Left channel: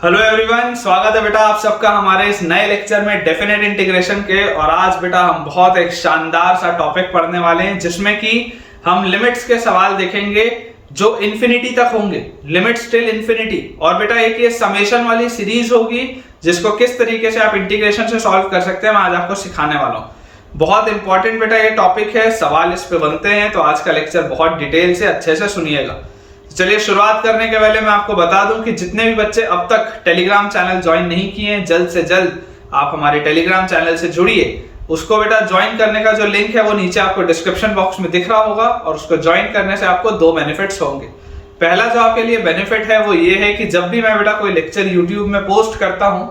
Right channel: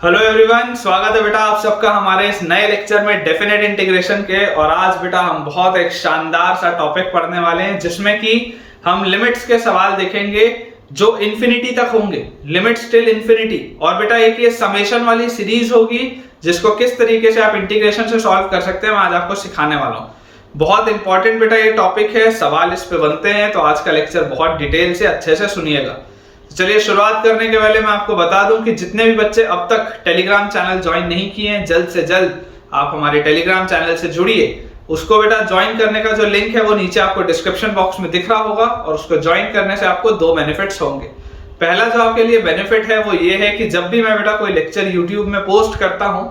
Hello everyone, स्वागत है बेटा आप सबका हमारे इस नए लेक्चर में डेफिनेट इंटीग्रेशन के। और आज बेटा हम बहुत एक शानदार सा टॉपिक पढ़ने वाले हैं जिसमें कि हम लिमिट्स के सवाल देखेंगे जो इन्फिनिटी तक होंगे, लिमिट्स टिल इन्फिनिटी। और बेटा एक ये समेशन वाली सीरीज होगी जिसको किस तरीके से आप इंटीग्रेशन से सॉल्व कर सकते हैं मैं आज आपको सिखाने वाला हूँ। बहुत इंपॉर्टेंट बेटा ये टॉपिक है, सवाल इस पे बनते हैं, तो आज का लेक्चर बहुत डिटेल से अच्छे से सुनिएगा। चलिए शुरुआत करने के पहले मैं आपको बता दूं कि जितने भी बच्चे अब तक टेलीग्राम चैनल ज्वाइन नहीं किए हैं, जल्द से जल्द आप हमारे टेलीग्राम चैनल से जुड़िए। उसको बेटा ज्वाइन करने का जो लिंक है वो नीचे आपको डिस्क्रिप्शन बॉक्स में दिख रहा होगा और उसको ज्वाइन करने से आपको दो बेनिफिट्स होंगे। पहला जो आपके लिए बेनिफिट है वो ये है कि जब भी मैं बेटा कोई लेक्चर यूट्यूब में पोस्ट करता हूं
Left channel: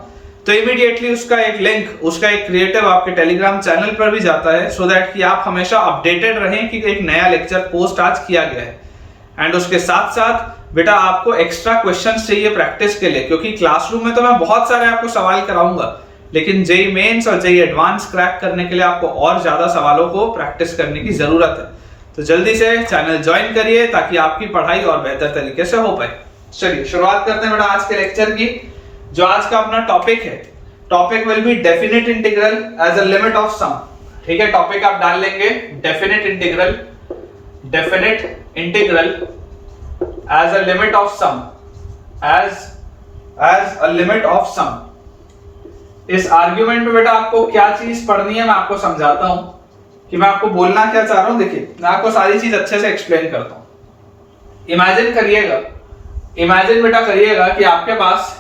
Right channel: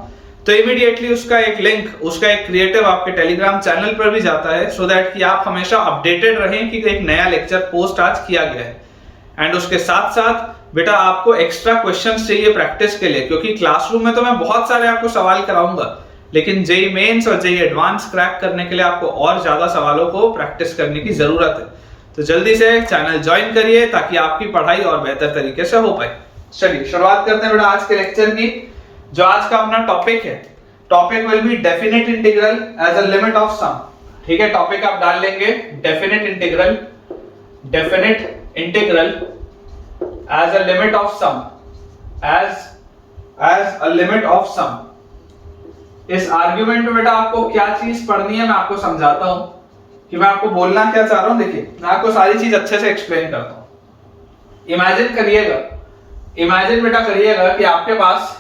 तो इमीडिएटली उसका एक लिंक, उसका एक क्रिएटिव आपके टेलीग्राम चैनल पर भी जाता है, सो दैट कि आप हमेशा अपडेटेड रहें कि एक नया लेक्चर पोस्ट आज किया गया है। एंड उसके साथ साथ बेटा आपको एक्स्ट्रा क्वेश्चंस चाहिए प्रैक्टिस के लिए, क्योंकि क्लासरूम में तो मैं बहुत सारे आपको सवाल कराऊंगा, लेकिन जेई मेंस और जेई एडवांस क्रैक करने के लिए आपको और ज्यादा सवालों को प्रैक्टिस करने की जरूरत है। तो जल्दी से चैनल ज्वाइन करिए ताकि आपकी पढ़ाई और बेहतर तरीके से हो पाए। चलिए शुरुआत करते हैं बेटा आज के लेक्चर की। जो आज का अपना टॉपिक है, topic will be definite integral as a limit of sum. ठीक है, टॉपिक आप डाल लेंगे definite integral as a limit of sum, as a limit of sum। इस आर्ग्यूमेंट में बेटा आपको क्या चीज पढ़नी है मैं आपको समझाता हूं कि मैं आपको बोलना क्या चाह रहा हूं। देखिए मैं आपको सारी चीज अच्छे से एक्सप्लेन करता हूं। इमेजिन बेटा करिएगा कि आपके पास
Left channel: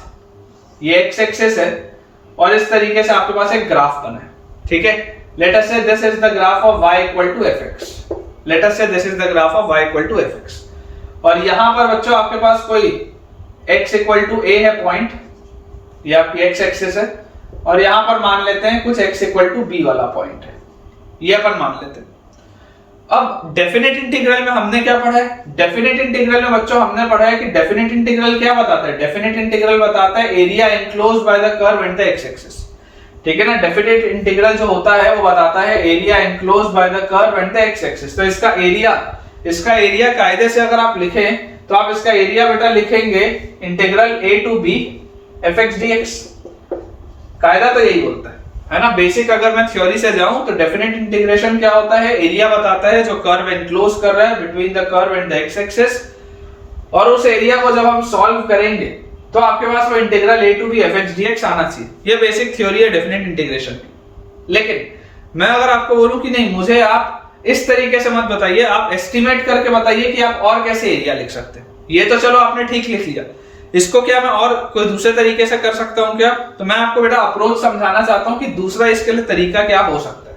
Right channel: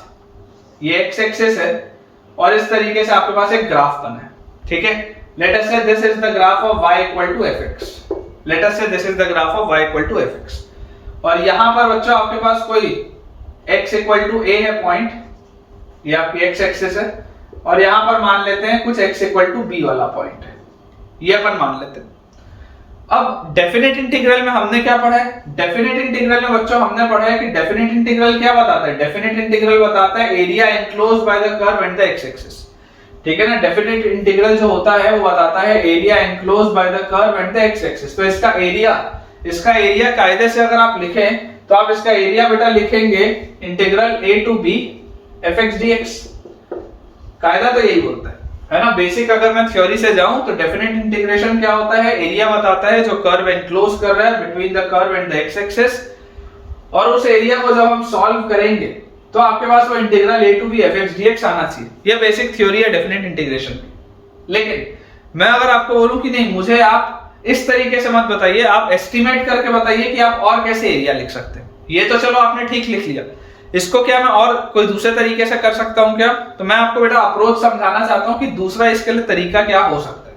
ये एक्स एक्सिस है और इस तरीके से आपके पास एक ग्राफ बना है। ठीक है, let us say this is the graph of y equal to fx। Let us say this is the graph of y equal to fx। और यहां पर बच्चों आपके पास कोई x इक्वल टू a है पॉइंट, ये आपकी x एक्सिस है, और यहां पर मान लेते हैं कुछ x इक्वल टू b वाला पॉइंट है, ये अपन मान लेते हैं। अब डेफिनेट इंटीग्रल में हमने क्या पढ़ा है? डेफिनेट इंटीग्रल में बच्चों हमने पढ़ा है कि डेफिनेट इंटीग्रल क्या बताता है? डेफिनेट इंटीग्रल बताता है area enclosed by the curve and the x axis. ठीक है ना, डेफिनेट इंटीग्रल जो होता है वो बताता है area enclosed by the curve and the x axis. तो इसका एरिया कायदे से अगर आप लिखें तो आप इसका एरिया बेटा लिखेंगे integral a to b fx dx। कायदा तो यही बोलता है ना। बेसिक अगर मैं थ्योरी से जाऊं तो डेफिनेट इंटीग्रेशन क्या होता है? एरिया बताता है जो कर्व एनक्लोज कर रहा है between the curve and the x axis, और उस एरिया को जब हम सॉल्व करेंगे तो आपके पास वो integral a to b fx dx आना चाहिए। ये बेसिक थ्योरी है डेफिनेट इंटीग्रेशन की। लेकिन मैं अगर आपको बोलूं कि नहीं, मुझे आप इस तरीके से मत बताइए, आप एस्टिमेट करके बताइए कि आप और कैसे एरिया लिख सकते हैं। ये तो चलो आपने ठीक लिख लिया, इसको क्या मैं और कोई दूसरे तरीके से कर सकता हूं क्या? तो मैं आपको बेटा अप्रोच समझाना चाहता हूं कि दूसरा इसके लिए तरीका क्या हो सकता है।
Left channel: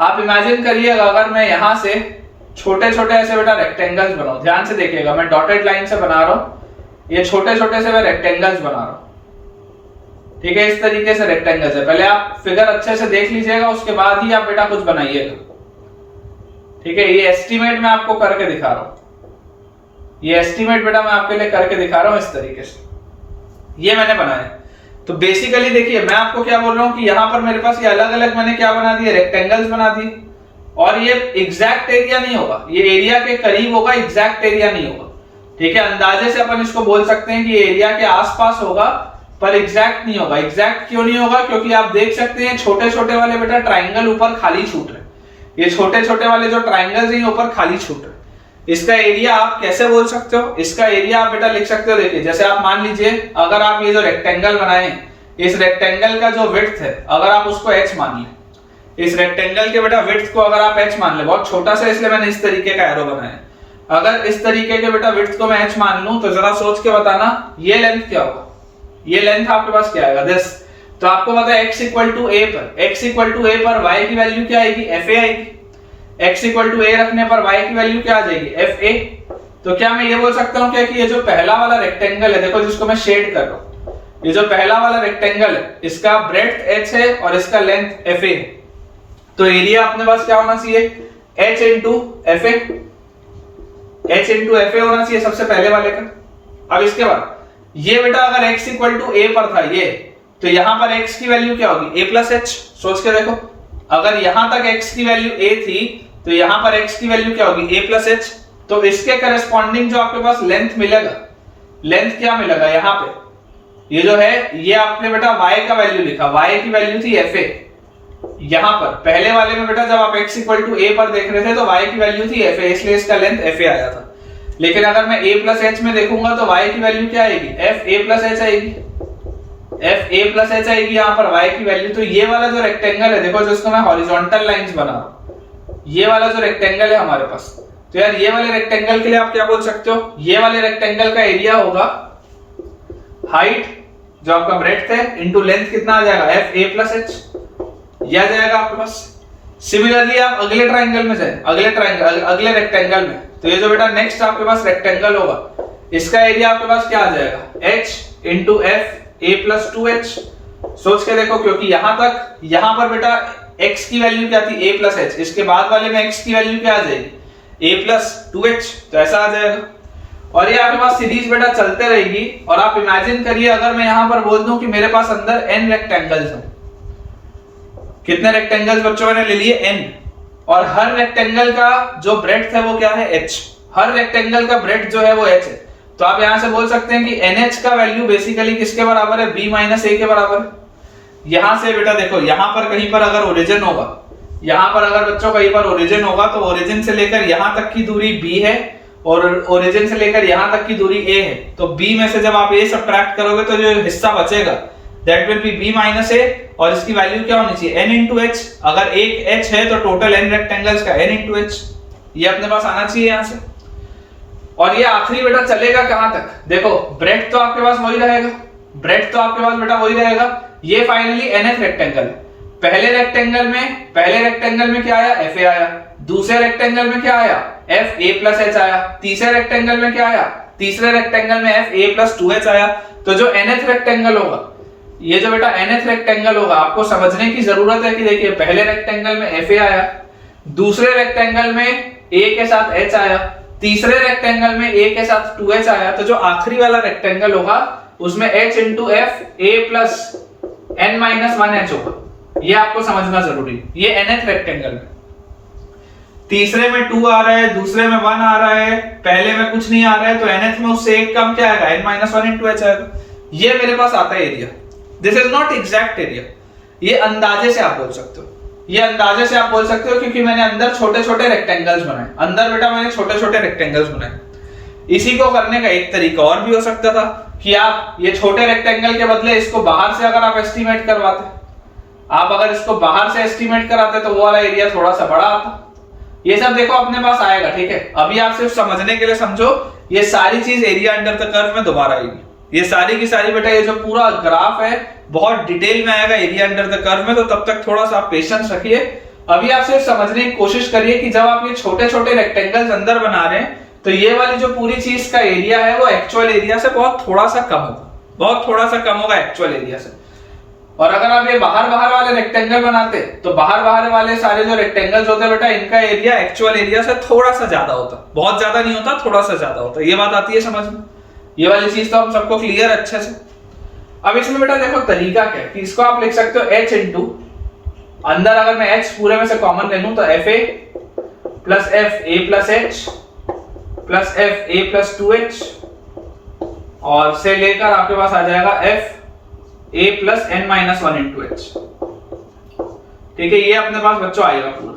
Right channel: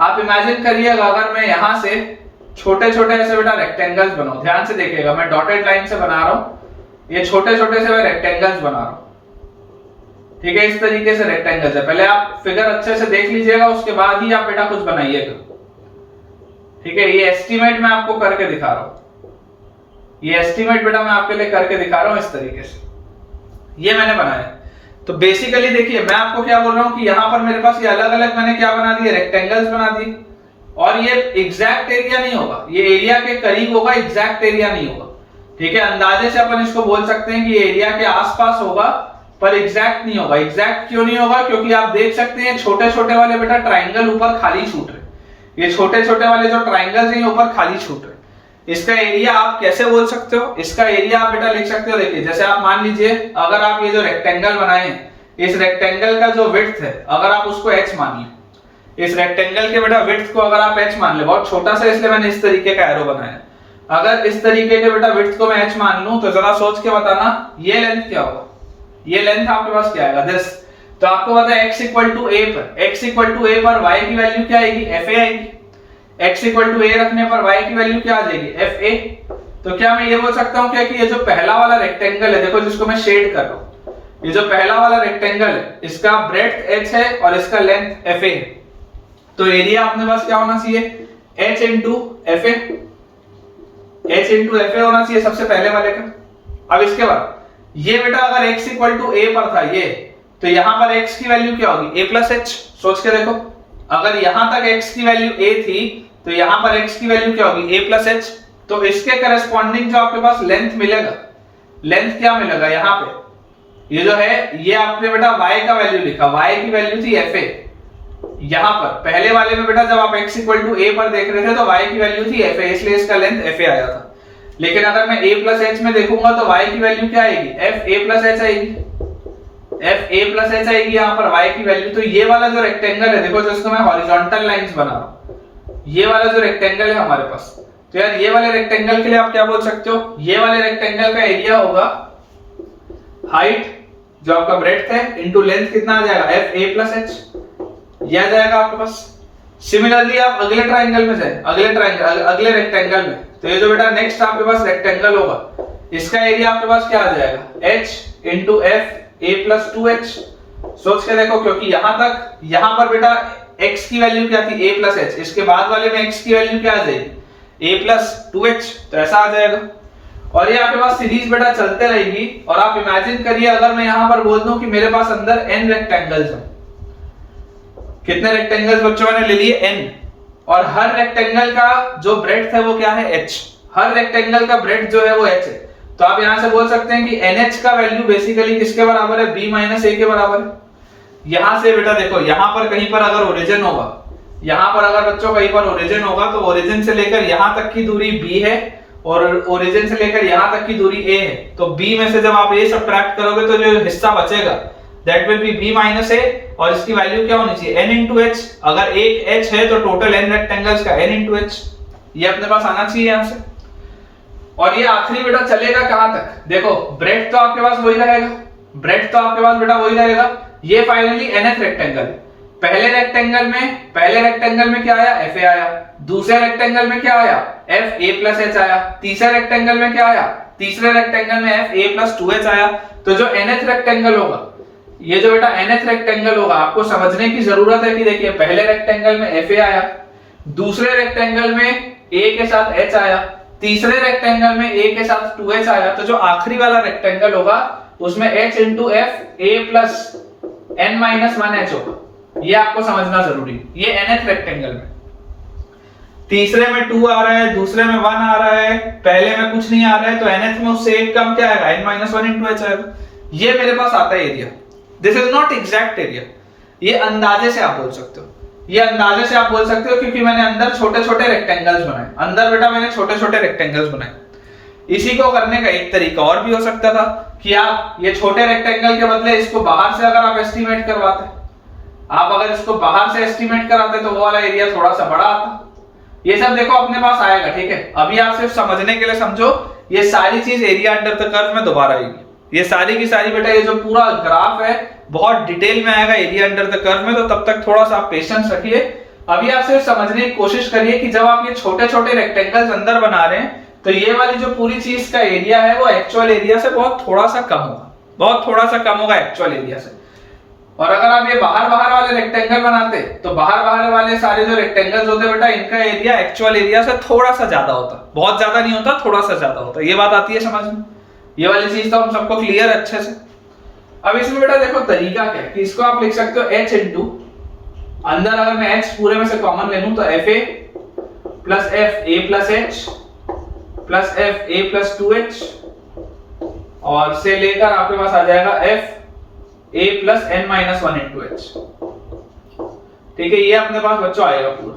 आप इमेजिन करिएगा अगर मैं यहां से छोटे छोटे ऐसे बेटा रेक्टेंगल्स बनाऊं, ध्यान से देखिएगा, मैं डॉटेड लाइन से बना रहा हूं, ये छोटे छोटे से मैं रेक्टेंगल्स बना रहा हूं। ठीक है, इस तरीके से रेक्टेंगल्स है। पहले आप फिगर अच्छे से देख लीजिएगा, उसके बाद ही आप बेटा कुछ बनाइएगा। ठीक है, ये एस्टीमेट मैं आपको करके दिखा रहा हूं, ये एस्टीमेट बेटा मैं आपके लिए करके दिखा रहा हूं इस तरीके से, ये मैंने बनाया। तो बेसिकली देखिए मैं आपको क्या बोल रहा हूं कि यहां पर मेरे पास ये अलग अलग मैंने क्या बना दिए, रेक्टेंगल्स बना दिए, और ये एग्जैक्ट एरिया नहीं होगा, ये एरिया के करीब होगा, एग्जैक्ट एरिया नहीं होगा। ठीक है, अंदाजे से अपन इसको बोल सकते हैं कि ये एरिया के आसपास होगा पर एग्जैक्ट नहीं होगा। एग्जैक्ट क्यों नहीं होगा? क्योंकि आप देख सकते हैं छोटे छोटे वाले बेटा ट्राइंगल ऊपर खाली छूट रहे, ये छोटे छोटे वाले जो ट्राइंगल्स हैं ऊपर खाली छूट रहे। इसका एरिया आप कैसे बोल सकते हो? इसका एरिया आप बेटा लिख सकते हो, देखिए जैसे आप मान लीजिए अगर आप ये जो रेक्टेंगल बनाए हैं, इस रेक्टेंगल का जो विड्थ है अगर आप उसको h मान ले, इस रेक्टेंगल के बेटा विड्थ को अगर आप h मान ले, बहुत छोटा सा इसलिए मैंने इस तरीके का एरो बनाया, अगर इस तरीके के बेटा विड्थ को मैं h मान लूं तो जरा सोच के बताना ये लेंथ क्या होगा? ये लेंथ आपके पास क्या आएगा? दिस। तो आपको पता है x इक्वल टू a पर y की वैल्यू क्या आएगी? fa आएगी। x इक्वल टू a रखने पर y की वैल्यू क्या आ जाएगी? fa। तो क्या मैं ये बोल सकता हूं क्या कि ये जो पहला वाला रेक्टेंगल है, देखो जिसको मैं शेड कर रहा हूं, ये जो पहला वाला रेक्टेंगल है इसका ब्रेड्थ h है और इसका लेंथ fa है, तो एरिया अपने पास क्या होना चाहिए? h इंटू fa होना चाहिए सबसे पहले वाले का। अब इसके बाद ये बेटा अगर x इक्वल टू a पर था ये, तो यहां पर x की वैल्यू क्या होगी? a plus h। सोच के देखो, अगर यहां तक x की वैल्यू a थी तो यहां पर x की वैल्यू क्या होगी? a plus h। तो इसके करस्पॉन्डिंग जो आपके पास लेंथ मिलेगा, लेंथ क्या मिलेगा यहाँ पे? ये जो है ये आपने बेटा y का वैल्यू लिखा, y की वैल्यू थी fa। यहां पर पहले वाले में बेटा जब आप x इक्वल टू a पर देख रहे थे तो y की वैल्यू थी fa, इसलिए इसका लेंथ fa आया था। लेकिन अगर मैं a प्लस h में देखूंगा तो y की वैल्यू क्या आएगी, fa प्लस h आएगी, fa प्लस h आएगी यहाँ पर y की वैल्यू। तो ये वाला जो रेक्टेंगल है देखो, जिसको मैं हॉरिजॉन्टल लाइंस बना रहा हूं, ये वाला जो रेक्टेंगल है हमारे पास, तो यार ये वाले रेक्टेंगल के लिए आप क्या बोल सकते हो, ये वाले रेक्टेंगल का एरिया होगा हाइट जो आपका ब्रेड्थ है इनटू लेंथ, कितना आ जाएगा fa प्लस h, ये आ जाएगा आपके पास। सिमिलरली आप अगले ट्राइंगल में जाए, अगले रेक्टेंगल में, तो ये जो बेटा नेक्स्ट आपके पास रेक्टेंगल होगा, इसका एरिया आपके पास क्या आ जाएगा h into f a plus 2h। सोच के देखो, क्योंकि यहां तक, यहां पर बेटा x की वैल्यू क्या थी a प्लस h, इसके बाद वाले में x की वैल्यू क्या आ जाएगी a प्लस 2h, तो ऐसा आ जाएगा। और ये आपके पास सीरीज बेटा चलते रहेगी। और आप इमेजिन करिए अगर मैं यहां पर बोल दूं कि मेरे पास अंदर n रेक्टेंगल्स हैं, कितने रेक्टेंगल्स बच्चों मैंने ले लिए n, और हर रेक्टेंगल का जो ब्रेड्थ है वो क्या है h, हर रेक्टेंगल का ब्रेड्थ जो है वो h है। तो आप यहां से बोल सकते हैं कि nh का वैल्यू बेसिकली किसके बराबर है, b माइनस a के बराबर है। यहां से बेटा देखो, यहां पर कहीं पर अगर ओरिजिन होगा, यहां पर अगर बच्चों कहीं पर ओरिजिन होगा तो ओरिजिन से लेकर यहां तक की दूरी b है और ओरिजिन से लेकर यहां तक की दूरी a है। तो b में से जब आप a सब्ट्रैक्ट करोगे तो जो हिस्सा बचेगा that will B b minus a, और इसकी वैल्यू क्या होनी चाहिए, n इंटू h। अगर एक h है तो टोटल n रेक्टेंगल्स का n इंटू h, ये अपने पास आना चाहिए यहां से। और ये आखिरी बेटा चलेगा कहां तक, देखो ब्रेड्थ तो आपके पास वही रहेगा, ब्रेड्थ तो आपके पास बेटा वही रहेगा। ये फाइनली nth रेक्टेंगल है। पहले रेक्टेंगल में क्या आया, fa आया। दूसरे रेक्टेंगल में क्या आया, fa प्लस h आया। तीसरे रेक्टेंगल में क्या आया, तीसरे रेक्टेंगल में fa प्लस 2h आया। तो जो nth रेक्टेंगल होगा, ये जो बेटा nth रेक्टेंगल होगा, आपको समझने की जरूरत है कि देखिए पहले रेक्टेंगल में fa आया, दूसरे रेक्टेंगल में a के साथ h आया, तीसरे रेक्टेंगल में a के साथ 2h आया। तो जो आखिरी वाला रेक्टेंगल होगा उसमें h into f a plus n minus 1h होगा। ये आपको समझना जरूरी, ये nth रेक्टेंगल में। तीसरे में 2 आ रहा है, दूसरे में 1 आ रहा है, पहले में कुछ नहीं आ रहा है, तो nth में उससे एक कम क्या आएगा, n माइनस 1 इंटू h आएगा। ये मेरे पास आता है area. This is not exact area, ये अंदाजे से आप बोल सकते हो, ये अंदाजे से आप बोल सकते हो, क्योंकि मैंने अंदर छोटे छोटे रेक्टेंगल्स बनाए, अंदर बेटा मैंने छोटे छोटे रेक्टेंगल्स बनाए। इसी को करने का एक तरीका और भी हो सकता था कि आप ये छोटे रेक्टेंगल के बदले इसको बाहर से अगर आप एस्टिमेट करवाते, आप अगर इसको बाहर से एस्टिमेट कराते तो वो वाला एरिया थोड़ा सा बड़ा आता। ये सब देखो अपने पास आएगा, ठीक है। अभी आप सिर्फ समझने के लिए समझो, ये सारी चीज एरिया अंडर द कर्व में दोबारा आएगी। ये सारी की सारी बेटा, ये जो पूरा ग्राफ है बहुत डिटेल में आएगा एरिया अंडर द कर्व में, तो तब तक थोड़ा सा आप पेशेंस रखिए। अभी आप सिर्फ समझने की कोशिश करिए कि जब आप ये छोटे छोटे रेक्टेंगल्स अंदर बना रहे हैं तो ये वाली जो पूरी चीज का एरिया है वो एक्चुअल एरिया से बहुत थोड़ा सा कम होगा, बहुत थोड़ा सा कम होगा एक्चुअल एरिया से। और अगर आप ये बाहर वाले रेक्टेंगल बनाते तो बाहर वाले सारे जो रेक्टेंगल्स होते बेटा, इनका एरिया एक्चुअल एरिया से थोड़ा सा ज्यादा होता, बहुत ज्यादा नहीं होता, थोड़ा सा ज्यादा होता। ये बात आती है समझ में, ये वाली चीज तो हम सबको क्लियर अच्छे से। अब इसमें बेटा देखो तरीका क्या है कि इसको आप लिख सकते हो h इंटू, अंदर अगर मैं h पूरे में से कॉमन ले लूं तो fa plus f a plus h plus f a plus 2h, और से लेकर आपके पास आ जाएगा f a plus n minus 1 into h। ठीक है, ये अपने पास बच्चों आएगा पूरा,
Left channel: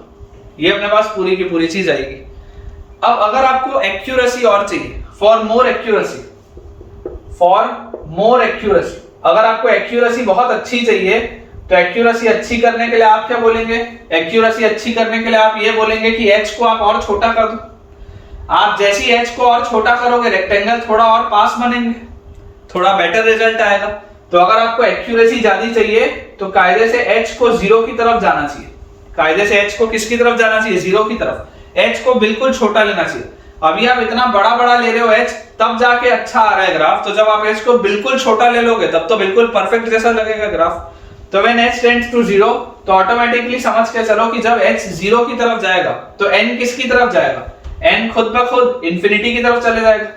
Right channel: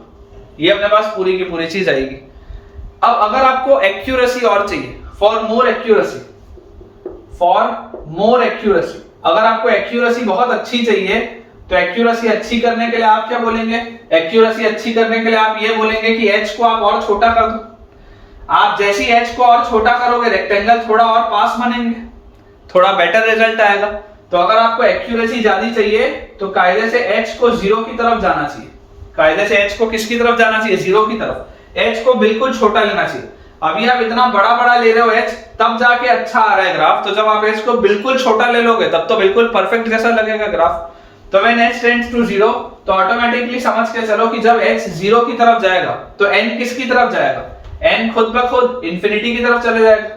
ये अपने पास पूरी की पूरी चीज आएगी। अब अगर आपको एक्यूरेसी और चाहिए, फॉर मोर एक्यूरेसी, अगर आपको एक्यूरेसी बहुत अच्छी चाहिए तो एक्यूरेसी अच्छी करने के लिए आप क्या बोलेंगे, एक्यूरेसी अच्छी करने के लिए आप ये बोलेंगे कि h को आप और छोटा कर दो। आप जैसे ही h को और छोटा करोगे रेक्टेंगल थोड़ा और पास बनेंगे, थोड़ा बेटर रिजल्ट आएगा। तो अगर आपको एक्यूरेसी ज्यादा चाहिए तो कायदे से h को 0 की तरफ जाना चाहिए, कायदे से h को किसकी तरफ जाना चाहिए, 0 की तरफ। h को बिल्कुल छोटा लेना चाहिए। अभी आप इतना बड़ा ले रहे हो h, तब जाके अच्छा आ रहा है ग्राफ। तो जब आप h को बिल्कुल छोटा ले लोगे तब तो बिल्कुल परफेक्ट जैसा लगेगा ग्राफ। तो व्हेन h टेंड्स टू 0 तो ऑटोमेटिकली समझ के चलो कि जब h 0 की तरफ जाएगा तो n किसकी तरफ जाएगा, n खुद ब खुद इंफिनिटी की तरफ चले जाएगा।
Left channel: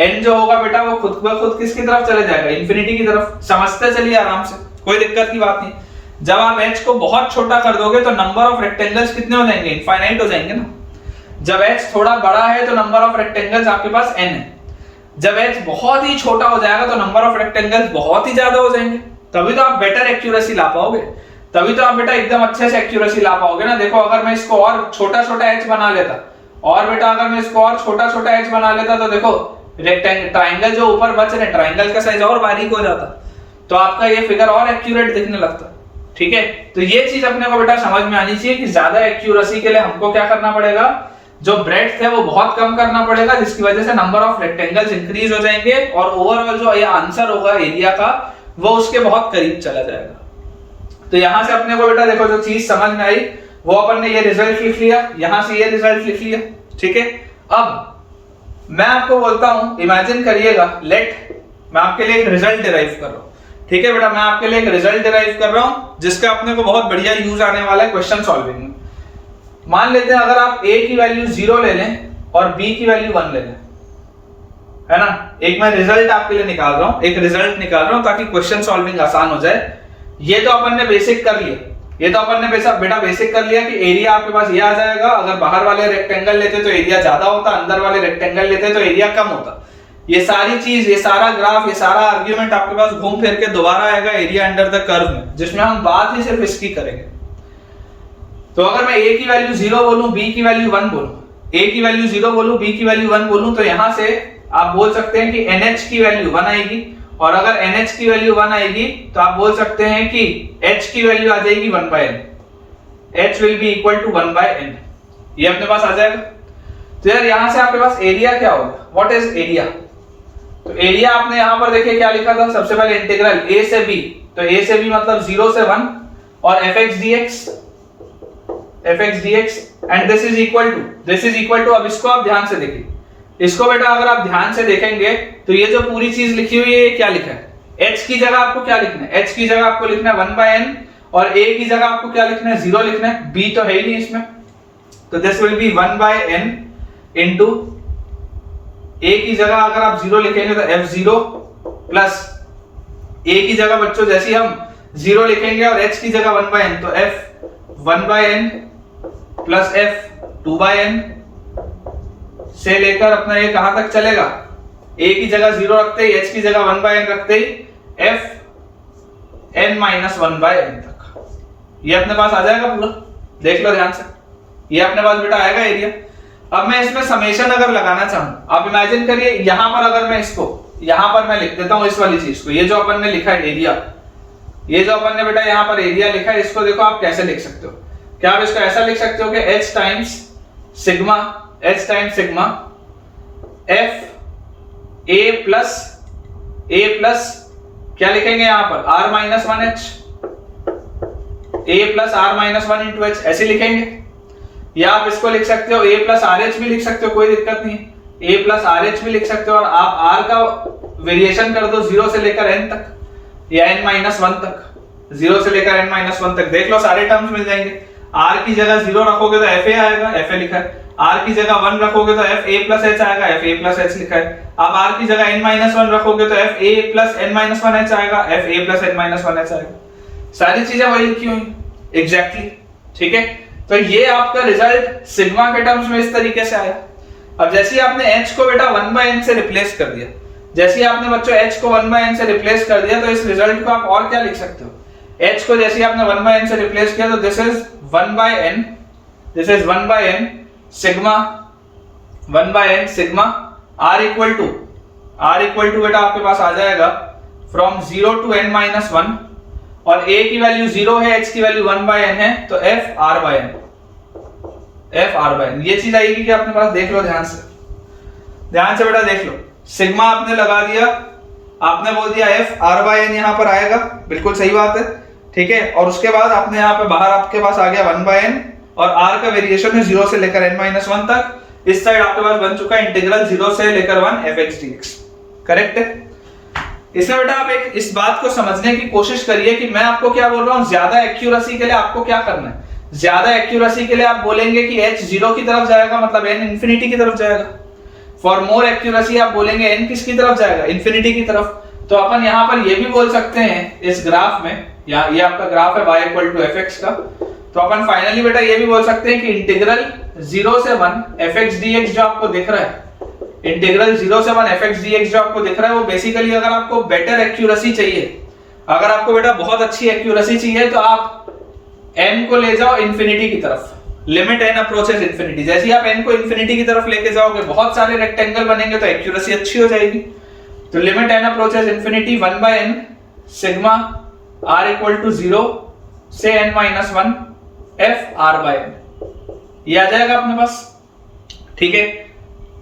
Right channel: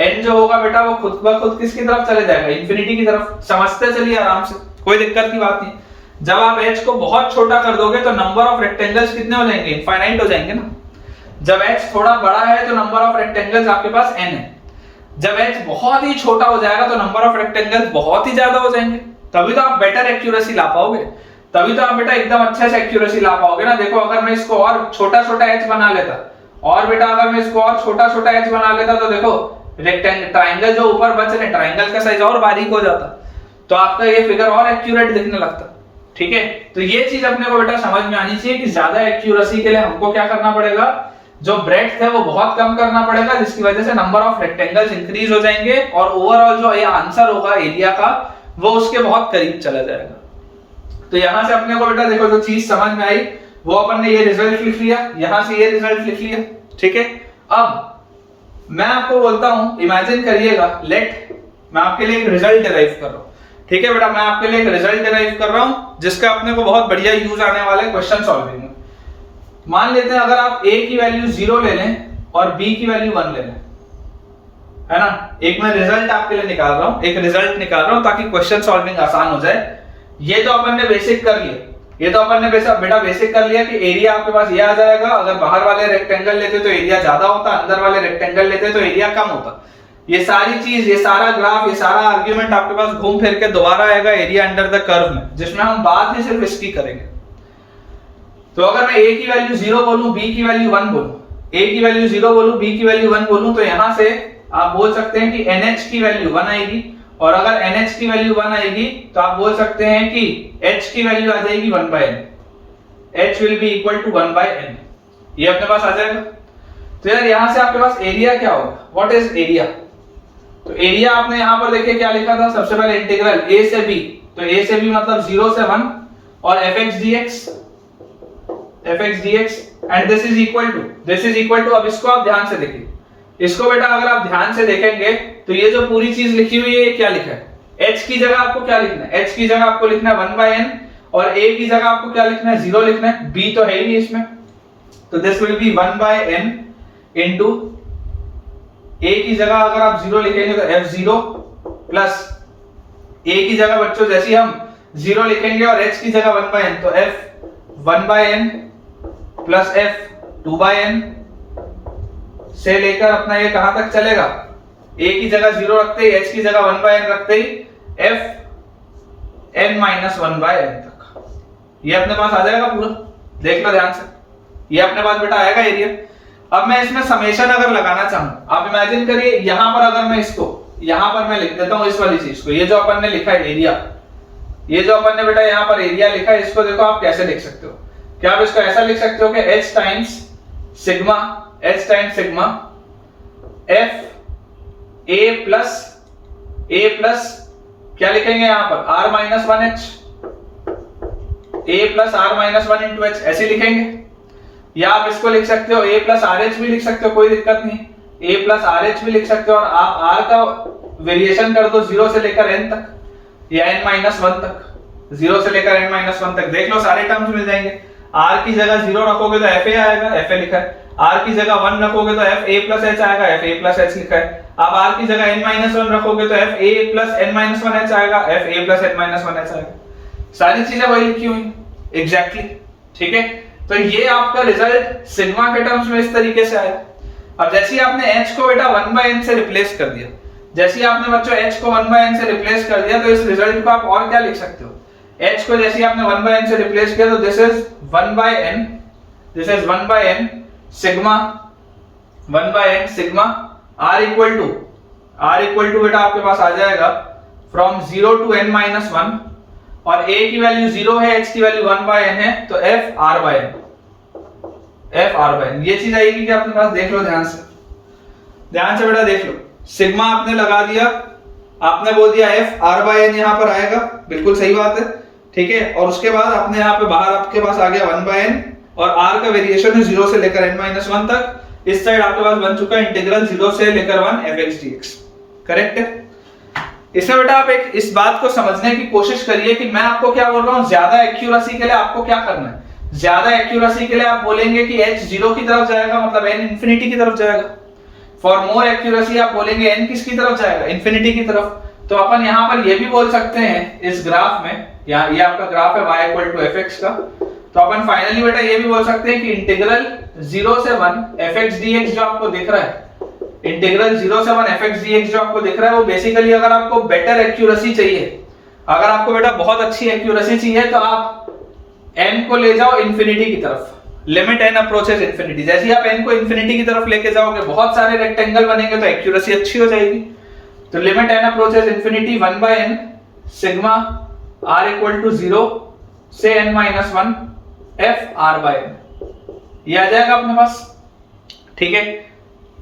n जो होगा बेटा वो खुद ब खुद किसकी तरफ चले जाएगा, इंफिनिटी की तरफ। समझते चलिए आराम से, कोई दिक्कत की बात नहीं। जब आप h को बहुत छोटा कर दोगे तो नंबर ऑफ रेक्टेंगल्स कितने हो जाएंगे, इनफाइनाइट हो जाएंगे ना। जब h थोड़ा बड़ा है तो नंबर ऑफ रेक्टेंगल्स आपके पास n है। जब h बहुत ही छोटा हो जाएगा तो नंबर ऑफ रेक्टेंगल्स बहुत ही ज्यादा हो जाएंगे, तभी तो आप बेटर एक्यूरेसी ला पाओगे, तभी तो आप बेटा एकदम अच्छे से एक्यूरेसी ला पाओगे ना। देखो अगर मैं इसको और छोटा छोटा h बना लेता, और बेटा अगर मैं इसको और छोटा छोटा h बना लेता तो देखो रेक्टेंगल ट्राइंगल जो ऊपर बच रहे ट्राइंगल का साइज और बारीक हो जाता, तो आपका ये फिगर और एक्यूरेट दिखने लगता। ठीक है, तो ये चीज अपने को बेटा समझ में आनी चाहिए कि ज्यादा एक्यूरेसी के लिए हमको क्या करना पड़ेगा, जो ब्रेड्थ है वो बहुत कम करना पड़ेगा, जिसकी वजह से नंबर ऑफ रेक्टेंगल्स इंक्रीज हो जाएंगे और ओवरऑल जो ये आंसर होगा एरिया का वो उसके बहुत करीब चला जाएगा। तो यहां से अपने को बेटा देखो जो चीज समझ में आई वो अपन ने ये रिजल्ट लिख लिया, यहां से ये रिजल्ट लिख लिया। ठीक है, अब मैं आपको बोलता हूं, इमेजिन करिएगा, लेट मैं आपके लिए एक रिजल्ट डिराइव कर रहा हूं। ठीक है बेटा, मैं आपके लिए एक रिजल्ट डिराइव कर रहा हूं जिसका अपने को बहुत बढ़िया यूज आने वाला है क्वेश्चन सॉल्विंग में। मान लेते हैं अगर आप a की वैल्यू 0 ले लें और b की वैल्यू 1 ले लें, है ना। एक मैं रिजल्ट आपके लिए निकाल रहा हूं, एक रिजल्ट निकाल रहा हूं ताकि क्वेश्चन सॉल्विंग आसान हो जाए। ये तो अपन ने बेसिक कर लिया, ये तो अपन ने बेटा बेसिक कर लिया कि एरिया आपके पास ये आ जाएगा। अगर बाहर वाले रेक्टेंगल लेते तो एरिया ज्यादा होता, अंदर वाले रेक्टेंगल लेते तो एरिया कम होता। ये सारी चीज, ये सारा ग्राफ, ये सारा आर्ग्यूमेंट आपके पास घूम फिर के दोबारा आएगा एरिया अंडर द कर्व में, जिसमें हम बात ही सिर्फ इसकी करेंगे। तो अगर मैं a की वैल्यू 0 बोलूं, b की वैल्यू 1 बोलूं, a की वैल्यू 0 बोलूं, b की वैल्यू 1 बोलूं, तो यहां से आप बोल सकते हैं कि nh की वैल्यू 1 आएगी। और अगर nh की वैल्यू 1 आएगी तो आप बोल सकते हैं कि h की वैल्यू आ जाएगी 1/n, h will be equal to 1/n। ये अपने पास आ जाएगा। तो यार यहां से आपके पास एरिया क्या होगा, व्हाट इज एरिया। तो एरिया आपने यहां पर देखिए क्या लिखा था, सबसे पहले इंटीग्रल a से b, तो a से b मतलब 0 से 1 और fx dx and this is equal to, अब इसको आप ध्यान से देखिए, इसको बेटा अगर आप ध्यान से देखेंगे तो ये जो पूरी चीज लिखी हुई है ये क्या लिखा है, h की जगह आपको क्या लिखना है, h की जगह आपको लिखना है 1/n और a की जगह आपको क्या लिखना है, 0 लिखना है, b तो है ही नहीं इसमें, तो this will B 1/n into a की जगह अगर आप 0 लिखेंगे तो f0 प्लस a की जगह बच्चों जैसे हम 0 लिखेंगे और h की जगह 1/n तो f 1/n plus f 2/n से लेकर अपना ये कहां तक चलेगा, a की जगह 0 रखते ही, h की जगह 1/n रखते ही f n-1/n तक ये अपने पास आ जाएगा पूरा। देख लो ध्यान से, ये अपने पास बेटा आएगा एरिया। अब मैं इसमें समेशन अगर लगाना चाहूं, आप इमेजिन करिए यहां पर अगर मैं इसको यहां पर मैं लिख देता हूं इस वाली चीज को, ये जो अपन ने लिखा है एरिया, ये जो अपन ने बेटा यहां पर एरिया लिखा है, इसको देखो आप कैसे लिख सकते हो। क्या आप इसको ऐसा लिख सकते हो कि h times sigma f a plus क्या लिखेंगे यहां पर r-1h, a plus r-1 into h ऐसे लिखेंगे। या आप इसको लिख सकते हो a प्लस RH भी लिख सकते हो, कोई दिक्कत नहीं है, a प्लस RH भी लिख सकते हो और आप r का वेरिएशन कर दो 0 से लेकर n तक या n-1 तक, 0 से लेकर n-1 तक। देख लो सारे टर्म्स मिल जाएंगे। r की जगह 0 रखोगे तो fa आएगा, fa लिखा है, r की जगह 1 रखोगे तो fa प्लस h आएगा, fa प्लस h लिखा है। अब r की जगह n-1 रखोगे तो fa प्लस n-1h आएगा, fa प्लस n-1h आएगा। सारी चीजें वही लिखी हुई एग्जैक्टली। ठीक है, तो ये आपका रिजल्ट सिग्मा के टर्म्स में इस तरीके से आया। अब जैसे ही आपने h को बेटा 1/n से रिप्लेस कर दिया, जैसे ही आपने बच्चों h को 1/n से रिप्लेस कर दिया, तो इस रिजल्ट को आप और क्या लिख सकते हो, h को जैसे ही आपने 1/n से रिप्लेस किया तो this is 1/n sigma 1/n sigma r equal to बेटा आपके पास आ जाएगा फ्रॉम 0 टू n-1 और a की वैल्यू 0 है, h की वैल्यू 1/n है, तो f r/n ये चीज आएगी कि अपने पास। देख लो ध्यान से बेटा देख लो, सिग्मा आपने लगा दिया, आपने बोल दिया f r/n यहां पर आएगा, बिल्कुल सही बात है। ठीक है, और उसके बाद आपने यहां पे बाहर आपके पास आ गया 1/n और r का वेरिएशन है 0 से लेकर n-1 तक। इस साइड आपके पास बन चुका है इंटीग्रल 0 से लेकर 1 fx dx। करेक्ट है। इसमें बेटा आप एक इस बात को समझने की कोशिश करिए कि मैं आपको क्या बोल रहा हूं, ज्यादा एक्यूरेसी के लिए आपको क्या करना है। ज्यादा एक्यूरेसी के लिए आप बोलेंगे कि h 0 की तरफ जाएगा, मतलब n इंफिनिटी की तरफ जाएगा। फॉर मोर एक्यूरेसी आप बोलेंगे n किसकी तरफ जाएगा, इंफिनिटी की तरफ। तो अपन यहां पर ये भी बोल सकते हैं इस ग्राफ में, यहाँ ये आपका ग्राफ है y इक्वल टू fx का, तो अपन फाइनली बेटा ये भी बोल सकते हैं कि इंटीग्रल 0 से 1 fx dx जो आपको दिख रहा है, इंटीग्रल 0 से 1 fx dx जो आपको दिख रहा है वो बेसिकली अगर आपको बेटर एक्यूरेसी चाहिए, अगर आपको बेटा बहुत अच्छी एक्यूरेसी चाहिए तो आप n को ले जाओ इंफिनिटी की तरफ, लिमिट n अप्रोचेस इंफिनिटी। जैसे ही आप n को इंफिनिटी की तरफ लेके जाओगे बहुत सारे रेक्टेंगल बनेंगे तो एक्यूरेसी अच्छी हो जाएगी। तो limit n approaches infinity 1/n sigma r equal to 0 से n माइनस 1 f r/n, ये आ जाएगा अपने पास। ठीक है,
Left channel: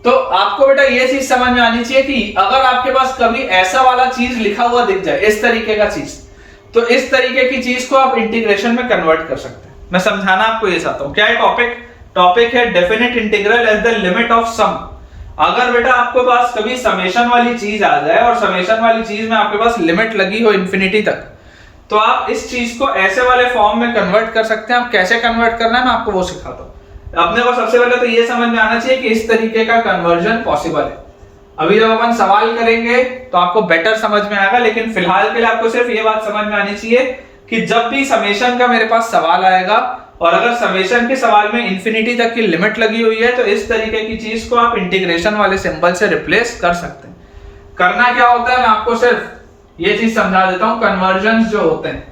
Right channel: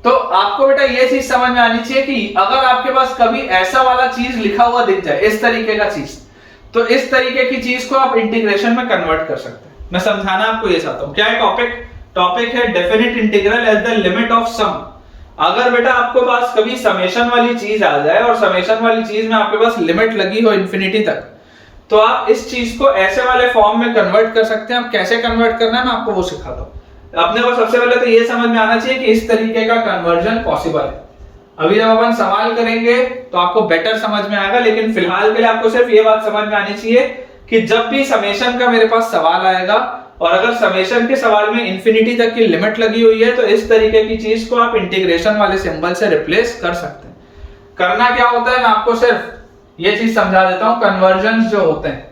तो आपको बेटा ये चीज समझ में आनी चाहिए कि अगर आपके पास कभी ऐसा वाला चीज लिखा हुआ दिख जाए, इस तरीके का चीज, तो इस तरीके की चीज को आप इंटीग्रेशन में कन्वर्ट कर सकते हैं। मैं समझाना आपको ये चाहता हूं। क्या है टॉपिक है definite integral as the limit of sum. अगर बेटा आपके पास कभी समेशन वाली चीज आ जाए और समेशन वाली चीज में आपके पास लिमिट लगी हो इंफिनिटी तक, तो आप इस चीज को ऐसे वाले फॉर्म में कन्वर्ट कर सकते हैं। आप कैसे कन्वर्ट करना है मैं आपको वो सिखाता हूं। अपने को सबसे पहले तो ये समझ में आना चाहिए कि इस तरीके का कन्वर्जन पॉसिबल है। अभी जब अपन सवाल करेंगे तो आपको बेटर समझ में आएगा, लेकिन फिलहाल के लिए आपको सिर्फ ये बात समझ में आनी चाहिए कि जब भी समेशन का मेरे पास सवाल आएगा और अगर समेशन के सवाल में इंफिनिटी तक की लिमिट लगी हुई है तो इस तरीके की चीज को आप इंटीग्रेशन वाले सिंबल से रिप्लेस कर सकते हैं। करना क्या होता है मैं आपको सिर्फ ये चीज समझा देता हूं। कन्वर्जन जो होते हैं,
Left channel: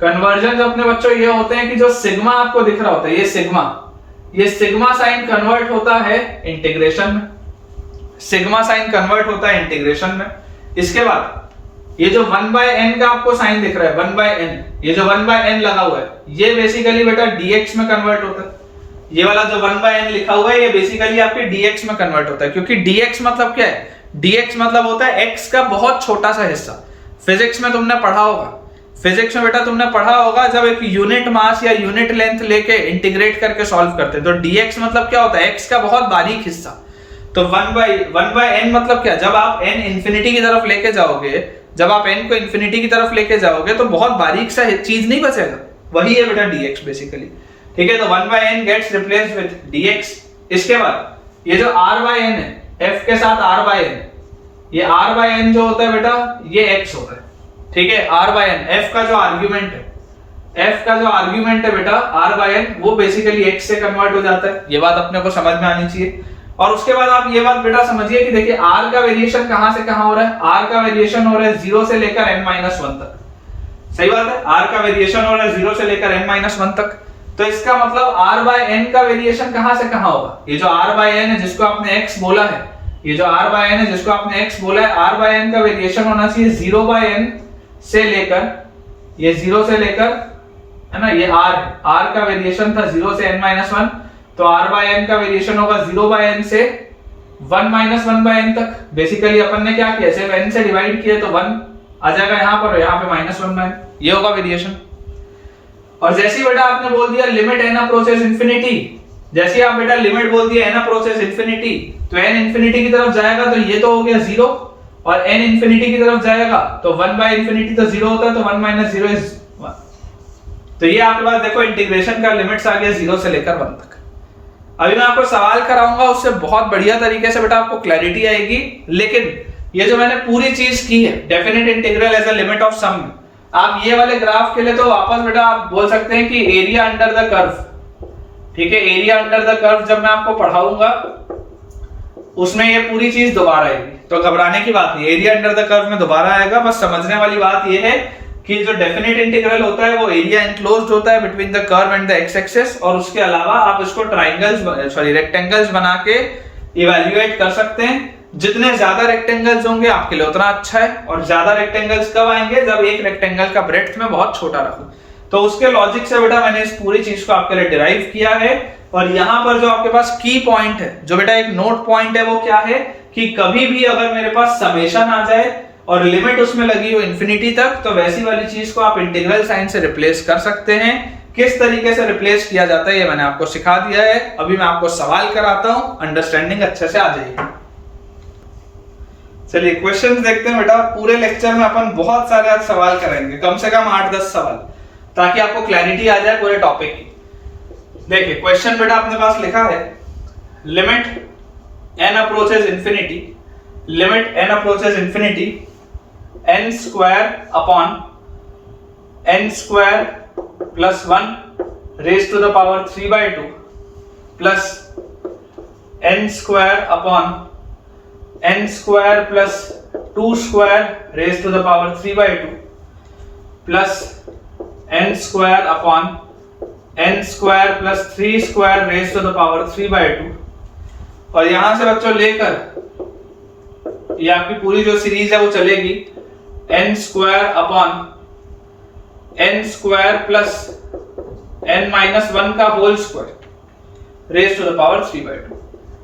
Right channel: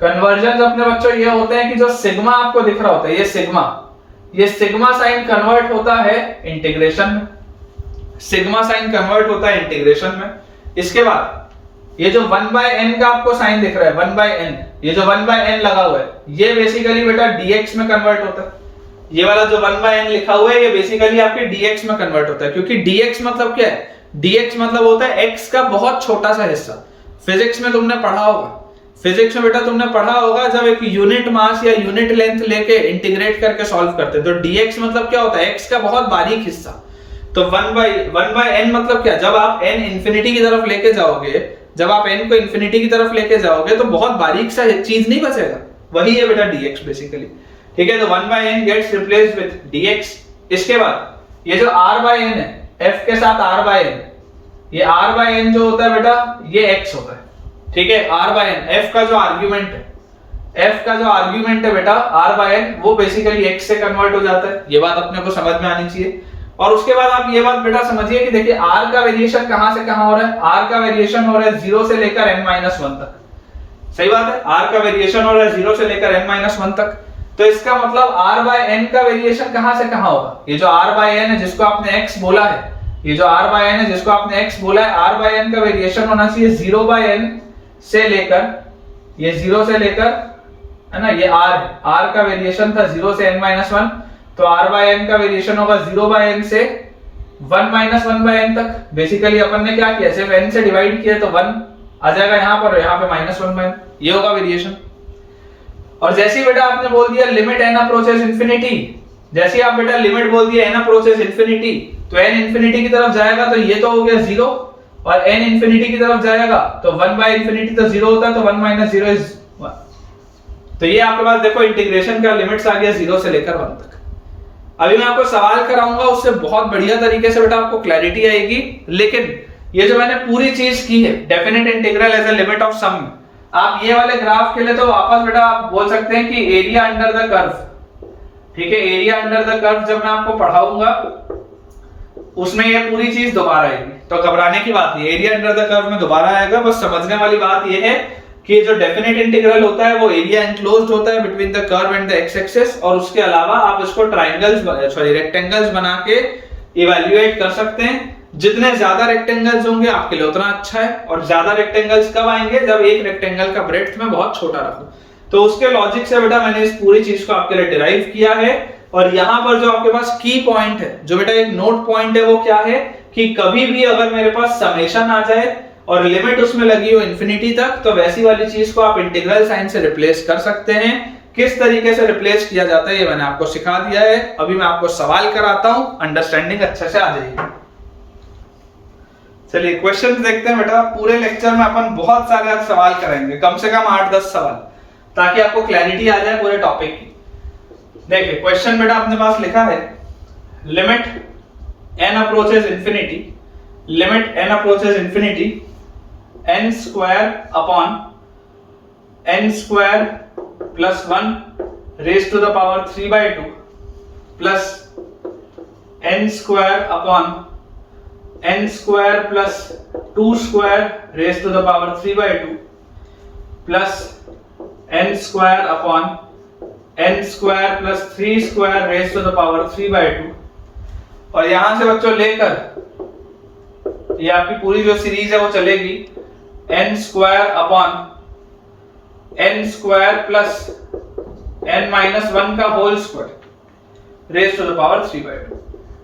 कन्वर्जन अपने बच्चों ये होते हैं कि जो सिग्मा आपको दिख रहा होता है, ये सिग्मा साइन कन्वर्ट होता है इंटीग्रेशन में, सिग्मा साइन कन्वर्ट होता है इंटीग्रेशन में। इसके बाद ये जो 1/n का आपको साइन दिख रहा है 1/n, ये जो 1/n लगा हुआ है ये बेसिकली बेटा dx में कन्वर्ट होता है। ये वाला जो 1/n लिखा हुआ है ये बेसिकली आपके dx में कन्वर्ट होता है, क्योंकि dx मतलब क्या है, dx मतलब होता है x का बहुत छोटा सा हिस्सा। फिजिक्स में तुमने पढ़ा होगा, फिजिक्स में बेटा तुमने पढ़ा होगा जब एक यूनिट मास या यूनिट लेंथ लेके इंटीग्रेट करके सॉल्व करते तो dx मतलब क्या होता है, x का बहुत बारीक हिस्सा। तो 1/n मतलब क्या, जब आप n इंफिनिटी की तरफ लेके जाओगे, जब आप n को इंफिनिटी की तरफ लेके जाओगे तो बहुत बारीक सा चीज नहीं बचेगा, वही है बेटा dx बेसिकली। ठीक है, तो 1/n gets replaced with dx। इसके बाद ये जो r/n है, f के साथ r/n, ये r/n जो होता है बेटा ये x होता है। ठीक है, r/n f का जो आर्ग्यूमेंट है, f का जो आर्ग्यूमेंट है बेटा r/n वो बेसिकली x से कन्वर्ट हो जाता है। ये बात अपने को समझ में आनी चाहिए। और उसके बाद आप ये बात बेटा समझिए कि देखिए r का वेरिएशन कहां से कहां हो रहा है, r का वेरिएशन हो रहा है 0 से लेकर n-1 तक। सही बात है, r का वेरिएशन हो रहा है 0 से लेकर n-1 तक। तो इसका मतलब r/n का वेरिएशन कहां से कहां होगा, ये जो r/n है जिसको आपने x बोला है, ये जो r/n है जिसको आपने x बोला है, r/n का वेरिएशन होना चाहिए 0/n से लेकर, ये 0 से लेकर है ना, ये r का वेरिएशन था 0 से n-1, तो r/n का वेरिएशन होगा 0/n से 1-1/n तक। बेसिकली अपन ने क्या किया, सिर्फ n से डिवाइड किया तो 1 आ जाएगा यहाँ पर, यहाँ पे -1/n, ये होगा वेरिएशन। और जैसे ही बेटा आपने बोल दिया लिमिट n अप्रोचेस इंफिनिटी, जैसे ही आप बेटा लिमिट बोल दिया n अप्रोचेस इंफिनिटी, तो n इंफिनिटी की तरफ जाएगा तो ये तो हो गया 0, और n इंफिनिटी की तरफ जाएगा तो 1/∞ तो 0 होता है, तो 1 - 0 इज 1। तो ये आपके पास देखो इंटीग्रेशन का लिमिट्स आ गया 0 से लेकर 1 तक। अभी मैं आपको सवाल कराऊंगा, उससे बहुत बढ़िया तरीके से बेटा आपको क्लैरिटी आएगी। लेकिन ये जो मैंने पूरी चीज की है definite integral as a limit of sum, आप ये वाले ग्राफ के लिए तो वापस बेटा आप बोल सकते हैं कि एरिया अंडर द कर्व, ठीक है, एरिया अंडर द कर्व जब मैं आपको पढ़ाऊंगा उसमें ये पूरी चीज दोबारा आएगी, तो घबराने की बात नहीं, एरिया अंडर द कर्व में दोबारा आएगा। बस समझने वाली बात ये है कि जो डेफिनेट इंटीग्रल होता है वो एरिया एनक्लोज्ड होता है between the curve and the x axis, और उसके अलावा आप इसको रेक्टेंगल्स बना के इवैल्यूएट कर सकते हैं। जितने ज्यादा रेक्टेंगल्स होंगे आपके लिए उतना अच्छा है, और ज्यादा रेक्टेंगल्स कब आएंगे, जब एक रेक्टेंगल का ब्रेड्थ में बहुत छोटा रखूं। तो उसके लॉजिक से बेटा मैंने इस पूरी चीज को आपके लिए डिराइव किया है। और यहां पर जो आपके पास की पॉइंट है, जो बेटा एक नोट पॉइंट है, वो क्या है कि कभी भी अगर मेरे पास समेशन आ जाए और लिमिट उसमें लगी हो इंफिनिटी तक, तो वैसी वाली चीज को आप इंटीग्रल साइन से रिप्लेस कर सकते हैं। किस तरीके से रिप्लेस किया जाता है ये मैंने आपको सिखा दिया है। अभी मैं आपको सवाल कराता हूं, अंडरस्टैंडिंग अच्छे से आ जाएगी। चलिए क्वेश्चंस देखते हैं बेटा। पूरे लेक्चर में अपन बहुत सारे आज सवाल कराएंगे, कम से कम 8-10 सवाल, ताकि आपको क्लैरिटी आ जाए पूरे टॉपिक की। देखिए क्वेश्चन बेटा अपने पास लिखा है limit n approaches infinity, limit n approaches infinity n square upon n square plus 1 raise to the power 3/2 plus n square upon n square plus 2 square raise to the power 3/2 plus n square upon n square plus 3 square raise to the power 3/2 और यहां से बच्चों लेकर ये आपकी पूरी जो series है वो चलेगी n square upon n square plus n-1 का whole square raise to the power 3/2।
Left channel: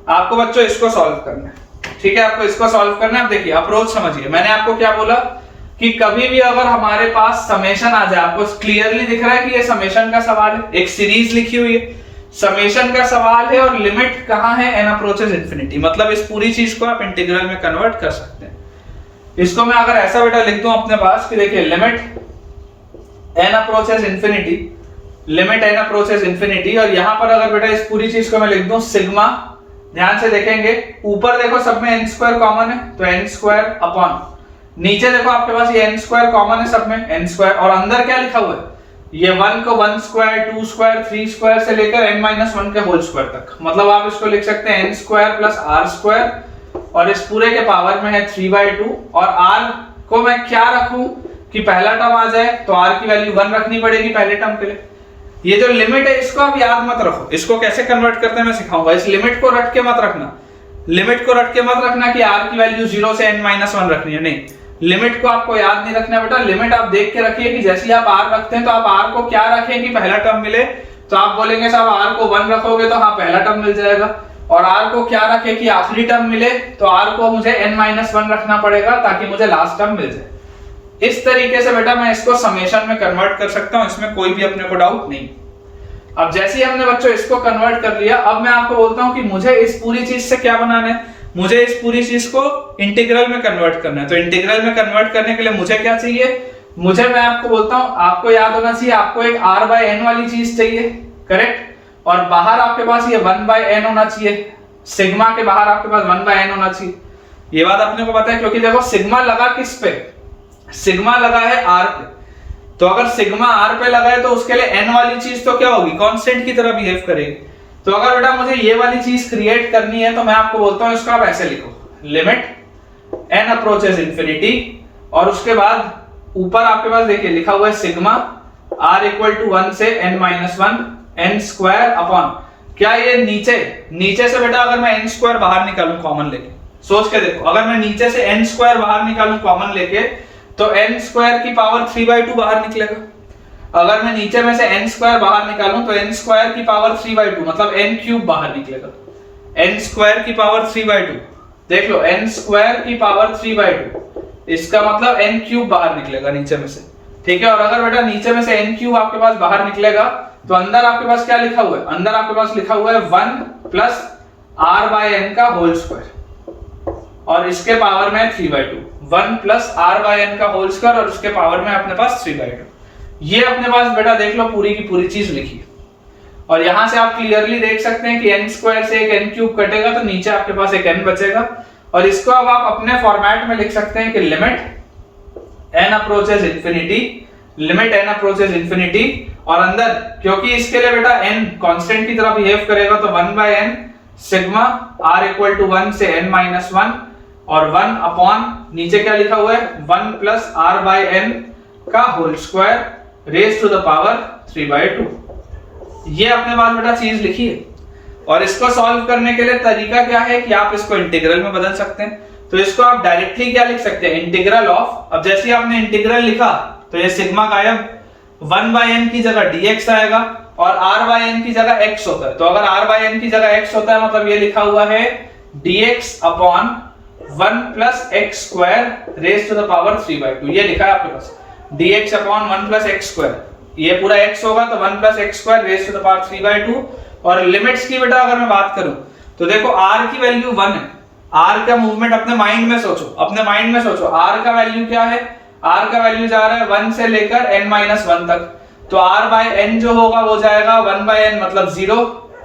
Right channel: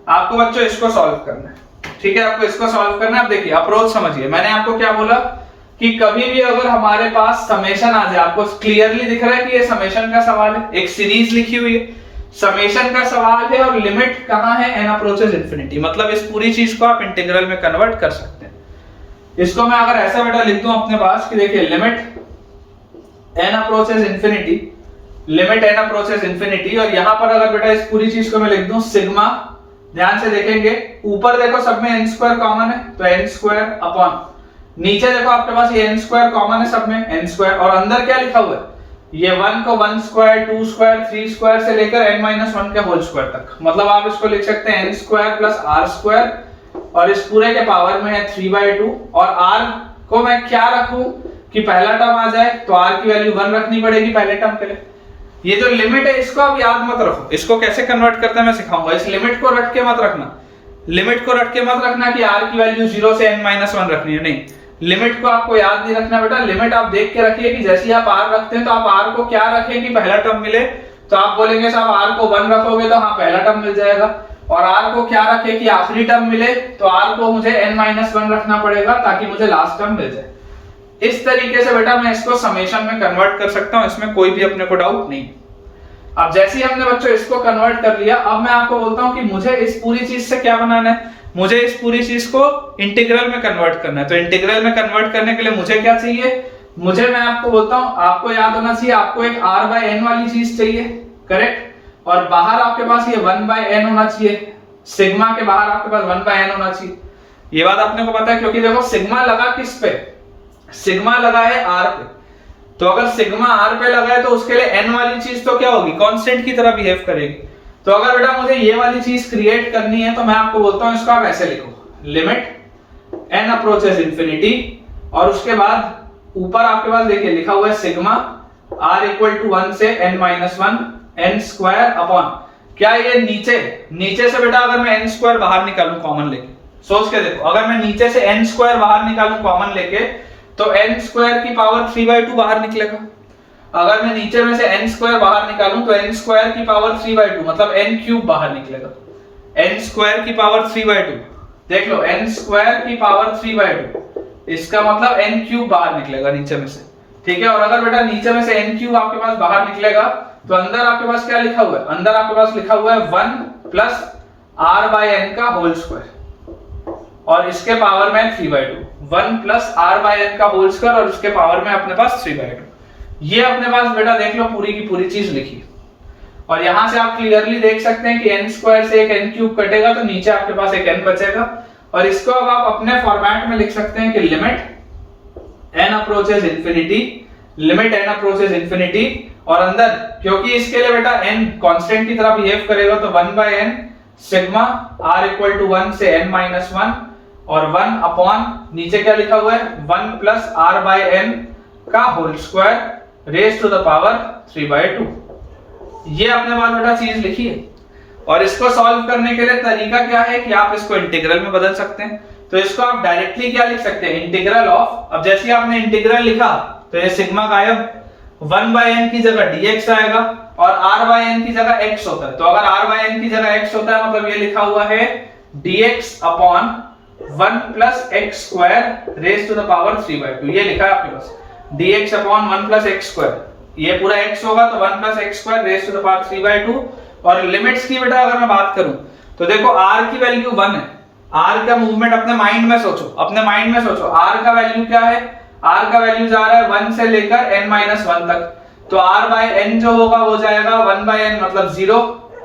आपको बच्चों इसको सॉल्व करना है, ठीक है, आपको इसको सॉल्व करना है। अब देखिए अप्रोच समझिए, मैंने आपको क्या बोला कि कभी भी अगर हमारे पास समेशन आ जाए, आपको क्लियरली दिख रहा है कि ये समेशन का सवाल है, एक सीरीज लिखी हुई है, समेशन का सवाल है और लिमिट कहां है, n अप्रोचेस इंफिनिटी, मतलब इस पूरी चीज को आप इंटीग्रल में कन्वर्ट कर सकते हैं। इसको मैं अगर ऐसा बेटा लिख दूं अपने पास कि देखिए limit n approaches infinity, limit n approaches infinity, और यहां पर अगर बेटा इस पूरी चीज को मैं लिख दूं सिग्मा, ध्यान से देखेंगे ऊपर देखो सब में n स्क्वायर कॉमन है तो n स्क्वायर अपॉन, नीचे देखो आपके पास ये n स्क्वायर कॉमन है सब में n स्क्वायर, और अंदर क्या लिखा हुआ है, ये 1 को 1 स्क्वायर 2 स्क्वायर 3 स्क्वायर से लेकर n-1 के होल स्क्वायर तक, मतलब आप इसको लिख सकते हैं n square plus r square और इस पूरे के पावर में है 3/2, और r को मैं क्या रखूं कि पहला टर्म आ जाए तो r की वैल्यू 1 रखनी पड़ेगी पहले टर्म के लिए। ये जो लिमिट है इसको आप याद मत रखो, इसको कैसे कन्वर्ट करते हैं मैं सिखाऊंगा। इस लिमिट को रट के मत रखना, लिमिट को रट के मत रखना कि r की वैल्यू 0 से n-1 रखनी है, नहीं, लिमिट को आपको याद नहीं रखना बेटा। लिमिट आप देख के रखिए कि जैसे आप r रखते हैं तो आप r को क्या रखें कि पहला टर्म मिले, तो आप बोलेंगे साहब r को 1 रखोगे तो हाँ पहला टर्म मिल जाएगा, और r को क्या रखे कि आखिरी टर्म मिले तो r को मुझे n-1 रखना पड़ेगा ताकि मुझे लास्ट टर्म मिल जाए। इस तरीके से बेटा मैं इसको समेशन में कन्वर्ट कर सकता हूं, इसमें कोई भी अपने को डाउट नहीं। अब जैसे ही हमने बच्चों इसको कन्वर्ट कर लिया, अब मैं आपको बोलता हूं कि मुझे इस पूरी चीज से क्या बनाना है, मुझे इस पूरी चीज को इंटीग्रल में कन्वर्ट करना है। तो इंटीग्रल में कन्वर्ट करने के लिए मुझे क्या चाहिए, मुझे, मैं आपको बोलता हूं, आपको याद होना चाहिए, आपको एक r/n वाली चीज चाहिए, करेक्ट, और बाहर आपके पास ये 1/n होना चाहिए, सिग्मा के बाहर आपके पास 1/n होना चाहिए। ये बात अपने को पता है क्योंकि देखो सिग्मा लगा किस पे, सिग्मा लगा है r पे, तो अगर सिग्मा r पे लगा है तो उसके लिए n वाली चीज तो क्या होगी, कांस्टेंट की तरह बिहेव करेगी। तो अगर बेटा मुझे ये वाली चीज क्रिएट करनी है तो मैं आपको बोलता हूं इसको आप ऐसे लिखो, लिमिट n अप्रोचेस इंफिनिटी, और उसके बाद ऊपर आपके पास देखिए लिखा हुआ है सिग्मा r इक्वल टू 1 से n-1 n स्क्वायर अपॉन, क्या ये नीचे से बेटा अगर मैं n स्क्वायर बाहर निकालूं कॉमन लेके, सोच के देखो, अगर मैं नीचे से n स्क्वायर बाहर निकालूं कॉमन लेके तो n स्क्वायर की पावर 3/2 बाहर निकलेगा। अगर मैं नीचे में से n स्क्वायर बाहर निकालूं तो n स्क्वायर की पावर 3/2 मतलब n क्यूब बाहर निकलेगा, n स्क्वायर की पावर 3/2, देख लो n स्क्वायर की पावर 3/2, इसका मतलब n क्यूब बाहर निकलेगा नीचे में से, ठीक है। और अगर बेटा नीचे में से n क्यूब आपके पास बाहर निकलेगा तो अंदर आपके पास क्या लिखा हुआ है, अंदर आपके पास लिखा हुआ है 1 प्लस r/n का होल स्क्वायर और इसके पावर में 3/2, 1 प्लस r/n का होल स्क्वायर और उसके पावर में अपने पास 3/2। ये अपने पास बेटा देख लो पूरी की पूरी चीज लिखी, और यहां से आप क्लियरली देख सकते हैं कि n स्क्वायर से एक n क्यूब कटेगा तो नीचे आपके पास एक n बचेगा, और इसको अब आप अपने फॉर्मेट में लिख सकते हैं कि limit n approaches infinity, limit n approaches infinity, और अंदर क्योंकि इसके लिए बेटा n कांस्टेंट की तरह बिहेव करेगा तो 1/n sigma r equal to 1 से n-1 और 1 अपॉन नीचे क्या लिखा हुआ है 1 प्लस r/n का whole square raise to the power 3/2। ये अपने पास बेटा चीज लिखी है, और इसको सॉल्व करने के लिए तरीका क्या है कि आप इसको इंटीग्रल में बदल सकते हैं। तो इसको आप डायरेक्टली क्या लिख सकते हैं, इंटीग्रल ऑफ, अब जैसे आपने इंटीग्रल लिखा तो ये सिग्मा गायब, 1/n की जगह dx आएगा और r/n की जगह x होता है। तो अगर r/n की जगह x होता है मतलब ये लिखा हुआ है dx upon 1 plus x square raise to the power 3/2, ये लिखा है आपके पास dx upon 1 plus x square, ये पूरा x होगा तो 1 plus x square raise to the power 3/2। और लिमिट्स की बेटा अगर मैं बात करूं तो देखो r की वैल्यु 1 है, r का मूवमेंट अपने माइंड में सोचो, अपने माइंड में सोचो, r का वैल्यू क्या है, r का वैल्यू जा रहा है 1 से लेकर n-1 तक, तो r/n जो होगा वो जाएगा 1/n मतलब 0,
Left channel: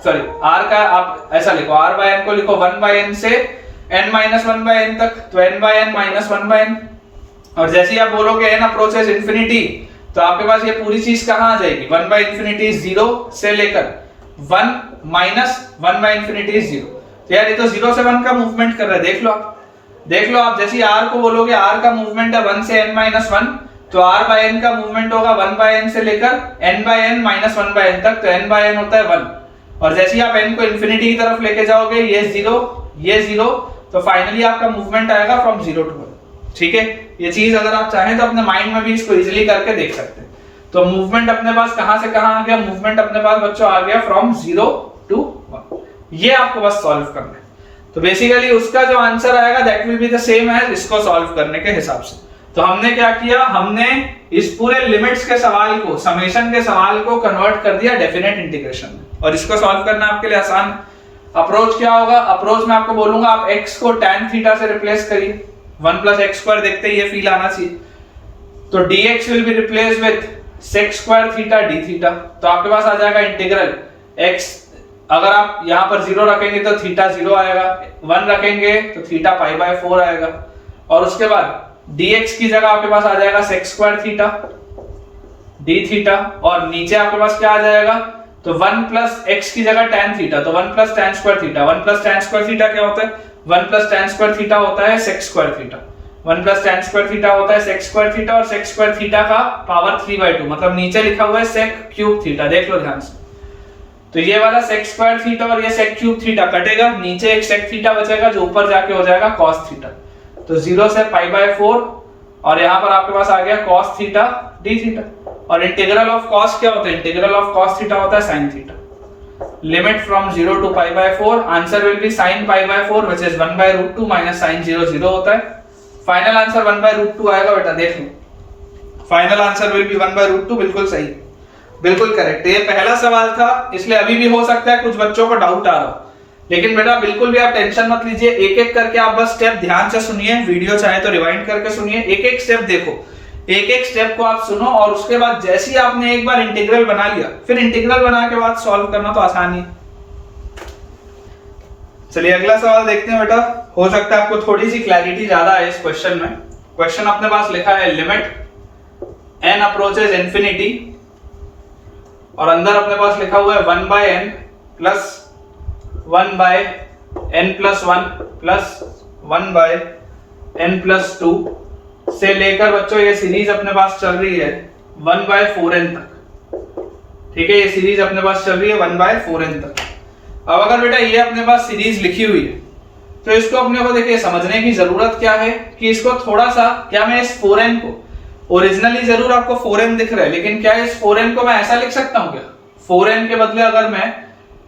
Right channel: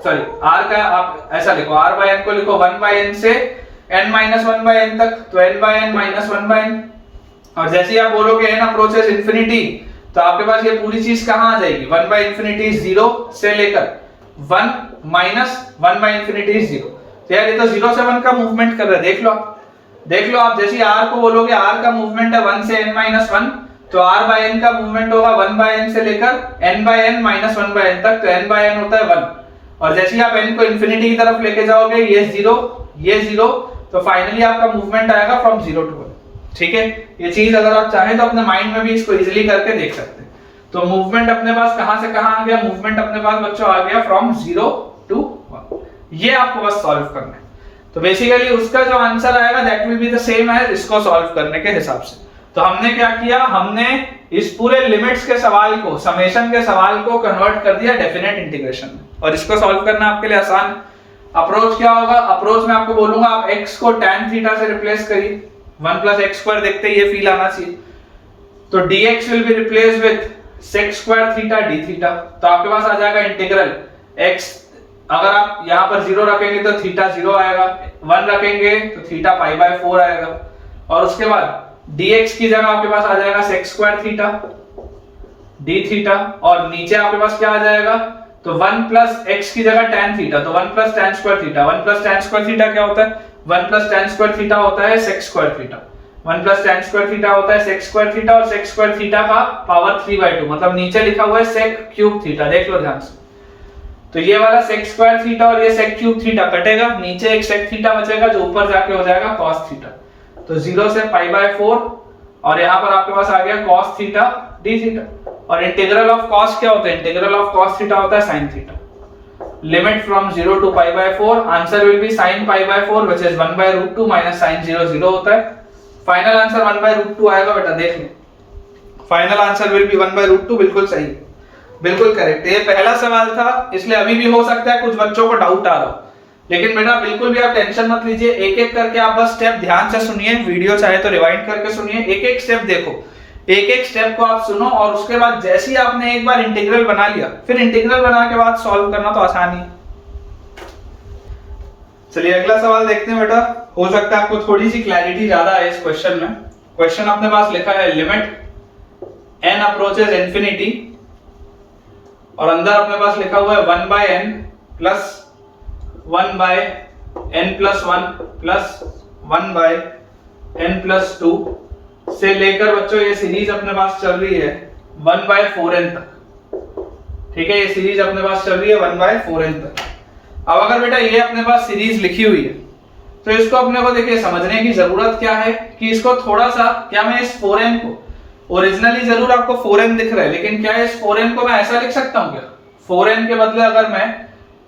सॉरी r का आप ऐसा लिखो, r/n को लिखो 1/n से n-1/n तक, तो n/n माइनस 1/n, और जैसे ही आप बोलोगे n अप्रोचेस इंफिनिटी तो आपके पास ये पूरी चीज कहां आ जाएगी, 1/∞ 0 से लेकर 1 माइनस 1/∞ 0। तो यार ये तो 0 से 1 का मूवमेंट कर रहा है, देख लो आप, देख लो आप, जैसे r को बोलोगे r का मूवमेंट है 1 से n-1, तो r बाय n का मूवमेंट होगा 1 बाय n से लेकर n by n minus 1 by n तक, तो n बाय n होता है 1। और जैसे ही आप n को इंफिनिटी की तरफ लेके जाओगे, ये 0 ये 0, तो फाइनली आपका मूवमेंट आएगा फ्रॉम 0 to 1। ठीक है, ये चीज अगर आप चाहें तो अपने माइंड में भी इसको इजीली करके देख सकते हैं। तो मूवमेंट अपने पास कहां से कहां आ गया, मूवमेंट अपने पास बच्चों आ गया फ्रॉम 0 to 1। ये आपको बस सॉल्व करना है। तो बेसिकली उसका जो आंसर आएगा that will be the same as इसको सॉल्व करने के हिसाब से। तो हमने क्या किया, हमने इस पूरे लिमिट्स के सवाल को, समेशन के सवाल को कन्वर्ट कर दिया डेफिनेट इंटीग्रेशन में, और इसको सॉल्व करना आपके लिए आसान है। अप्रोच क्या होगा, अप्रोच में आपको बोलूंगा आप x को tan थीटा से रिप्लेस करिए, 1 प्लस एक्स स्क्वायर, देखते ही ये फील आना चाहिए। तो dx will be replace with sec square theta d theta, तो आपके पास आ जाएगा इंटीग्रल x, अगर आप यहां पर 0 रखेंगे तो थीटा 0 आएगा, 1 रखेंगे तो थीटा पाई बाय 4 आएगा, और उसके बाद dx की जगह आपके पास आ जाएगा sec square theta d theta, और नीचे आपके पास क्या आ जाएगा, तो 1 प्लस x की जगह tan थीटा, तो 1 plus tan square theta. 1 plus tan square theta क्या होता है, 1 प्लस tan स्क्वायर थीटा होता है sec square theta, 1 plus tan square theta होता है sec स्क्वायर थीटा, और sec स्क्वायर थीटा का पावर 3/2, मतलब नीचे लिखा हुआ है sec क्यूब थीटा, देख लो ध्यान से। तो ये वाला sec स्क्वायर थीटा और ये sec क्यूब थीटा कटेगा, नीचे एक sec थीटा बचेगा जो ऊपर जाके हो जाएगा cos थीटा, तो 0 से पाई बाय 4, और यहाँ पर आपके पास आ गया cos थीटा d थीटा। और इंटीग्रल ऑफ cos क्या होता है, इंटीग्रल ऑफ cos थीटा होता है sin थीटा। Limit from 0 to pi by 4, answer will be sin pi by 4 which is 1 by root 2 minus sin 0 0 होता है। फाइनल आंसर 1 बाय रूट 2 आएगा बेटा, देख लो final answer will be 1 by root 2, बिल्कुल सही, बिल्कुल करेक्ट। ये पहला सवाल था, इसलिए अभी भी हो सकता है कुछ बच्चों को डाउट आ रहा हो, लेकिन बेटा बिल्कुल भी आप टेंशन मत लीजिए, एक एक करके आप बस स्टेप ध्यान से सुनिए, वीडियो चाहे तो रिवाइंड करके सुनिए, एक एक स्टेप देखो, एक एक स्टेप को आप सुनो, और उसके बाद जैसे ही आपने एक बार इंटीग्रल बना लिया, फिर इंटीग्रल बना के बाद सॉल्व करना तो आसान ही। चलिए अगला सवाल देखते हैं बेटा, हो सकता है आपको थोड़ी सी क्लैरिटी ज्यादा है इस क्वेश्चन में। क्वेश्चन अपने पास लिखा है लिमिट n अप्रोचेस इंफिनिटी, और अंदर अपने पास लिखा हुआ है 1 by n plus 1 by n plus 1 plus 1 by n plus 2 से लेकर बच्चों ये सीरीज अपने पास चल रही है 1 बाय 4n तक। ठीक है, ये सीरीज अपने पास चल रही है 1 बाय 4n तक। अब अगर बेटा ये अपने पास सीरीज लिखी हुई है, तो इसको अपने को देखिए समझने की जरूरत क्या है कि इसको थोड़ा सा, क्या मैं इस 4n को, ओरिजिनली जरूर आपको 4n दिख रहा है, लेकिन क्या इस 4n को मैं ऐसा लिख सकता हूं क्या, 4n के बदले अगर मैं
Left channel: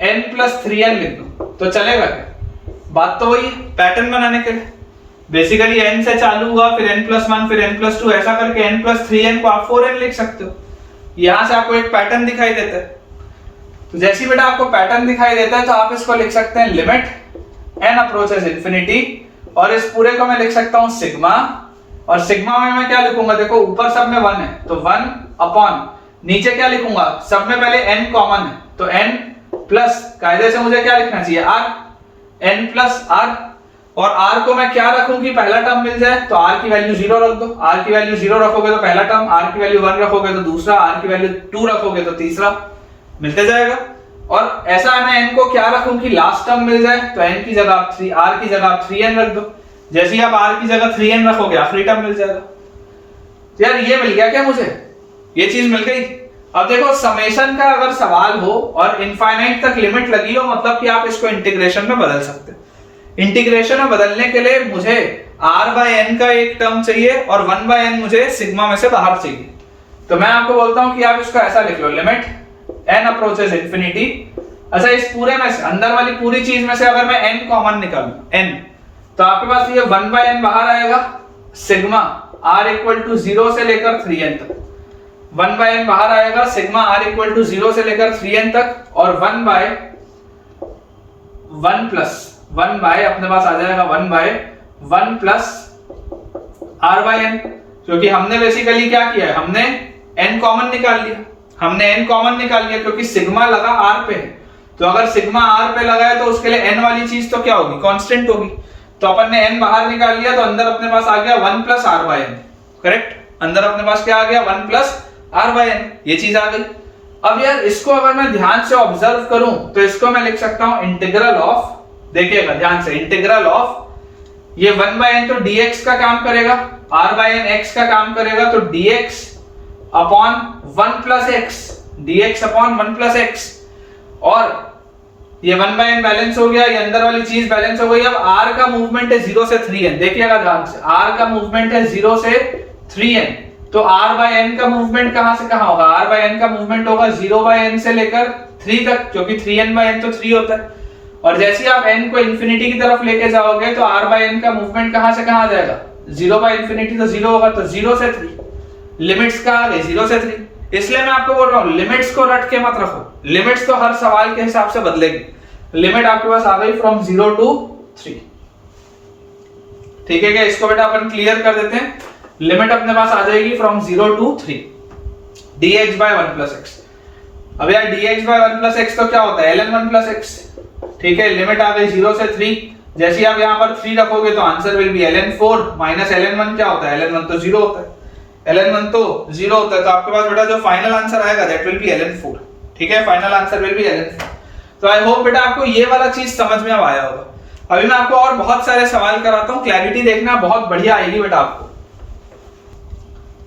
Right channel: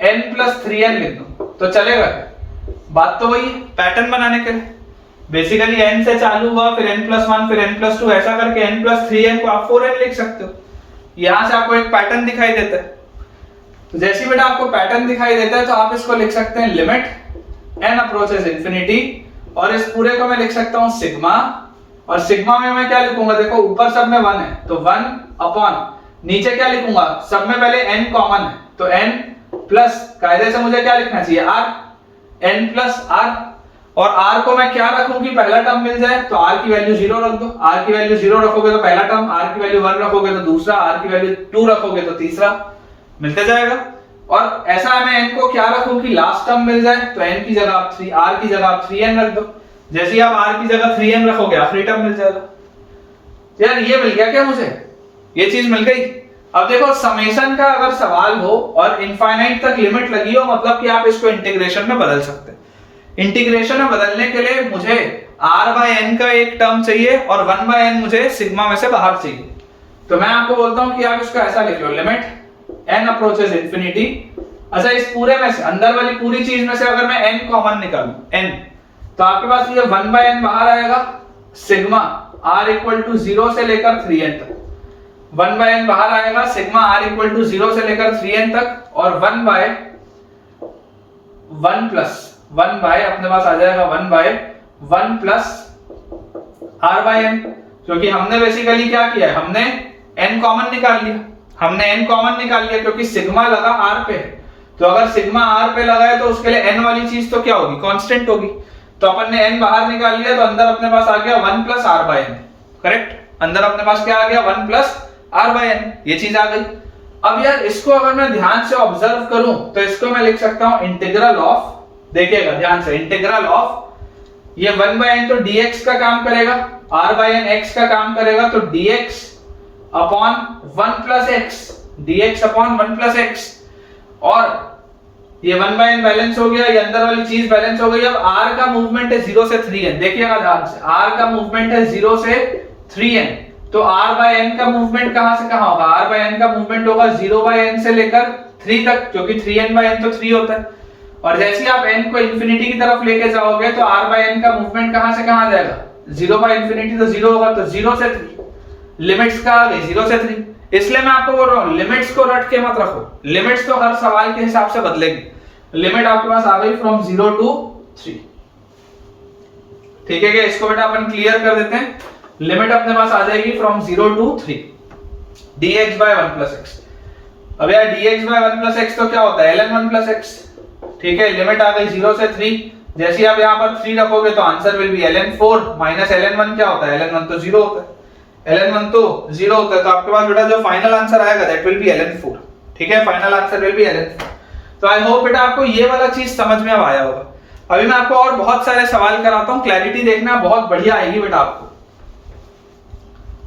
n प्लस 3n लिख दूं तो चलेगा क्या? बात तो वही पैटर्न बनाने के लिए, बेसिकली n से चालू हुआ, फिर n प्लस 1, फिर n प्लस 2, ऐसा करके n प्लस 3n को आप 4n लिख सकते हो। यहां से आपको एक पैटर्न दिखाई देता है, तो जैसे बेटा आपको पैटर्न दिखाई देता है तो आप इसको लिख सकते हैं लिमिट n अप्रोचेस इंफिनिटी, और इस पूरे को मैं लिख सकता हूं सिग्मा, और सिग्मा में मैं क्या लिखूंगा, देखो ऊपर सब में 1 है तो 1 अपॉन, नीचे क्या लिखूंगा, सब में पहले n कॉमन है तो n प्लस, कायदे से मुझे क्या लिखना चाहिए r, n प्लस r, और r को मैं क्या रखूं कि पहला टर्म मिल जाए, तो r की वैल्यू 0 रख दो, r की वैल्यू 0 रखोगे तो पहला टर्म, r की वैल्यू 1 रखोगे तो दूसरा, r की वैल्यू 2 रखोगे तो तीसरा, मिलते जाएगा। और ऐसा मैं n को क्या रखूं कि लास्ट टर्म मिल जाए, तो n की जगह आप 3, r की जगह आप 3n रख दो, जैसे ही आप r की जगह 3n रखोगे आखिरी टर्म मिल जाएगा। यार ये मिल गया क्या मुझे, ये चीज मिल गई। अब देखो समेशन का अगर सवाल हो और इनफाइनाइट तक लिमिट लगी हो, मतलब कि आप इसको इंटीग्रेशन में बदल सकते हैं। इंटीग्रेशन में बदलने के लिए मुझे r बाय n का एक टर्म चाहिए और 1 बाय n मुझे सिग्मा में से बाहर चाहिए, तो मैं आपको बोलता हूं कि आप इसको ऐसा लिख लो, लिमिट n अप्रोचेस इंफिनिटी। अच्छा, इस पूरे में से, अंदर वाली पूरी चीज में से अगर मैं n कॉमन निकालूं, n, तो आपके पास ये 1 बाय n बाहर आएगा, सिग्मा r इक्वल टू 0 से लेकर 3n तक, 1 बाय n बाहर आएगा, सिग्मा r इक्वल टू 0 से लेकर 3n तक, और 1 बाय 1 प्लस 1 बाय अपने पास आ जाएगा 1 by 1 plus r by n, क्योंकि हमने बेसिकली क्या किया है, हमने n कॉमन निकाल लिया, हमने n कॉमन निकाल लिया क्योंकि सिग्मा लगा r पे है, तो अगर सिग्मा r पे लगा है तो उसके लिए n वाली चीज तो क्या होगी, कांस्टेंट होगी, तो अपन ने n बाहर निकाल लिया, तो अंदर अपने पास आ गया 1 plus r by n, correct, अंदर अपने पास क्या आ गया 1 प्लस r बाय n, ये चीज आ गई। अब यार इसको अगर मैं ध्यान से ऑब्जर्व करूं तो इसको मैं लिख सकता हूं इंटीग्रल ऑफ, देखिएगा ध्यान से, इंटीग्रल ऑफ ये 1/n तो dx का काम करेगा, r/n x का काम करेगा, तो dx upon 1 plus x, dx upon 1 plus x, और ये 1/n बैलेंस हो गया, ये अंदर वाली चीज बैलेंस हो गई। अब r का मूवमेंट है 0 से 3n, देखिएगा ध्यान से, r का मूवमेंट है 0 से 3n, तो r/n का मूवमेंट कहां से कहां होगा, r/n का मूवमेंट होगा 0/n से लेकर 3 तक, क्योंकि 3n/n तो 3 होता है, और जैसे ही आप n को इंफिनिटी की तरफ लेके जाओगे तो r/n का मूवमेंट कहां से कहां आ जाएगा, 0/∞ तो 0 होगा, तो 0 से 3, लिमिट्स का आ गई 0 से 3। इसलिए मैं आपको बोल रहा हूं लिमिट्स को रट के मत रखो, लिमिट्स तो हर सवाल के हिसाब से बदलेगी। लिमिट आपके पास आ गई फ्रॉम 0 to 3, ठीक है क्या? इसको बेटा अपन क्लियर कर देते हैं। लिमिट अपने पास आ जाएगी from 0 to 3 dx by 1 plus x। अब यार dx by 1 plus x तो क्या होता है, ln 1 plus x, ठीक है। लिमिट आ गई 0 से 3, जैसे ही आप यहाँ पर 3 रखोगे तो answer will be ln 4 minus ln 1 क्या होता है, ln 1 तो 0 होता है, ln 1 तो 0 होता है, तो आपके पास बेटा जो फाइनल आंसर आएगा दैट विल बी ln 4, ठीक है, final answer will be ln 4। तो आई होप बेटा आपको ये वाला चीज समझ में अब आया होगा। अभी मैं आपको और बहुत सारे सवाल कराता हूँ, क्लैरिटी देखना बहुत बढ़िया आएगी बेटा आपको।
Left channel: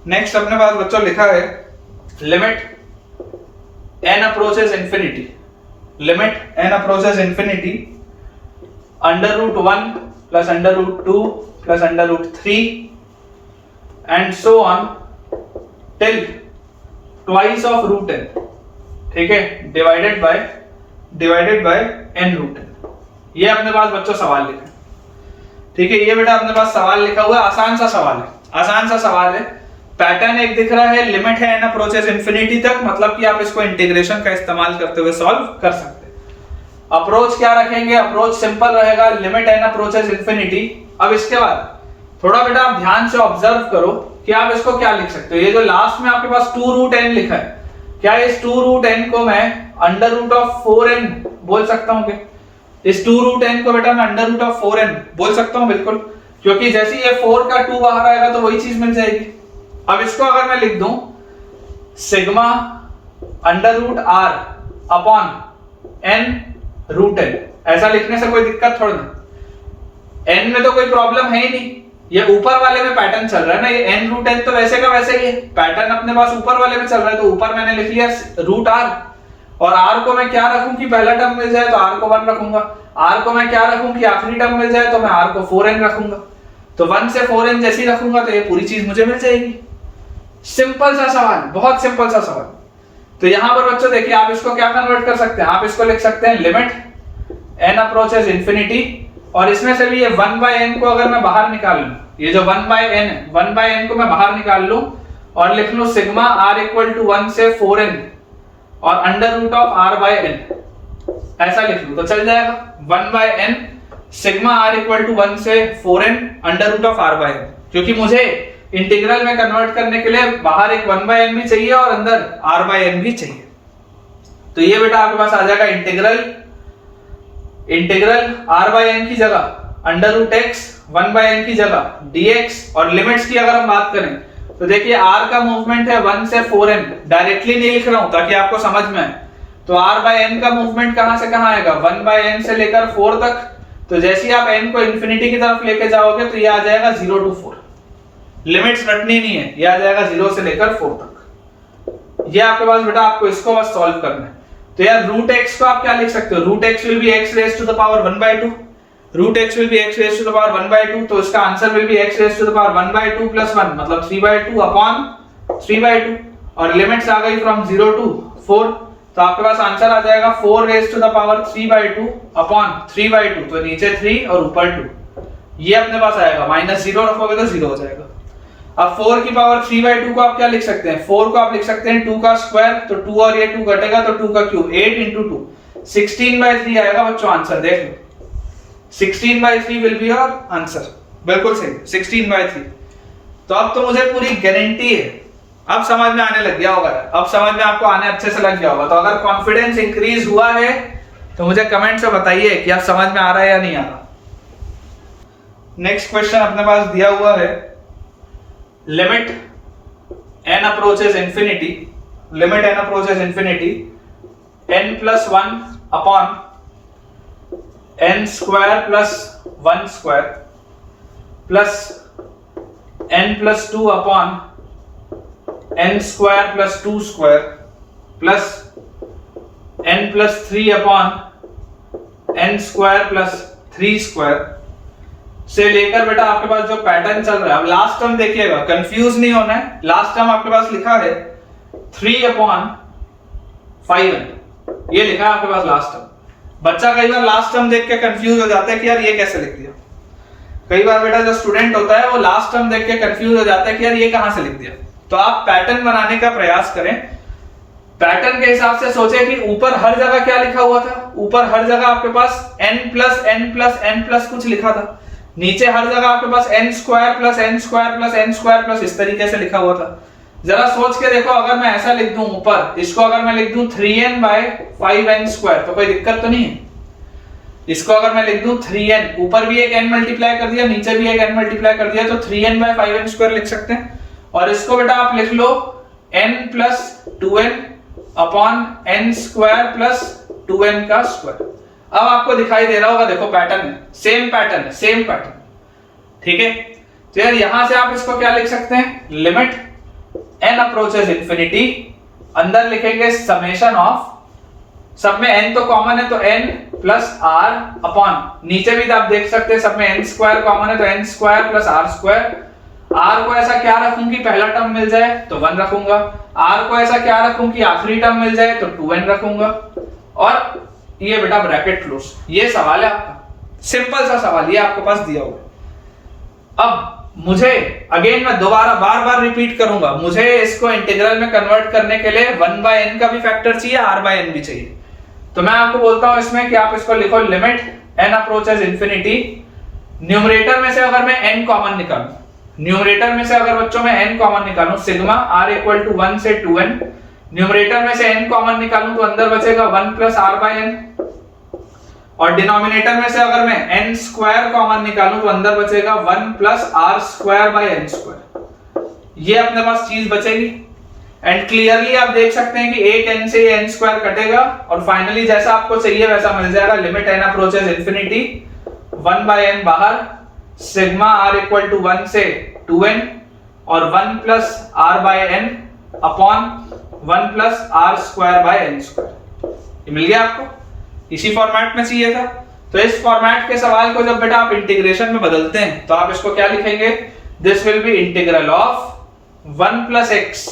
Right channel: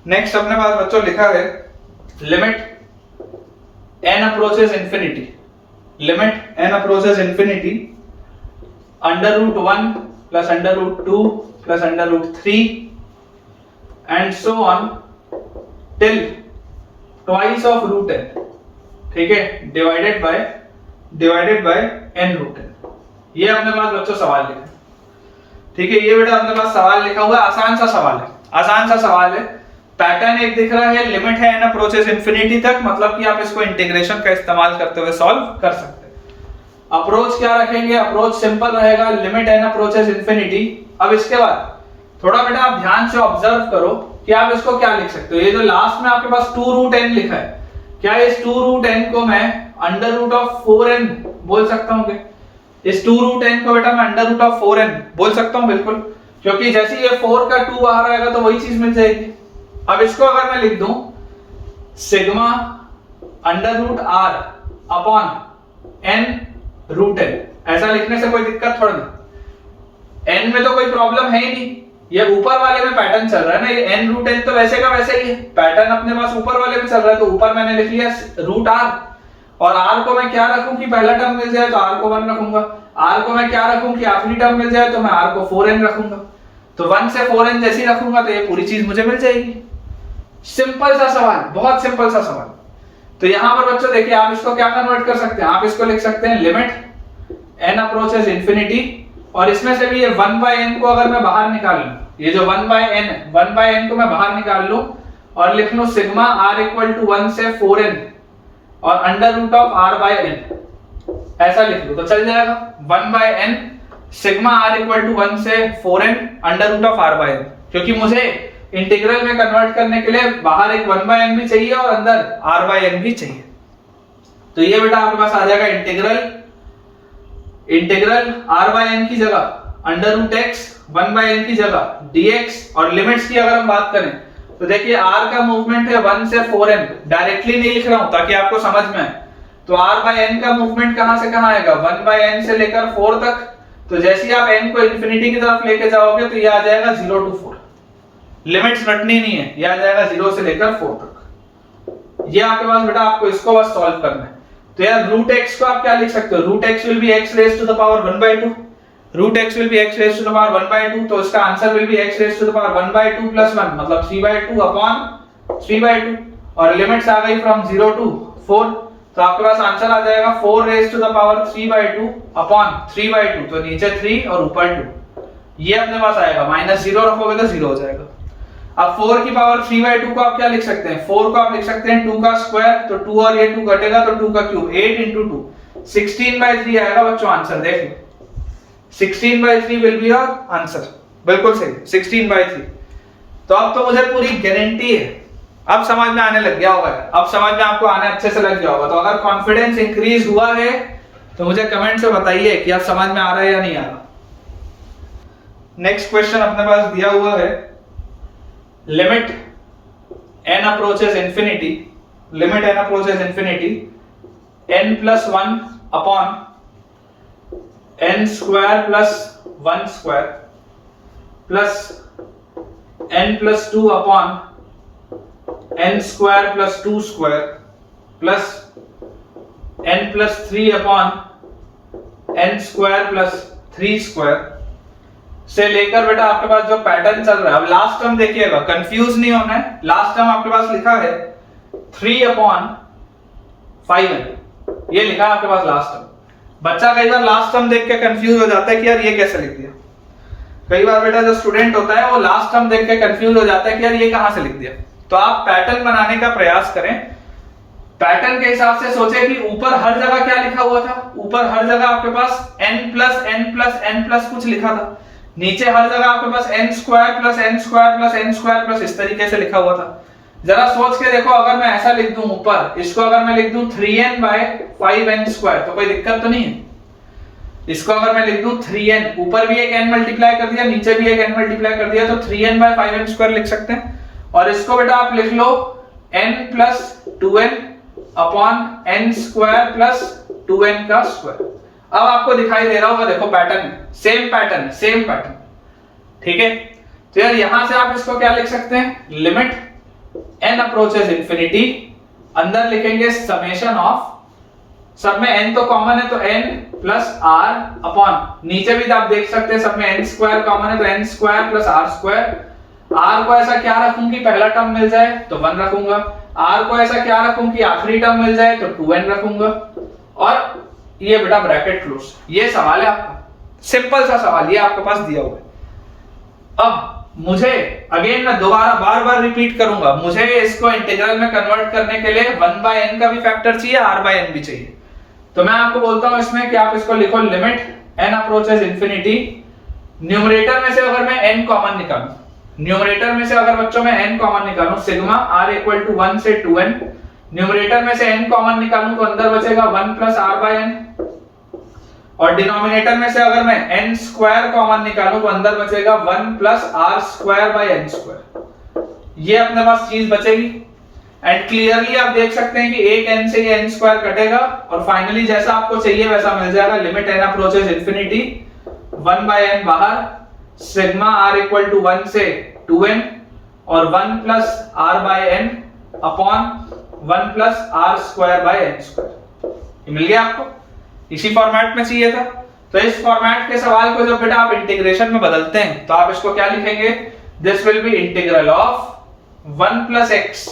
नेक्स्ट अपने पास बच्चों लिखा है limit n approaches infinity, limit n approaches infinity √1 plus √2 plus √3 and so on till twice of √n, ठीक है, डिवाइडेड बाय n√n। ये अपने पास बच्चों सवाल लिखा है, ठीक है, ये बेटा अपने पास सवाल लिखा हुआ है, आसान सा सवाल है, आसान सा सवाल है। पैटर्न एक दिख रहा है, लिमिट है n अप्रोचेस इंफिनिटी तक, मतलब कि आप इसको इंटीग्रेशन का इस्तेमाल करते हुए सॉल्व कर सकते हैं। अप्रोच क्या रखेंगे, अप्रोच सिंपल रहेगा, लिमिट n अप्रोचेस इंफिनिटी। अब इसके बाद थोड़ा बेटा आप ध्यान से ऑब्जर्व करो कि आप इसको क्या लिख सकते हो। ये जो लास्ट में आपके पास 2√n लिखा है, क्या इस 2√n को मैं √4n बोल सकता हूं क्या? इस 2√n को बेटा मैं √4n बोल सकता हूं, बिल्कुल, क्योंकि जैसे ये 4 का 2 बाहर आएगा तो वही चीज मिल जाएगी। अब इसको अगर मैं लिख दूं सिग्मा √r अपॉन n√n, ऐसा लिखने से कोई दिक्कत थोड़ा ना, n में तो कोई प्रॉब्लम है ही नहीं, ये ऊपर वाले में पैटर्न चल रहा है ना, ये n√n तो वैसे का वैसे ही है, पैटर्न अपने पास ऊपर वाले में चल रहा है, तो ऊपर मैंने लिख लिया √r, और r को मैं क्या रखूं कि पहला टर्म मिल जाए तो r को 1 रखूंगा, r को मैं क्या रखूं कि आखिरी टर्म मिल जाए तो मैं r को 4n रखूंगा, तो 1 से 4n जैसी रखूंगा तो ये पूरी चीज मुझे मिल जाएगी। सिंपल सा सवाल, बहुत सिंपल सा सवाल। तो यहां पर बच्चों देखिए आप इसको क्या कन्वर्ट कर सकते हैं, आप इसको लिख सकते हैं लिमिट n अप्रोचेस इंफिनिटी, और इसमें से भी ये 1/n को अगर मैं बाहर निकाल लूं, ये जो 1/n को मैं बाहर निकाल लूं और लिख लूं सिग्मा r इक्वल टू 1 से 4n और √r/n, ऐसा लिख लूं तो चल जाएगा। 1/n sigma r equal to 1 से 4n √r/n, क्योंकि मुझे इंटीग्रल में कन्वर्ट करने के लिए बाहर एक 1/n भी चाहिए और अंदर r/n भी चाहिए। तो ये बेटा आपके पास आ जाएगा इंटीग्रल r/n की जगह √x, 1/n की जगह dx, और लिमिट्स की अगर हम बात करें तो देखिए r का मूवमेंट है 1 से 4n, डायरेक्टली नहीं लिख रहा हूं ताकि आपको समझ में आए, तो r/n का मूवमेंट कहां से कहां आएगा, 1/n से लेकर 4 तक, तो जैसे ही आप n को इंफिनिटी की तरफ लेके जाओगे तो ये आ जाएगा 0 to 4, लिमिट्स रटनी नहीं है, ये आ जाएगा 0 से लेकर 4 तक। ये आपके पास बेटा आपको इसको बस सॉल्व करना है। तो यार √x को आप क्या लिख सकते हो, √x will be x raise to the power 1/2, √x will be x raise to the power 1/2, तो इसका answer will be x raise to the power 1/2 plus 1 मतलब 3/2 अपॉन 3/2, और लिमिट्स आ गई फ्रॉम 0 to 4, तो आपके पास आंसर आ जाएगा 4 raise to the power 3/2 upon 3/2, तो नीचे 3 और ऊपर 2, ये अपने पास आएगा, -0 रखोगे तो 0 हो जाएगा। अब 4 की पावर 3/2 को आप क्या लिख सकते हैं, 4 को आप लिख सकते हैं 2 का स्क्वायर, तो 2 और ये 2 घटेगा तो 2 का क्यूब, 8 into 2 16/3 आएगा बच्चों, आंसर देख लो 16/3 विल बी योर आंसर, बिल्कुल सही 16/3। तो अब तो मुझे पूरी गारंटी है, अब समझ में आने लग गया होगा, अब समझ में आपको आने अच्छे से लग गया होगा। तो अगर कॉन्फिडेंस इंक्रीज हुआ है तो मुझे कमेंट से बताइए कि आप समझ में आ रहा है या नहीं आ रहा। नेक्स्ट क्वेश्चन अपने पास दिया हुआ है limit n approaches infinity, limit n approaches infinity n plus 1 upon n square plus 1 square plus n plus 2 upon n square plus 2 square plus n plus 3 upon n square plus 3 square से लेकर बेटा आपके पास जो pattern चल रहा है, अब लास्ट टर्म देखिएगा, कंफ्यूज नहीं होना है। लास्ट टर्म आपके पास लिखा है 3 अपॉन 5n, ये लिखा है आपके पास लास्ट टर्म। बच्चा कई बार लास्ट टर्म देख के कंफ्यूज हो जाता है कि यार ये कैसे लिख दिया। कई बार बेटा जो स्टूडेंट होता है वो लास्ट टर्म देख के कंफ्यूज हो जाता है कि यार ये कहां से लिख दिया। तो आप पैटर्न बनाने का प्रयास करें, पैटर्न के हिसाब से सोचे कि ऊपर हर जगह क्या लिखा हुआ था। ऊपर हर जगह आपके पास n plus n plus n plus कुछ लिखा था, नीचे हर जगह आपके पास n square plus n square plus n square plus इस तरीके से लिखा हुआ था। जरा सोच के देखो, अगर मैं ऐसा लिख दूं ऊपर, इसको अगर मैं लिख दूं 3n बाय 5n स्क्वायर तो कोई दिक्कत तो नहीं है। इसको अगर मैं लिख दूं 3n, ऊपर भी एक n मल्टीप्लाई कर दिया, नीचे भी एक n मल्टीप्लाई कर दिया, तो 3n बाय 5n स्क्वायर लिख सकते हैं। और इसको बेटा आप लिख लो n plus 2n upon n square plus 2n का स्क्वायर। अब आपको दिखाई दे रहा होगा, देखो pattern same pattern, same pattern, ठीक है। तो यार यहां से आप इसको क्या लिख सकते हैं, लिमिट n अप्रोचेस इंफिनिटी, अंदर लिखेंगे समेशन ऑफ, सब में n तो कॉमन है तो n प्लस r अपॉन, नीचे भी आप देख सकते हैं सब में n स्क्वायर कॉमन है तो n square plus r square. r को ऐसा क्या रखूं कि पहला टर्म मिल जाए तो 1 रखूंगा, r को ऐसा क्या रखूं कि आखिरी टर्म मिल जाए तो 2n रखूंगा, और ये बेटा ब्रैकेट क्लोज। ये सवाल है आपका, सिंपल सा सवाल, ये आपके पास दिया हुआ है। अब मुझे अगेन मैं दोबारा बार बार रिपीट करूंगा, मुझे इसको इंटीग्रल में कन्वर्ट करने के लिए 1/n का भी फैक्टर चाहिए, r/n भी चाहिए। तो मैं आपको बोलता हूं इसमें कि आप इसको लिखो limit n approaches infinity, numerator में से अगर मैं n कॉमन निकालूं, न्यूमरेटर में से अगर बच्चों में n कॉमन निकालूं, सिग्मा r इक्वल टू 1 से 2n, न्यूमरेटर में से n कॉमन निकालूं तो अंदर बचेगा 1 प्लस r/n, और डिनोमिनेटर में से अगर मैं n स्क्वायर कॉमन निकालूं तो अंदर बचेगा 1 plus r square by n square. ये अपने पास चीज बचेगी, एंड क्लियरली आप देख सकते हैं कि एक n से ये n स्क्वायर कटेगा और फाइनली जैसा आपको चाहिए वैसा मिल जाएगा। Limit n approaches infinity, 1/n बाहर, सिग्मा r इक्वल टू 1 से 2n और 1 plus r/n upon 1 plus r square by n square. ये मिल गया आपको, इसी फॉर्मेट में चाहिए था। तो इस फॉर्मेट के सवाल को जब बेटा आप इंटीग्रेशन में बदलते हैं तो आप इसको क्या लिखेंगे, this will be integral of 1 plus x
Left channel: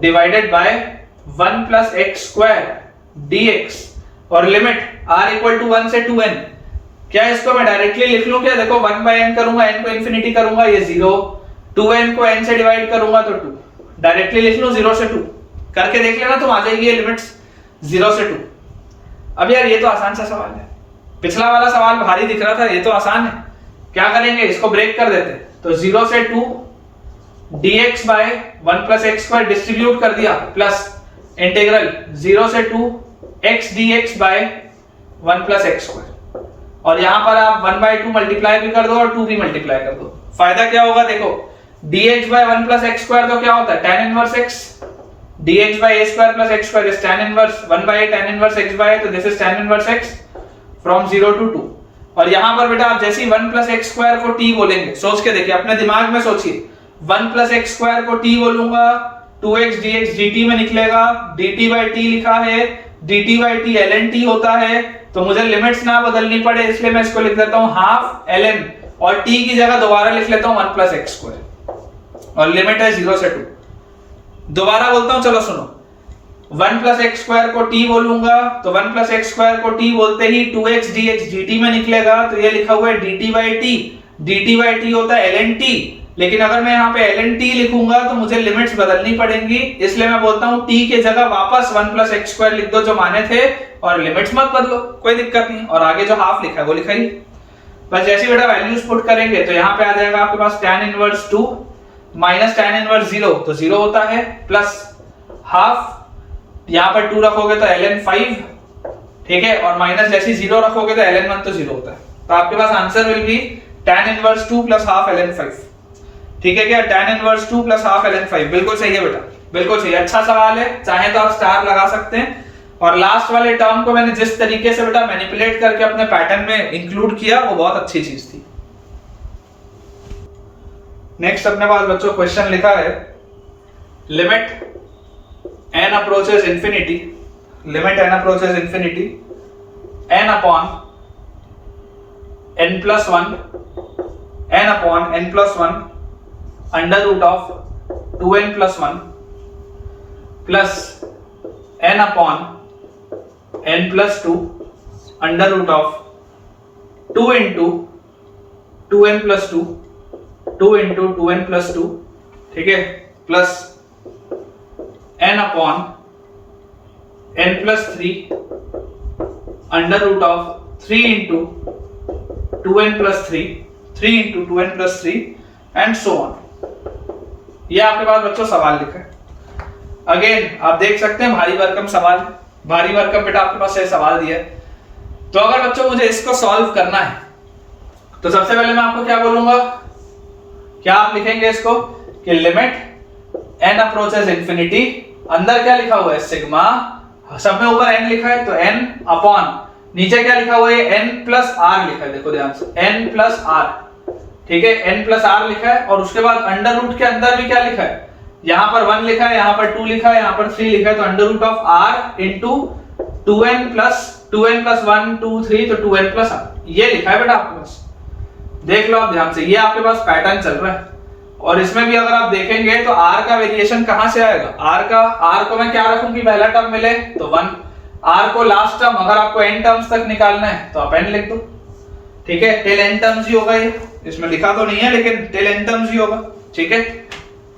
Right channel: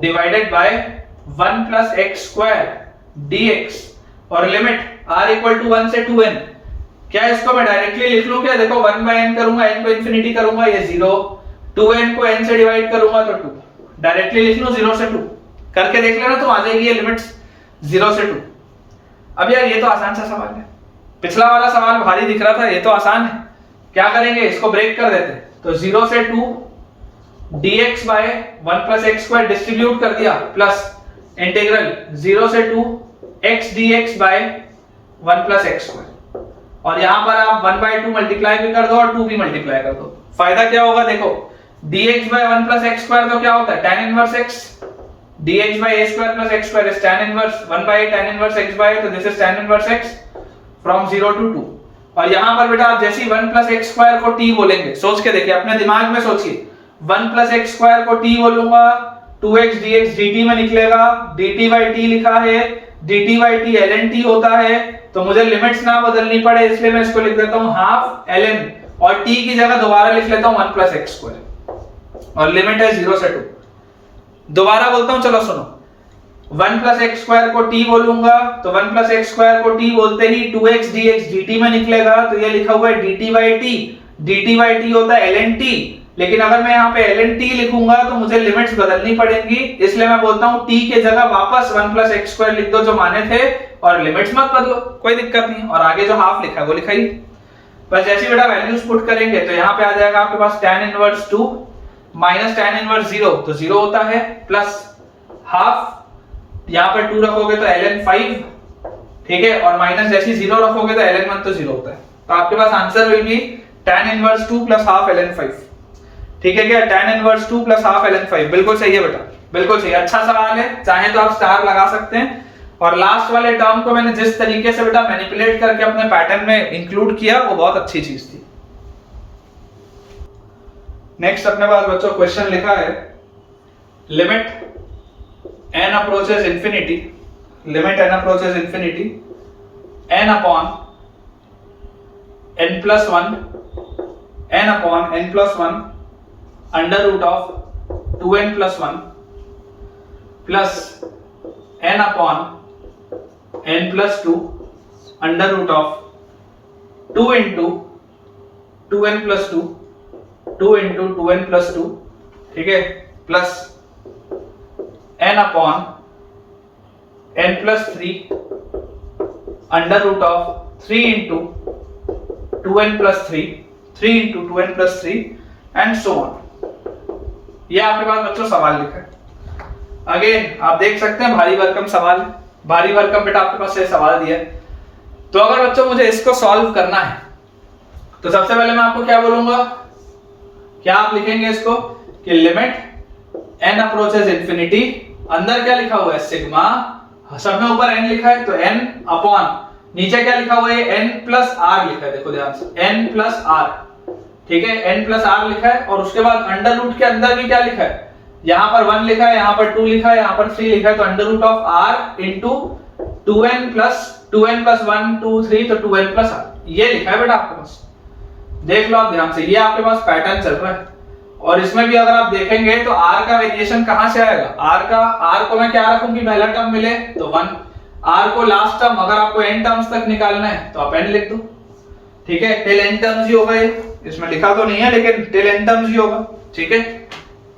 divided by 1 plus x square dx, और लिमिट r इक्वल टू 1 से 2n। क्या इसको मैं डायरेक्टली लिख लूं क्या, देखो 1/n करूंगा, n को इंफिनिटी करूंगा ये 0, 2n को n से डिवाइड करूंगा तो 2, डायरेक्टली लिख लूं 0 से 2, करके देख लेना तुम आ जाएगी ये लिमिट्स 0 से 2। अब यार ये तो आसान सा सवाल है, पिछला वाला सवाल भारी दिख रहा था, ये तो आसान है। क्या करेंगे, इसको ब्रेक कर देते हैं, तो 0 से 2 dx by 1 plus x square distribute कर दिया, प्लस इंटीग्रल 0 से 2 x dx by 1 plus x square, और यहां पर आप 1/2 मल्टीप्लाई भी कर दो और 2 भी मल्टीप्लाई कर दो। फायदा क्या होगा, देखो dx by 1 plus x square तो क्या होता है tan inverse x, dx by a square plus x square is tan inverse 1 by tan inverse x by a, तो this is tan inverse x from 0 to 2। और यहां पर बेटा आप जैसे 1 plus x square को t बोलेंगे, सोच के देखिए, अपने दिमाग में सोचिए, 1 plus x square को t बोलूंगा, 2x dx dt में निकलेगा, dt by t लिखा है, dt by t ln t होता है, तो मुझे लिमिट्स ना बदलनी पड़े इसलिए मैं इसको लिख देता हूं हाफ ln, और t की जगह दोबारा लिख लेता हूं 1 plus x square, और लिमिट है 0 से 2। दोबारा बोलता हूं, चलो सुनो, 1 प्लस एक्स स्क्वायर को t बोलूंगा तो 1 प्लस एक्स स्क्वायर को t बोलते ही 2x dx dt में निकलेगा, तो ये लिखा हुआ है dt by t होता है ln t, लेकिन अगर मैं यहाँ पे ln t लिखूंगा तो मुझे लिमिट्स बदलनी पड़ेंगी, इसलिए मैं बोलता हूँ t के जगह वापस 1 प्लस एक्स स्क्वायर लिख दो जो माने थे, और लिमिट्स मत बदलो, कोई दिक्कत नहीं, और आगे जो हाफ लिखा है वो लिखाइए। बस जैसे बेटा वैल्यूज पुट करेंगे तो यहाँ पे आ जाएगा आपके पास tan inverse 2 minus tan inverse 0 तो 0 होता है, प्लस हाफ, यहाँ पर 2 रखोगे तो ln 5, ठीक है, और माइनस जैसे 0 रखोगे तो ln 1 तो 0 होता है, तो आपके पास answer will be tan inverse 2 plus half ln 5। ठीक है क्या, tan inverse 2 plus half ln 5 बिल्कुल सही है बेटा, बिल्कुल सही, अच्छा सवाल है, चाहे तो आप स्टार लगा सकते हैं। और लास्ट वाले टर्म को मैंने जिस तरीके से बेटा मैनिपुलेट करके अपने पैटर्न में इंक्लूड किया वो बहुत अच्छी चीज थी। नेक्स्ट अपने पास बच्चों क्वेश्चन लिखा है limit n approaches infinity, limit n approaches infinity n upon n plus one, n upon n plus one under root of 2n plus one plus n upon n plus two under root of 2 into 2n plus two, 2 into 2n plus two, ठीक है, plus n upon n plus three under root of 3 into 2n plus three, 3 into 2n plus three and so on. ये आपके पास बच्चों सवाल लिखा है। Again आप देख सकते हैं भारी भरकम सवाल, भारी भरकम बेटा आपके पास से सवाल दिया है। तो अगर बच्चों मुझे इसको सॉल्व करना है तो सबसे पहले मैं आपको क्या बोलूंगा, क्या आप लिखेंगे इसको कि लिमिट n अप्रोचेस इंफिनिटी, अंदर क्या लिखा हुआ है सिग्मा, सब में ऊपर n लिखा है तो n अपॉन नीचे क्या लिखा हुआ है n प्लस r लिखा है, देखो ध्यान से n प्लस r, ठीक है, n प्लस r लिखा है और उसके बाद अंडर रूट के अंदर भी क्या लिखा है, यहां पर 1 लिखा है, यहां पर 2 लिखा है, यहां पर 3 लिखा है, तो under root of r into 2n plus 1 2 3 तो 2n प्लस r, ये लिखा है बेटा आपके पास। देख लो आप ध्यान से, ये आपके पास पैटर्न चल रहा है और इसमें भी अगर आप देखेंगे तो r का वेरिएशन कहां से आएगा, r को मैं क्या रखूं कि पहला टर्म मिले तो 1, r को लास्ट टर्म अगर आपको n टर्म्स तक निकालना है तो आप n लिख दो, ठीक है, टिल n टर्म्स ही होगा, ये इसमें लिखा तो नहीं है लेकिन टिल n टर्म्स ही होगा, ठीक है,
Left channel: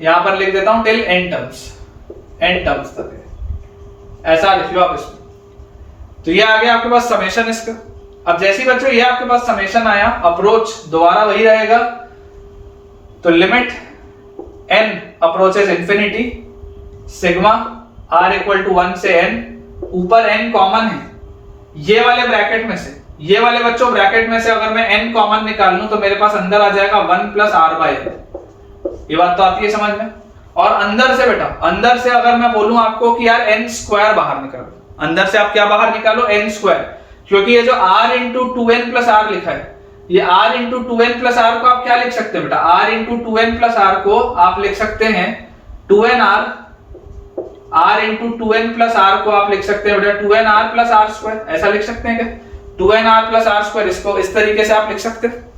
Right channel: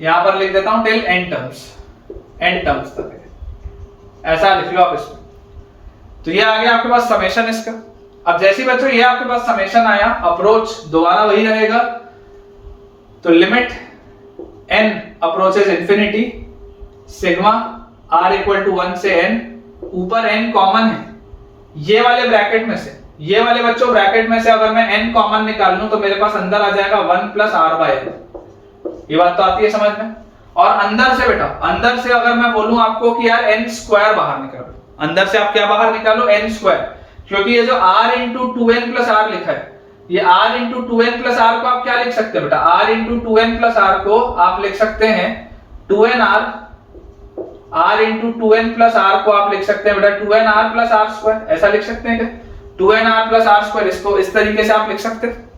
यहां पर लिख देता हूं टिल n टर्म्स तक है, ऐसा लिख लो आप इसमें। तो ये आ गया आपके पास समेशन इसका। अब जैसे बच्चों ये आपके पास समेशन आया, अप्रोच दोबारा वही रहेगा, तो limit n approaches infinity sigma r equal to 1 से n, ऊपर n कॉमन है, ये वाले ब्रैकेट में से, ये वाले बच्चों ब्रैकेट में से अगर मैं n कॉमन निकाल लूं तो मेरे पास अंदर आ जाएगा 1 प्लस r बाय n, ये बात तो आती है समझ में। और अंदर से बेटा, अंदर से अगर मैं बोलूं आपको कि यार n स्क्वायर बाहर निकालो, अंदर से आप क्या बाहर निकालो n स्क्वायर, क्योंकि ये जो r into 2n plus r लिखा है, ये r into 2n plus r को आप क्या लिख सकते हैं बेटा, r into 2n plus r को आप लिख सकते हैं 2nr, r into 2n plus r को आप लिख सकते हैं बेटा 2nr प्लस r स्क्वायर, ऐसा लिख सकते हैं क्या, 2nr प्लस r स्क्वायर, इसको इस तरीके से आप लिख सकते हैं।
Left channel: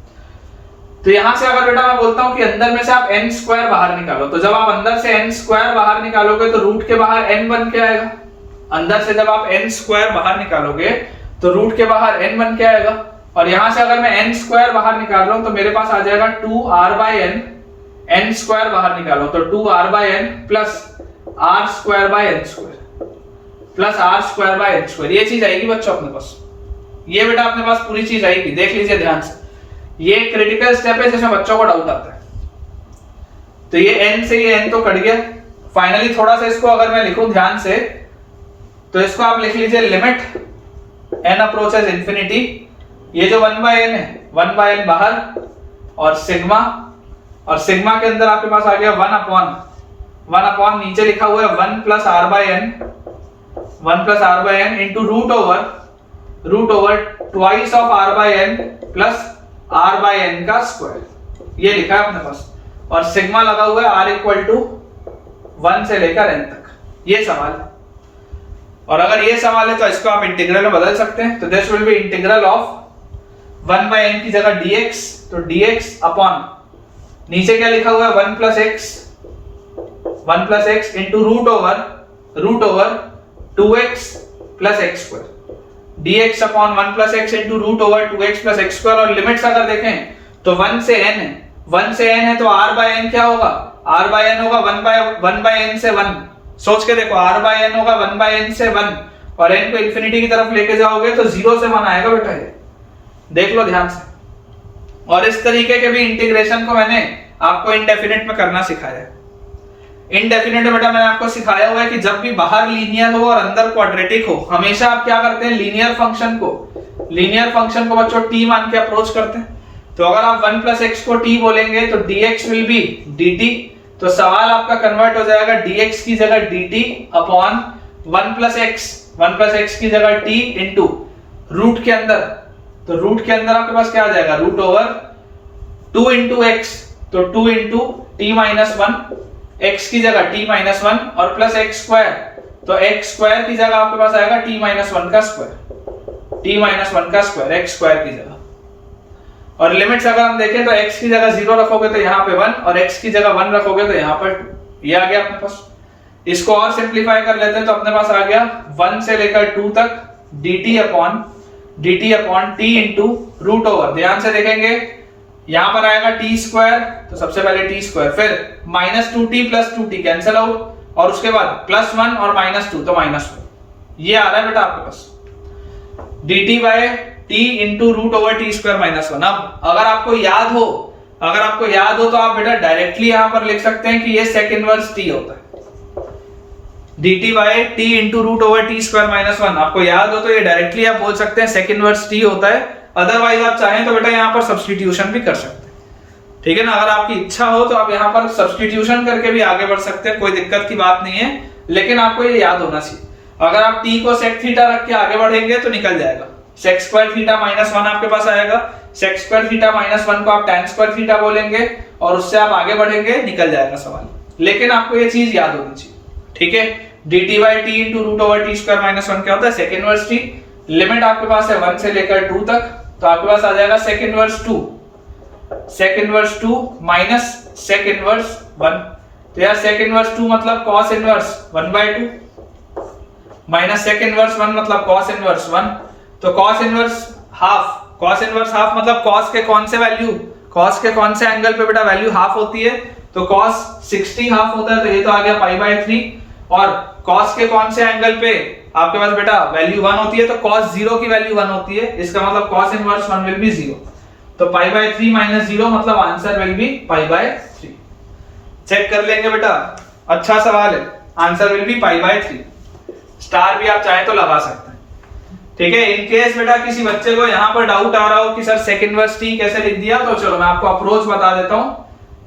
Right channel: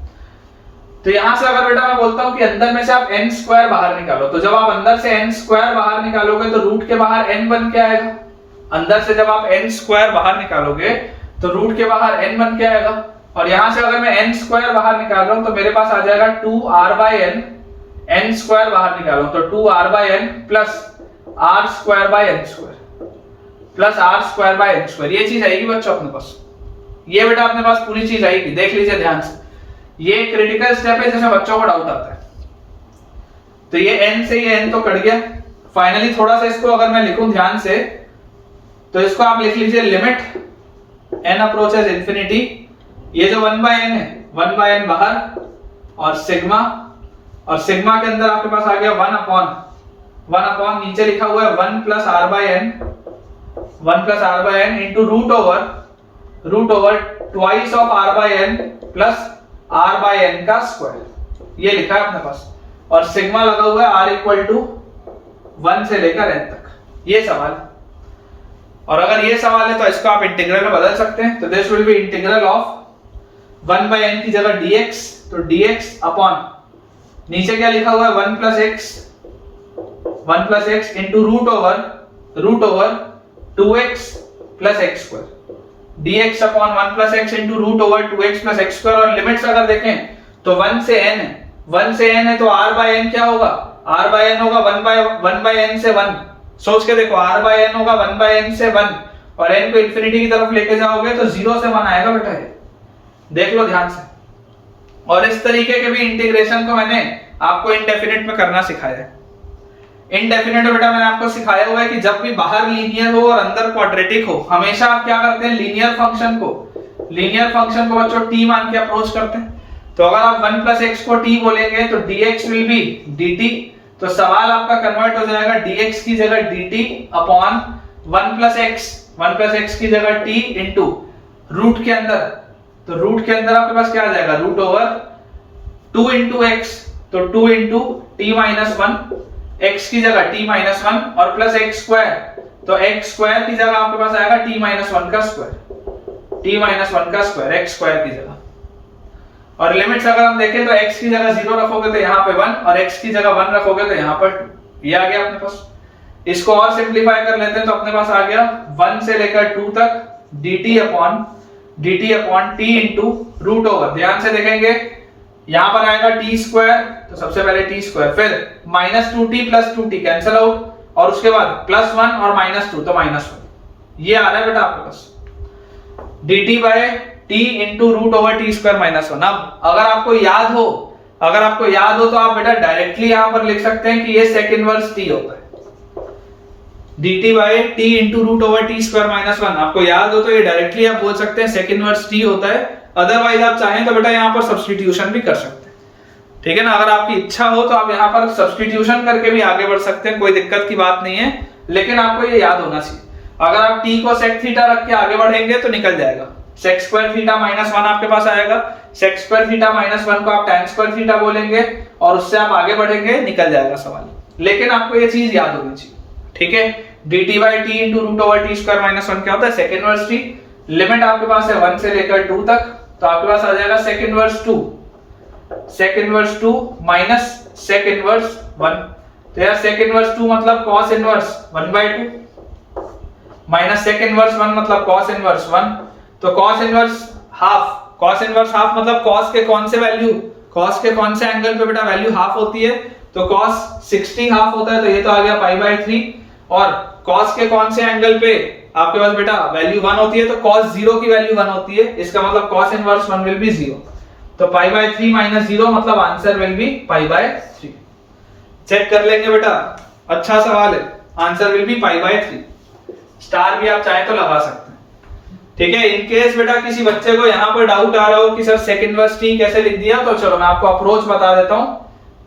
तो यहां से अगर बेटा मैं बोलता हूं कि अंदर में से आप n स्क्वायर बाहर निकालो, तो जब आप अंदर से n स्क्वायर बाहर निकालोगे तो रूट के बाहर n बन के आएगा, अंदर से जब आप n स्क्वायर बाहर निकालोगे तो रूट के बाहर n बन के आएगा, और यहां से अगर मैं n स्क्वायर बाहर निकाल रहा हूं तो मेरे पास आ जाएगा 2r by n, n square बाहर निकालो तो 2r by n plus r square by n square plus r square by n square, ये चीज आएगी बच्चों अपने पास, ये बेटा अपने पास पूरी चीज आएगी, देख लीजिए ध्यान से, ये क्रिटिकल स्टेप है जिसमें बच्चों को डाउट आता है। तो ये n से ये n तो कट गया, फाइनली थोड़ा सा इसको अगर मैं लिखूं ध्यान से तो इसको आप लिख लीजिए लिमिट n अप्रोचेस इंफिनिटी, ये जो 1 बाय n है 1 बाय n बाहर और सिग्मा के अंदर आपके पास आ गया 1 अपॉन नीचे लिखा हुआ है 1 plus r by n into root over twice of r by n plus r by n का स्क्वायर, ये लिखा है अपने पास, और सिग्मा लगा हुआ है r इक्वल टू 1 से लेकर n तक, ये सवाल है। और अगर ये सवाल है तो इसको आप इंटीग्रल में बदल सकते हैं, तो this will be integral of 1 by n की जगह dx, तो dx अपॉन नीचे क्या लिखा हुआ है 1 plus x into root over 2x plus x square, dx upon 1 plus x into root over 2x plus x square. और लिमिट्स अगर देखें तो 1 से n है, 1 से n है तो r बाय n क्या होगा, r बाय n होगा 1 बाय n से 1, सोच के देखो r बाय n होगा 1 बाय n से 1, और n को इंफिनिटी की तरफ लेके जाओगे तो 0 से 1 आएगा बेटा, ये देख लो ध्यान से। और इस तरीके के भी इंटीग्रेशन को मैंने आपको इनडेफिनिट में करना सिखाया है। इनडेफिनिट बेटा मैंने आपको सिखाया हुआ है कि जब भी बाहर लीनियर हो और अंदर क्वाड्रेटिक हो, हमेशा आप क्या करते हैं, लीनियर फंक्शन को बच्चों t मान के अप्रोच करते हैं। तो अगर आप 1 प्लस x को t बोलेंगे तो dx विल बी dt, तो सवाल आपका कन्वर्ट हो जाएगा dx की जगह dt अपॉन 1 प्लस x की जगह t इंटू रूट के अंदर, तो रूट के अंदर आपके पास क्या आ जाएगा, रूट ओवर 2 इंटू x, तो 2 into T minus one, x की जगह टी माइनस वन और प्लस एक्स स्क्वायर, तो एक्स स्क्वायर की जगह आपके पास आएगा टी माइनस वन का स्क्वायर, टी माइनस वन का स्क्वायर एक्स स्क्वायर की जगह। और लिमिट्स अगर हम देखें तो x की जगह 0 रखोगे तो यहाँ पे 1 और x की जगह 1 रखोगे तो यहाँ पर 2। ये आ गया अपने पास। इसको और सिंप्लीफाई कर लेते हैं तो अपने पास आ गया 1 से लेकर 2 तक dt upon t into root over. ध्यान से देखेंगे यहाँ पर आएगा टी स्क्वायर, तो सबसे पहले टी स्क्वायर, फिर minus 2t plus 2t cancel out, और उसके बाद प्लस 1 और माइनस 2 तो माइनस 1। ये आ रहा है बेटा आपके पास dt by t into root over T square minus 1। अब अगर आपको याद हो तो आप बेटा डायरेक्टली यहां पर लिख सकते हैं कि ये सेक इनवर्स t होता है, dt by t into root over T square minus 1। आपको याद हो तो ये डायरेक्टली आप बोल सकते हैं सेक इनवर्स t होता है। अदरवाइज आप चाहें तो बेटा यहां पर सब्स्टिट्यूशन भी कर सकते हैं, ठीक है ना। अगर आपकी इच्छा हो तो आप यहां पर सब्स्टिट्यूशन करके भी आगे बढ़ सकते हैं, कोई दिक्कत की बात नहीं है, लेकिन आपको ये याद होना चाहिए। अगर आप t को सेक थीटा रख के आगे बढ़ेंगे तो निकल जाएगा, सेक स्क्वायर थीटा माइनस 1 आपके पास आएगा, सेक स्क्वायर थीटा माइनस 1 को आप tan स्क्वायर थीटा बोलेंगे और उससे आप आगे बढ़ेंगे, निकल जाएगा सवाल। लेकिन आपको ये चीज याद होनी चाहिए, ठीक है। dt by t into root over T square minus 1 क्या होता है, सेक इनवर्स t। लिमिट आपके पास है 1 से लेकर 2 तक, तो आपके पास आ जाएगा sec inverse 2 minus sec inverse 1। तो यार सेक इनवर्स 2 मतलब cos inverse 1/2 minus sec inverse 1 मतलब कॉस इनवर्स 1। तो कॉस इनवर्स हाफ मतलब कॉस के कौन से एंगल पे बेटा वैल्यू हाफ होती है, तो कॉस 60 हाफ होता है, तो ये तो आ गया π/3। और कॉस के कौन से एंगल पे आपके पास बेटा वैल्यू 1 होती है, तो कॉस 0 की वैल्यू 1 होती है, इसका मतलब कॉस इनवर्स 1 विल बी 0। तो π/3 माइनस 0 मतलब आंसर विल बी π/3। चेक कर लेंगे बेटा, अच्छा सवाल है, आंसर विल बी π/3। स्टार भी आप चाहे तो लगा सकते हैं, ठीक है। इन केस बेटा किसी बच्चे को यहाँ पर डाउट आ रहा हो कि सर सेक इनवर्स t कैसे लिख दिया, तो चलो मैं आपको अप्रोच बता देता हूँ,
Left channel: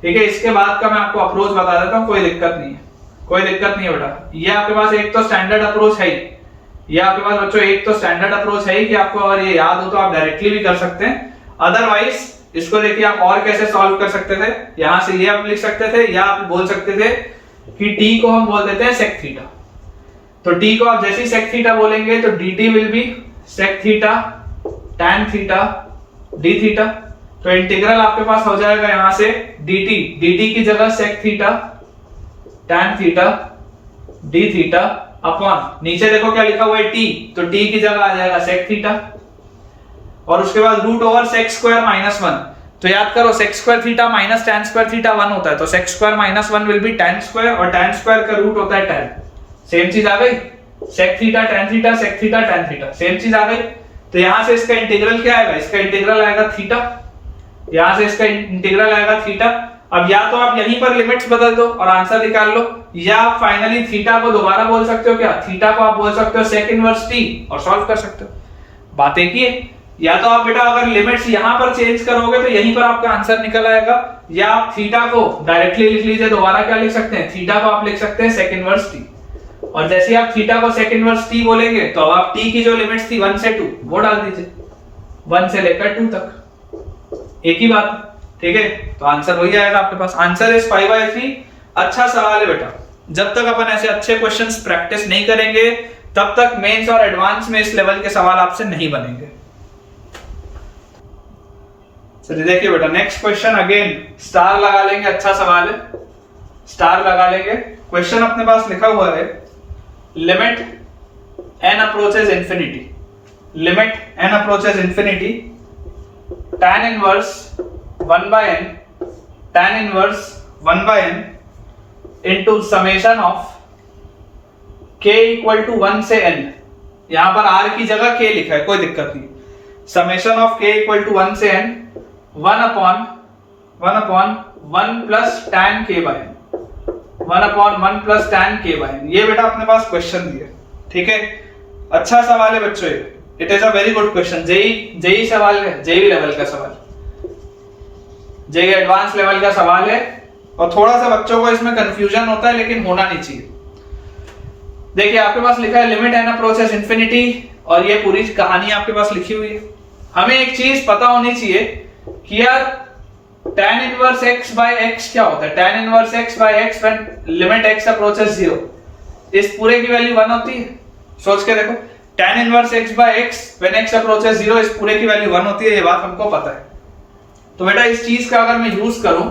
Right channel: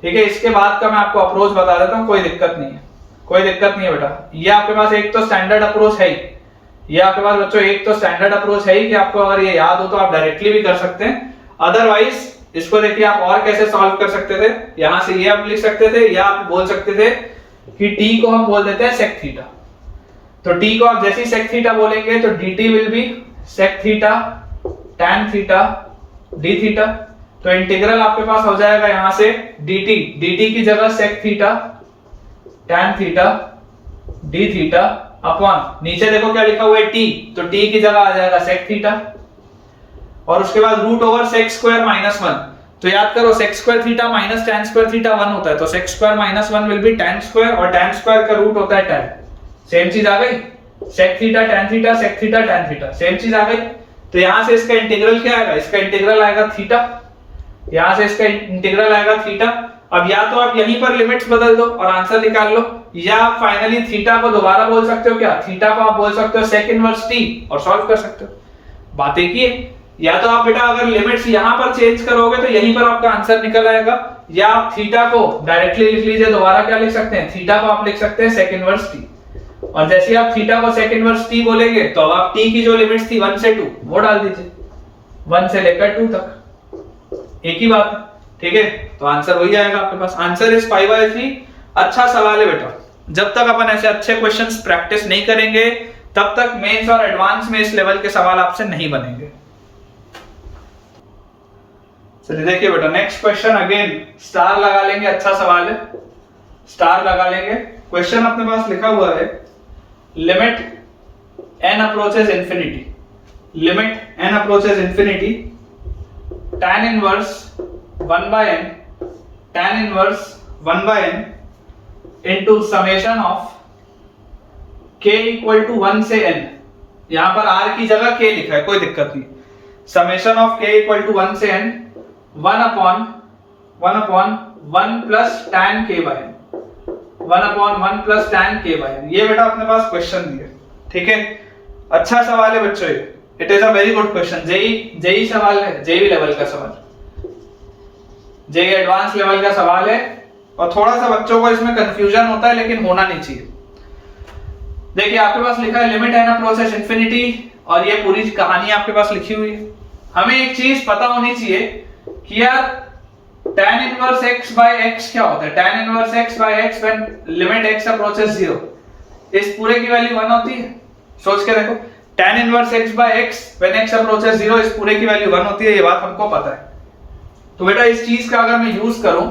ठीक है। इसके बाद का मैं आपको अप्रोच बता देता हूँ, कोई दिक्कत नहीं है बेटा। ये आपके पास एक तो स्टैंडर्ड अप्रोच है ही, ये आपके पास बच्चों एक तो स्टैंडर्ड अप्रोच है ही कि आपको अगर ये याद हो तो आप डायरेक्टली भी कर सकते हैं। अदरवाइज इसको देखिए आप और कैसे सॉल्व कर सकते थे, यहां से ये आप लिख सकते थे, या आप बोल सकते थे कि t को हम बोल देते हैं सेक थीटा। तो t को आप जैसे ही सेक थीटा बोलेंगे तो dt will be sec theta tan theta d theta. तो इंटीग्रल आपके पास हो जाएगा यहां से dt की जगह sec theta tan theta d theta upon, नीचे देखो क्या लिखा हुआ है t, तो t की जगह आ जाएगा सेक थीटा, और उसके बाद root over sec square minus 1। तो याद करो sec square theta minus tan square theta 1 होता है, तो sec square minus 1 will be tan square, और tan स्क्वायर का रूट होता है tan। सेम चीज आ गई, sec theta tan theta, sec theta tan theta, same चीज आ गई। तो यहां से इसका इंटीग्रल क्या आएगा, इसका इंटीग्रल आएगा थीटा, यहां से इसका इंटीग्रल आएगा थीटा। अब या तो आप यहीं पर लिमिट्स बदल दो और आंसर निकाल लो, या आप फाइनली थीटा को दोबारा बोल सकते हो, क्या थीटा को आप बोल सकते हो सेक इनवर्स t और सॉल्व कर सकते हो। बात एक ही है, या तो आप बेटा अगर लिमिट्स यहां पर चेंज करोगे तो यहीं पर आपका आंसर निकल आएगा, या आप थीटा को डायरेक्टली लिख लीजिए, दोबारा क्या लिख सकते हैं, थीटा को आप लिख सकते हैं सेक इनवर्स t। और जैसे आप थीटा को सेक इनवर्स t बोलेंगे तो अब आप t की जो लिमिट्स थी 1 से 2 वो डाल दीजिए, 1 से लेकर 2 तक, एक ही बात, ठीक है। तो आंसर वही आएगा आपके पास, आंसर इज π/3। अच्छा सवाल है बेटा, जब तक अपन ऐसे अच्छे क्वेश्चंस प्रैक्टिस नहीं करेंगे तब तक मेंस और एडवांस में इस लेवल के सवाल आपसे नहीं बनेंगे। चलिए देखिए बेटा नेक्स्ट क्वेश्चन, अगेन स्टार लगा लेंगे, अच्छा सवाल है, स्टार लगा लेंगे। क्वेश्चन अपने पास लिखा हुआ है limit n approaches infinity, limit n approaches infinity tan inverse 1/n, tan inverse 1/n into summation of k equal to 1 से n। यहां पर r की जगह k लिखा है, कोई दिक्कत नहीं, summation of k equal to 1 से n 1 upon 1 plus tan k/n, 1 upon 1 plus tan k/n। ये बेटा अपने पास क्वेश्चन दिया, ठीक है। अच्छा सवाल है बच्चों, it is a very good question, JEE सवाल है, जेई लेवल का सवाल, जेई एडवांस लेवल का सवाल है, और थोड़ा सा बच्चों को इसमें कंफ्यूजन होता है लेकिन होना नहीं चाहिए। देखिए आपके पास लिखा है लिमिट n अप्रोचेस इंफिनिटी, और ये पूरी कहानी आपके पास लिखी हुई है। हमें एक चीज पता होनी चाहिए कि यार tan inverse x by x क्या होता है? tan inverse x by x when limit x approaches 0, इस पूरे की वैल्यू 1 होती है। सोच के देखो, tan inverse x by x when x approaches 0, इस पूरे की वैल्यू 1 होती है, ये बात हमको पता है। तो बेटा इस चीज का अगर मैं यूज करूं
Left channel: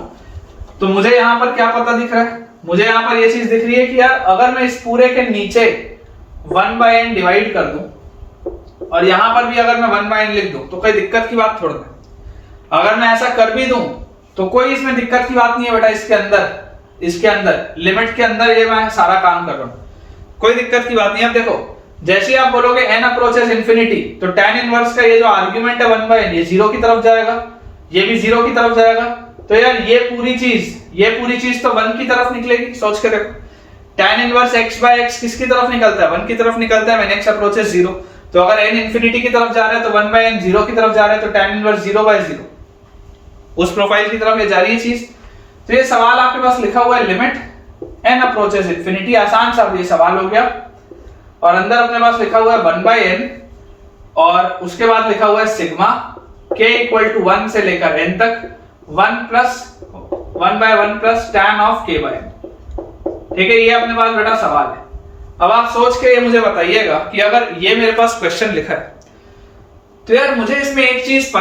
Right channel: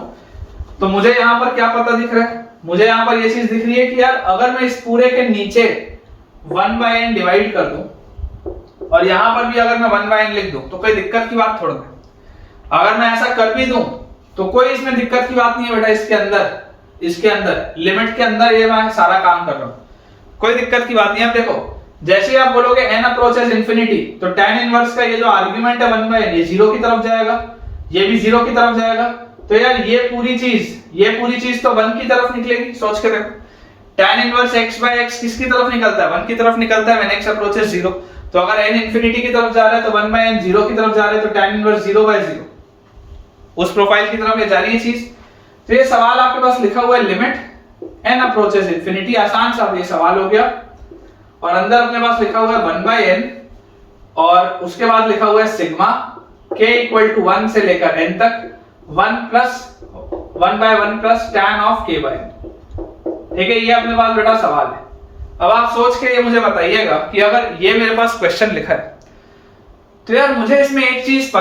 तो मुझे यहां पर क्या पता दिख रहा है? मुझे यहां पर ये चीज दिख रही है कि यार अगर मैं इस पूरे के नीचे 1/n डिवाइड कर दूं और यहां पर भी अगर मैं 1/n लिख दूं तो कोई दिक्कत की बात थोड़ी ना। अगर मैं ऐसा कर भी दूं तो कोई इसमें दिक्कत की बात नहीं है बेटा। इसके अंदर लिमिट के अंदर ये मैं सारा काम कर रहा हूं, कोई दिक्कत की बात नहीं। अब देखो, जैसे ही आप बोलोगे n अप्रोचेस इंफिनिटी, तो tan इनवर्स का ये जो आर्गुमेंट है 1/n, ये 0 की तरफ जाएगा, ये भी 0 की तरफ जाएगा। तो यार ये पूरी चीज तो 1 की तरफ निकलेगी। सोच के देखो, tan inverse x by x किसकी तरफ निकलता है? 1 की तरफ निकलता है when x approaches 0। तो अगर n इंफिनिटी की तरफ जा रहा है तो 1/n 0 की तरफ जा रहा है, तो tan इनवर्स 0/0 उस प्रोफाइल की तरफ ये जा रही है चीज। तो ये सवाल आपके पास लिखा हुआ है लिमिट n अप्रोचेस इंफिनिटी, आसान सा ये सवाल हो गया। और अंदर अपने पास लिखा हुआ है 1/n और उसके बाद लिखा हुआ है सिग्मा k इक्वल टू 1 से लेकर n तक 1 plus tan of k by n। ठीक है, ये अपने पास बेटा सवाल है। अब आप सोच के ये मुझे बताइएगा कि अगर ये मेरे पास क्वेश्चन लिखा है तो यार मुझे इसमें एक चीज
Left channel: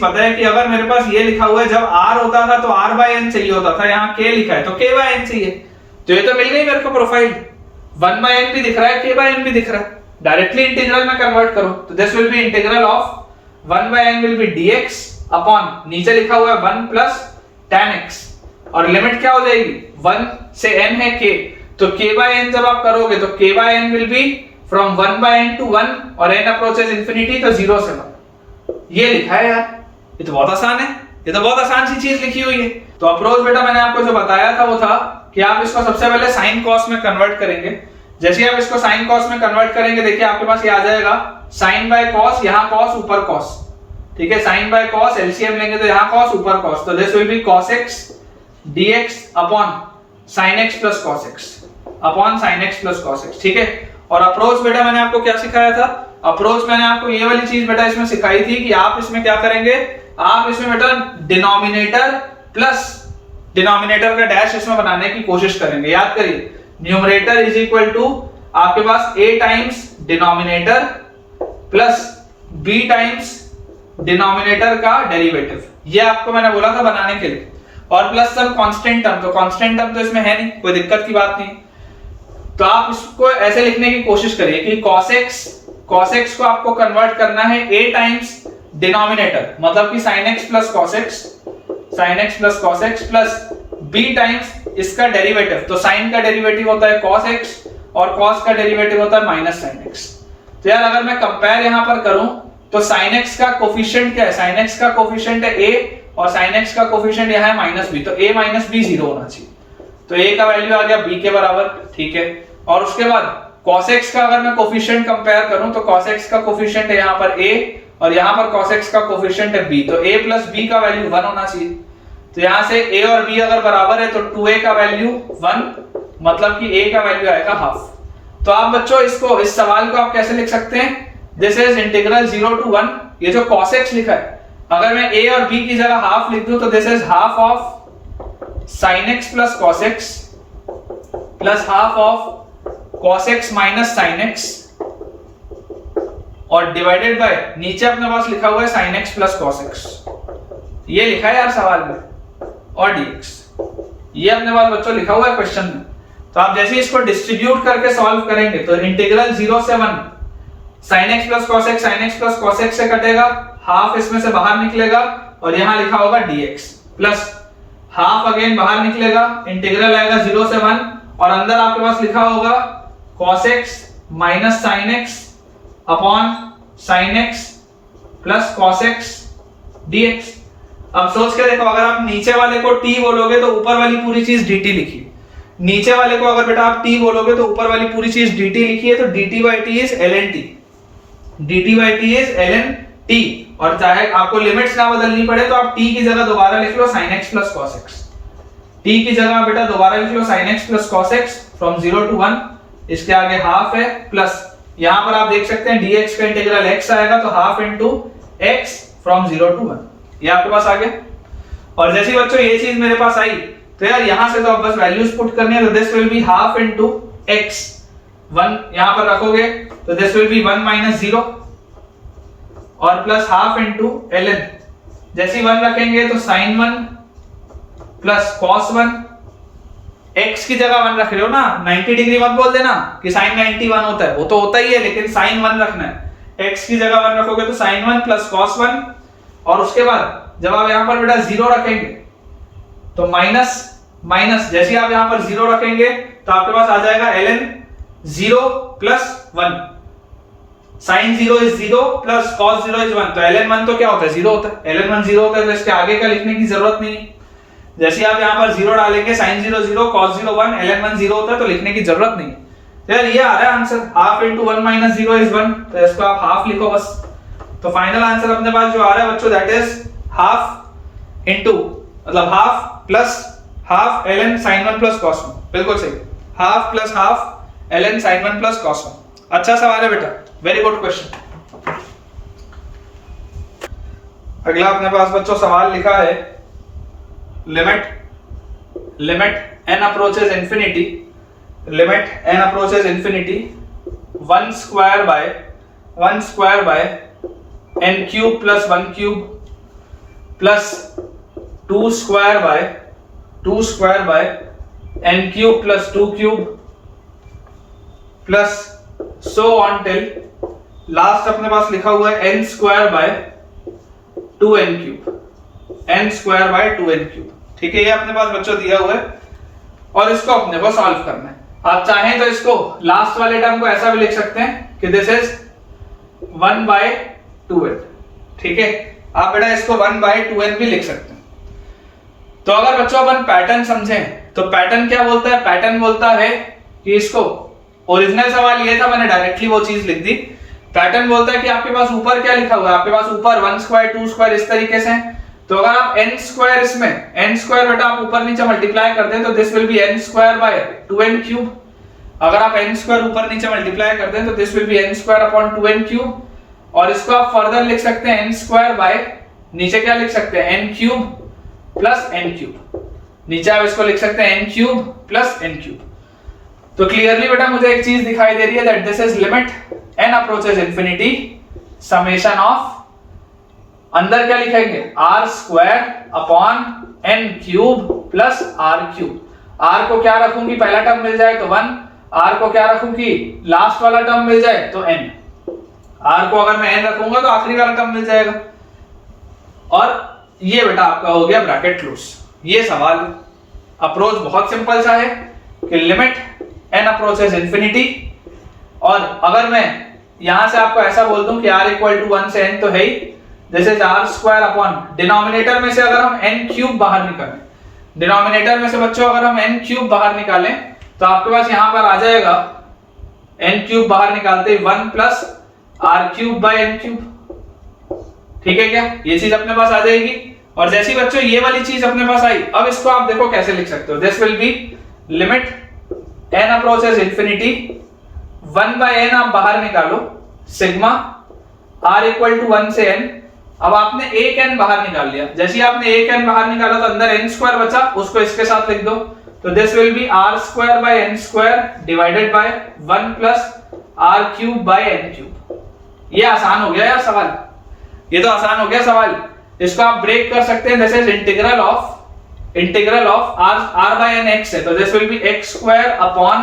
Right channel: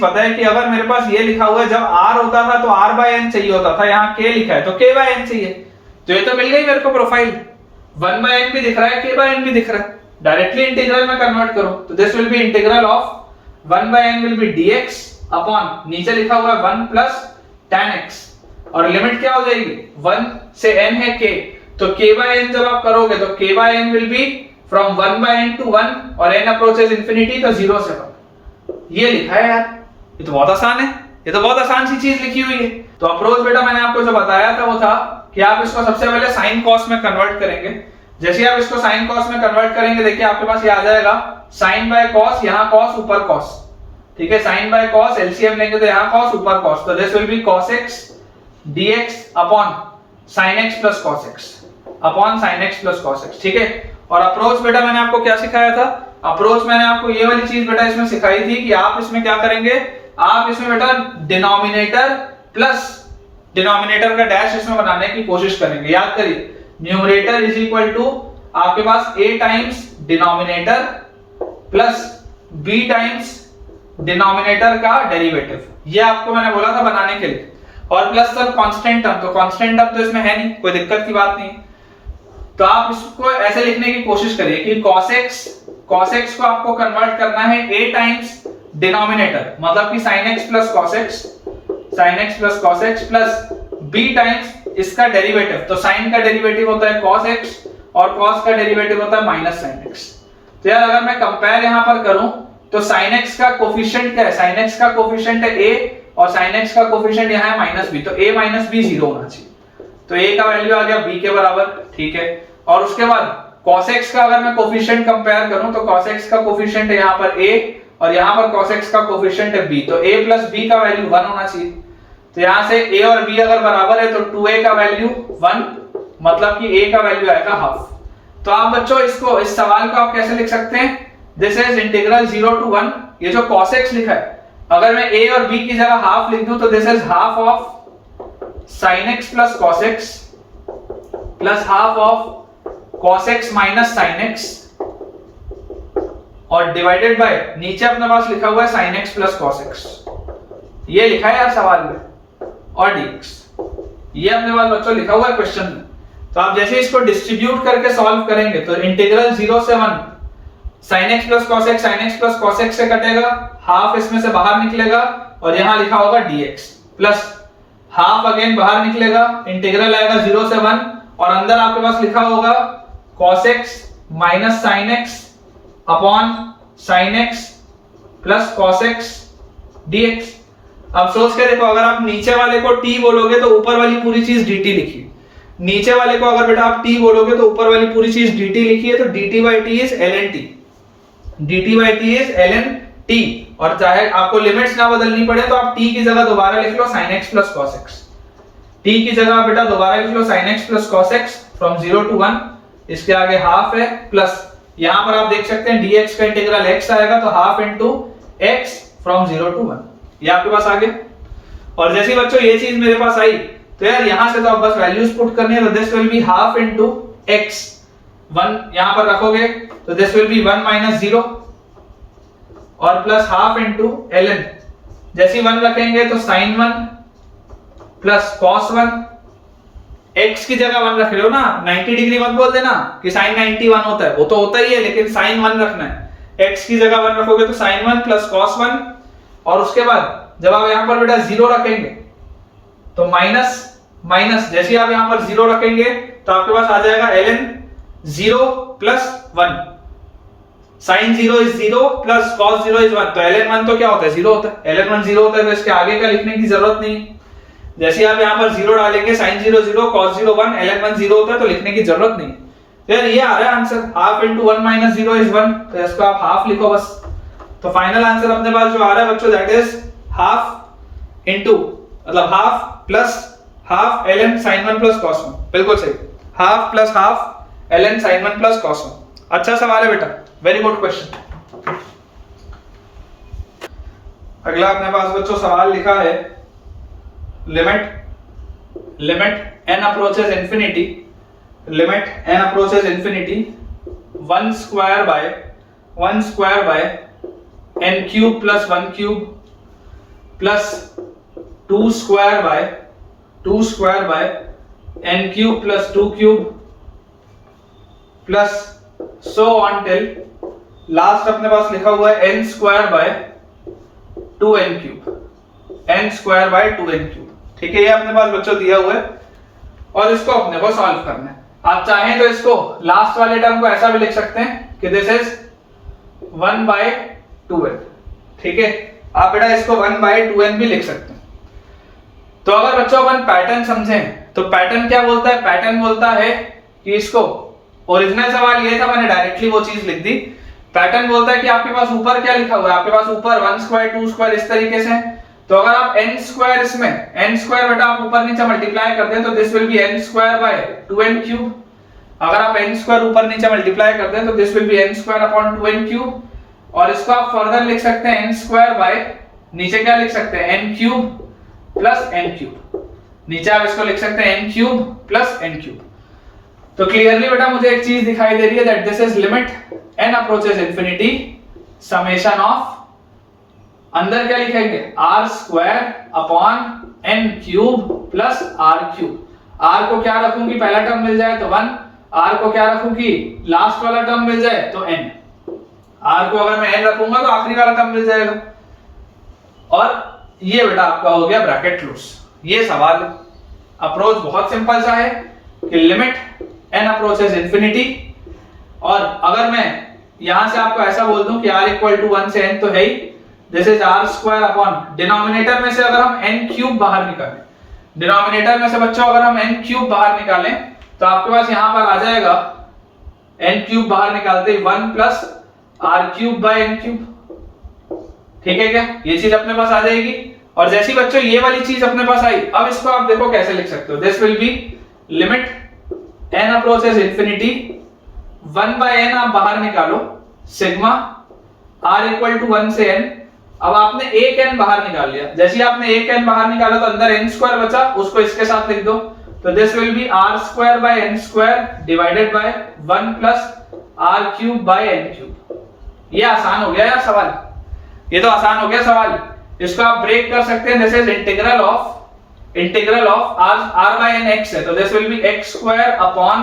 पता है कि अगर मेरे पास ये लिखा हुआ है, जब r होता था तो r/n चाहिए होता था, यहाँ k लिखा है तो k/n चाहिए। तो ये तो मिल गई मेरे को प्रोफाइल, 1/n भी दिख रहा है, k/n भी दिख रहा है। डायरेक्टली इंटीग्रल में कन्वर्ट करो तो this will be integral of 1/n will be dx upon नीचे लिखा हुआ है 1 प्लस tan x, और लिमिट क्या हो जाएगी? 1 से n है k, तो k/n जब आप करोगे तो k/n will be from 1/n to 1 और n अप्रोचेस इंफिनिटी तो 0 से 1। ये लिखा है यार, ये तो बहुत आसान है, ये तो बहुत आसान सी चीज लिखी हुई है। तो अप्रोच बेटा मैंने आपको जो बताया था वो था कि आप इसको सबसे पहले साइन कॉस में कन्वर्ट करेंगे। जैसे ही आप इसको साइन कॉस में कन्वर्ट करेंगे, देखिए आपके पास ये आ जाएगा साइन बाय कॉस, यहाँ कॉस ऊपर कॉस। ठीक है, साइन बाय कॉस एलसीएम लेंगे तो यहाँ कॉस ऊपर कॉस, तो this will B cos x dx upon sin x plus cos x upon sin x plus cos x। ठीक है, और अप्रोच बेटा मैंने आपको क्या सिखाया था? अप्रोच मैंने आपको ये वाली चीज बेटा इसमें सिखाई थी कि आप इसमें क्या करेंगे, आप इसमें बेटा डिनोमिनेटर प्लस डिनोमिनेटर का डैश इसमें बनाने की कोशिश करेंगे। याद करिए, न्यूमरेटर इज इक्वल टू आपके पास a times denominator plus b times denominator का डेरिवेटिव, ये आपको मैंने बोला था बनाने के लिए, और प्लस सर कांस्टेंट टर्म, तो कांस्टेंट टर्म तो इसमें है नहीं, कोई दिक्कत की बात नहीं है। तो आप इसको ऐसे लिखने की कोशिश करिए कि cos x को आपको कन्वर्ट करना है a टाइम्स डिनोमिनेटर, मतलब कि sin x plus cos x plus b times इसका डेरिवेटिव। तो sin का डेरिवेटिव होता है cos x और cos का डेरिवेटिव होता है माइनस sin x। तो यार अगर मैं कंपेयर यहां पर करूं तो sin x का कोफिशिएंट क्या है? sin x का कोफिशिएंट है a और sin x का कोफिशिएंट यहाँ है माइनस b, तो a माइनस b 0 होना चाहिए। तो a का वैल्यू आ गया b के बराबर। ठीक है, और उसके बाद cos x का अगर मैं कोफिशिएंट कंपेयर करूं तो cos x का कोफिशिएंट है यहाँ पर a और यहाँ पर cos x का कोफिशिएंट है b, तो a प्लस b का वैल्यू 1 होना चाहिए। तो यहाँ से a और b अगर बराबर है तो 2a का वैल्यू 1, मतलब कि a का वैल्यू आएगा हाफ। तो आप बच्चों इस सवाल को आप कैसे लिख सकते हैं? दिस इज इंटीग्रल 0 टू 1, ये जो cos x लिखा है, अगर मैं a और b की जगह हाफ लिख दूं तो this is half of sin x plus cos x plus half of cos x minus sin x और डिवाइडेड बाय नीचे अपने पास लिखा हुआ है sin x plus cos x, ये लिखा है यार सवाल में, और dx ये अपने पास बच्चों लिखा हुआ है क्वेश्चन में। तो आप जैसे इसको डिस्ट्रीब्यूट करके सॉल्व करेंगे तो इंटीग्रल 0 से 1 sin x plus cos x से कटेगा, हाफ इसमें से बाहर निकलेगा और यहां लिखा होगा dx प्लस हाफ अगेन बाहर निकलेगा, इंटीग्रल आएगा 0 से 1 और अंदर आपके पास लिखा होगा cos x minus sin x upon sin x plus cos x dx। अब सोच के देखो, अगर आप नीचे वाले को t बोलोगे तो ऊपर वाली पूरी चीज dt लिखिए, नीचे वाले को अगर बेटा आप t बोलोगे तो ऊपर वाली पूरी चीज dt लिखिए, तो dt by t is ln t, dt by t is ln t। और चाहे आपको लिमिट्स ना बदलनी पड़े तो आप t की जगह दोबारा लिख लो sin x plus cos x, t की जगह बेटा दोबारा लिख लो sin x plus cos x from 0 to 1, इसके आगे हाफ है प्लस यहां पर आप देख सकते हैं dx का इंटीग्रल x आएगा तो half into x from 0 to 1। ये आपके पास आ गया। और जैसे ही बच्चों ये चीज मेरे पास आई तो यार यहां से तो अब बस वैल्यूज पुट करनी है, तो this will be half into x, 1 यहां पर रखोगे तो दिस विल बी 1 माइनस 0 और प्लस हाफ इनटू ln, जैसे ही 1 रखेंगे तो sin 1 प्लस cos 1, x की जगह 1 रख रहे हो ना, 90 डिग्री मत बोल देना कि sin 90 1 होता है, वो तो होता ही है लेकिन sin 1 रखना है। x की जगह 1 रखोगे तो sin 1 प्लस cos 1, और उसके बाद जब आप यहां पर बेटा 0 रखेंगे तो माइनस माइनस, जैसे ही आप यहां पर 0 रखेंगे तो आपके पास आ जाएगा ln 0 plus 1, sin 0 is 0 plus cos 0 is 1, तो ln 1 तो क्या होता है 0 होता है, ln 1 0 होता है, तो इसके आगे का लिखने की जरूरत नहीं। जैसे ही आप यहां पर 0 डालेंगे sin 0 0 cos 0 1, ln 1 0 होता है, तो लिखने की जरूरत नहीं। यार ये आ रहा है answer, half into 1 minus 0 is 1, तो इसको आप हाफ लिखो बस। तो फाइनल आंसर अपने पास जो आ रहा है बच्चों दैट इज हाफ इनटू, मतलब half plus half ln sin 1 plus cos 1, बिल्कुल सही, half plus half ln sin 1 plus cos 1। अच्छा सवाल है बेटा, वेरी गुड क्वेश्चन। अगला अपने पास बच्चों सवाल लिखा है, limit n approaches infinity, limit n approaches infinity 1 square by n cube plus 1 cube plus 2 square by n cube plus 2 cube plus so on till last अपने पास लिखा हुआ है n square by 2n cube, n square by 2n cube। ठीक है, ये अपने पास बच्चों दिया हुआ है और इसको अपने को सॉल्व करना है। आप चाहें तो इसको लास्ट वाले टर्म को ऐसा भी लिख सकते हैं कि दिस इज 1 by 2n। ठीक है, आप बेटा इसको 1 by 2n भी लिख सकते हैं। तो अगर बच्चों अपन पैटर्न समझें तो पैटर्न क्या बोलता है, पैटर्न बोलता है कि इसको, ओरिजिनल सवाल ये था मैंने डायरेक्टली वो चीज लिख दी। पैटर्न बोलता है कि आपके पास ऊपर क्या लिखा हुआ है, आपके पास ऊपर 1 स्क्वायर 2 स्क्वायर इस तरीके से, तो अगर आप n स्क्वायर, इसमें n स्क्वायर बेटा आप ऊपर नीचे मल्टीप्लाई कर दें तो this will B n square by 2n cube. अगर आप n स्क्वायर ऊपर नीचे मल्टीप्लाई कर दें तो this will B n square upon 2n cube, और इसको आप फर्दर लिख सकते हैं n स्क्वायर बाय, नीचे क्या लिख सकते हैं n cube plus n cube, नीचे आप इसको लिख सकते हैं n cube plus n cube. तो क्लियरली बेटा मुझे एक चीज दिखाई दे रही है that this is limit n approaches infinity summation of, अंदर क्या लिखेंगे r square upon n cube plus r cube. r को क्या रखूं कि पहला टर्म मिल जाए तो 1, r को क्या रखूं कि लास्ट वाला टर्म मिल जाए तो n, r को अगर मैं n रखूंगा तो आखिरी वाला टर्म मिल जाएगा। और ये बेटा आपका हो गया ब्रैकेट क्लोज। ये सवाल अप्रोच बहुत सिंपल सा है कि लिमिट n अप्रोचेस इंफिनिटी, और अगर मैं यहां से आपको ऐसा बोल दूं कि r इक्वल टू 1 से n तो है ही, this is r square upon, denominator में से अगर हम n क्यूब बाहर निकालें, डिनोमिनेटर में से बच्चों अगर हम n क्यूब बाहर निकालें तो आपके पास यहां पर आ जाएगा n क्यूब बाहर निकालते ही 1 plus r cube by n cube. ठीक है क्या, ये चीज अपने पास आ जाएगी। और जैसी बच्चों ये वाली चीज अपने पास आई, अब इसको आप देखो कैसे लिख सकते हो, this will be limit n approaches infinity 1 by n आप बाहर निकालो, सिग्मा r इक्वल टू 1 से n। अब आपने एक n बाहर निकाल लिया, जैसे ही आपने एक n बाहर निकाला तो अंदर n स्क्वायर बचा, उसको इसके साथ लिख दो, तो this will B r square by n square divided by 1 plus r cube by n cube. ये आसान हो गया यार सवाल, ये तो आसान हो गया सवाल। इसको आप ब्रेक कर सकते हैं, this is integral of r by n x है, तो this will be x square upon,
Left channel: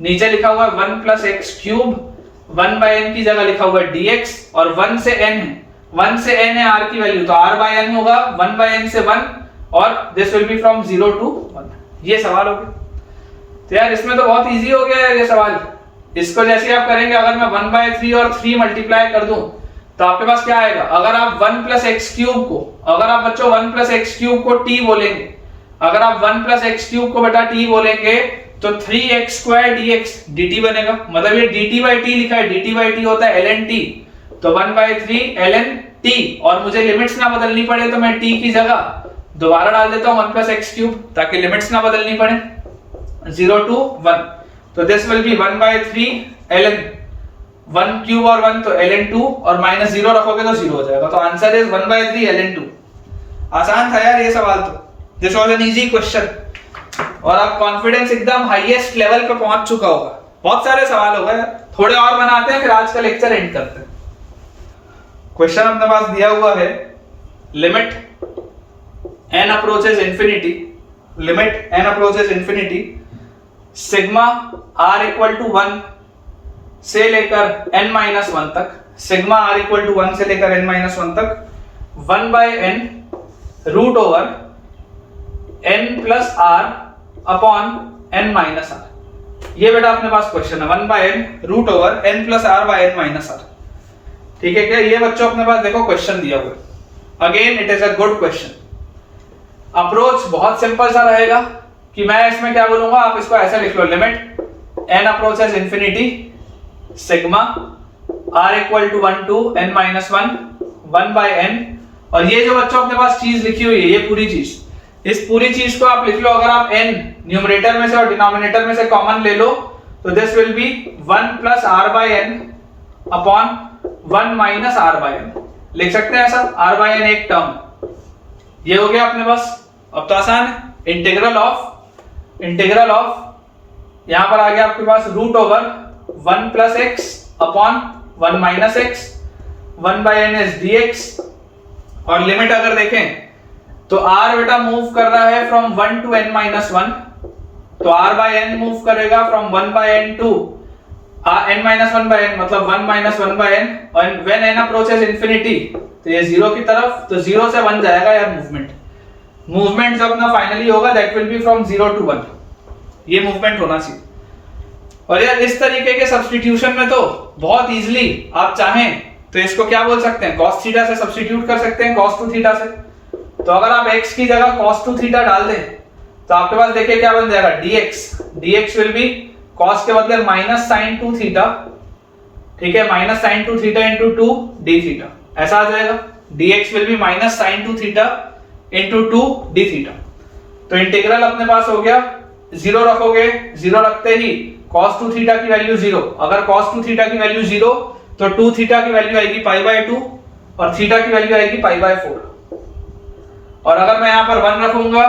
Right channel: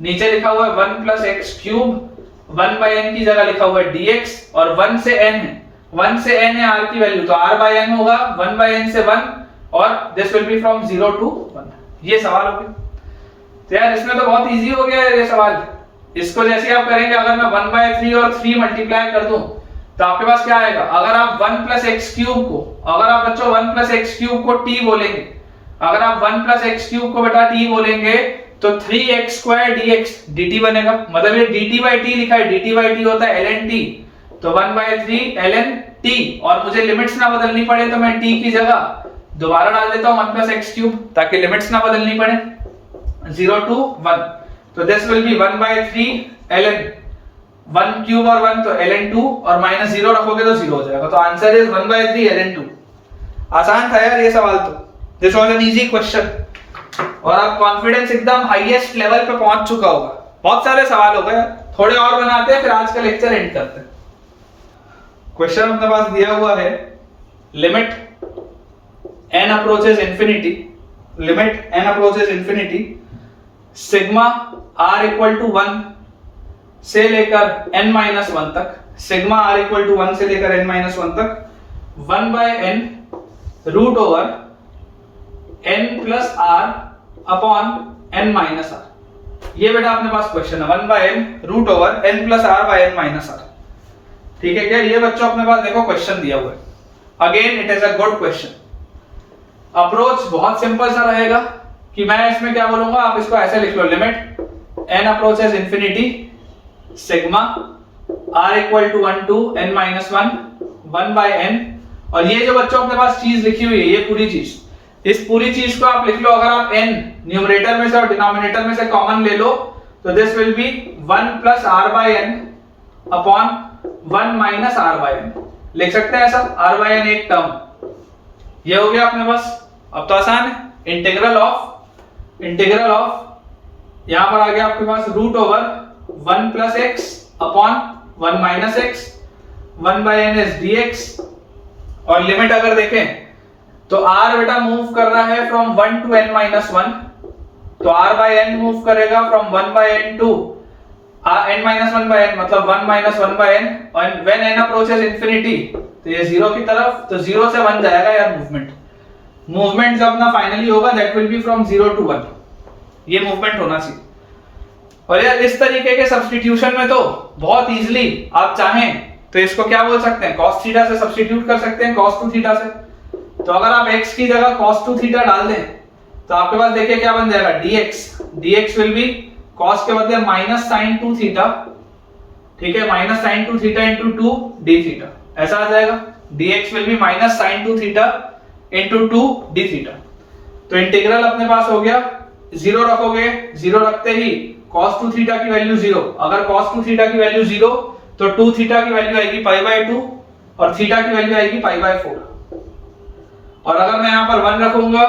नीचे लिखा हुआ है 1 plus x cube, 1 by n की जगह लिखा हुआ है dx, और 1 से n है, 1 से n है r की वैल्यू, तो r बाय n होगा 1 बाय n से 1, और this will be from 0 to 1। ये सवाल हो गया। तो यार इसमें तो बहुत इजी हो गया है ये सवाल। इसको जैसे आप करेंगे, अगर मैं 1 बाय 3 और 3 मल्टीप्लाई कर दूं तो आपके पास क्या आएगा, अगर आप 1 प्लस एक्स क्यूब को, अगर आप बच्चों 1 प्लस एक्स क्यूब को t बोलेंगे, अगर आप 1 प्लस एक्स क्यूब को बेटा t बोलेंगे तो 3x स्क्वायर dx dt बनेगा। मतलब ये dt by t लिखा है, dt by t होता है ln t, तो 1 by 3 ln t, और मुझे लिमिट्स ना बदलनी पड़े तो मैं t की जगह दोबारा डाल देता हूं 1 प्लस एक्स क्यूब, ताकि लिमिट्स ना बदलनी पड़े 0 टू 1। तो this will be 1 by 3 ln 1 cube और 1 तो ln 2, और माइनस 0 रखोगे तो 0 हो जाएगा। तो आंसर इज 1 by 3 ln 2। आसान था यार ये सवाल तो, this was an easy question. और आप कॉन्फिडेंस एकदम हाईएस्ट लेवल पे पहुंच चुका होगा। बहुत सारे सवाल हो गए यार, थोड़े और बनाते हैं फिर आज का लेक्चर एंड करते हैं। क्वेश्चन अपने पास दिया हुआ है, limit n approaches infinity, limit n approaches infinity, sigma r equal to 1 से लेकर n-1 तक, सिग्मा r इक्वल टू 1 से लेकर n-1 तक 1/n root over n plus r upon n minus r। ये बेटा अपने पास क्वेश्चन है, 1/n root over n plus r by n minus r। ठीक है क्या? ये बच्चों अपने पास देखो क्वेश्चन दिया हुआ है। Again it is a good question. Approach बहुत सिंपल सा रहेगा कि मैं इसमें क्या बोलूंगा, आप इसको ऐसे लिख लो, limit n approaches infinity sigma r equal to 1 to n-1 1/n। और ये जो बच्चों अपने पास चीज लिखी हुई है, ये पूरी चीज, इस पूरी चीज को आप लिख लो। अगर आप n न्यूमरेटर में से और डिनोमिनेटर में से कॉमन ले लो तो this will be 1 plus r by n upon 1 minus r by n। लिख सकते हैं ऐसा, r बाय n एक टर्म। ये हो गया अपने पास। अब तो आसान है, इंटीग्रल ऑफ यहां पर आ गया आपके पास root over 1 plus x upon 1 minus x, 1/n is dx। और लिमिट अगर देखें तो r बेटा मूव कर रहा है फ्रॉम 1 टू n-1, तो r बाय n मूव करेगा फ्रॉम 1/n टू n-1/n, मतलब 1 माइनस 1/n। और व्हेन n अप्रोचेस इंफिनिटी तो ये 0 की तरफ, तो 0 से 1 जाएगा यार मूवमेंट जो अपना फाइनली होगा that will be from 0 to 1। ये मूवमेंट होना चाहिए। और यार इस तरीके के सब्स्टिट्यूशन में तो बहुत इजीली आप चाहें तो इसको क्या बोल सकते हैं, cos थीटा से सब्स्टिट्यूट कर सकते हैं, cos 2 थीटा से। तो अगर आप x की जगह cos 2 थीटा डाल दें तो आपके पास देखिए क्या बन जाएगा, dx विल बी cos के बदले माइनस sin 2 थीटा, ठीक है, minus sin 2 theta into 2 d theta, ऐसा आ जाएगा। dx will be minus sin 2 theta into 2 d theta. तो इंटीग्रल अपने पास हो गया, 0 रखोगे, 0 रखते ही cos 2 थीटा की वैल्यू 0, अगर cos 2 थीटा की वैल्यू 0 तो 2 थीटा की वैल्यू आएगी π/2 और थीटा की वैल्यू आएगी π/4। और अगर मैं यहां पर 1 रखूंगा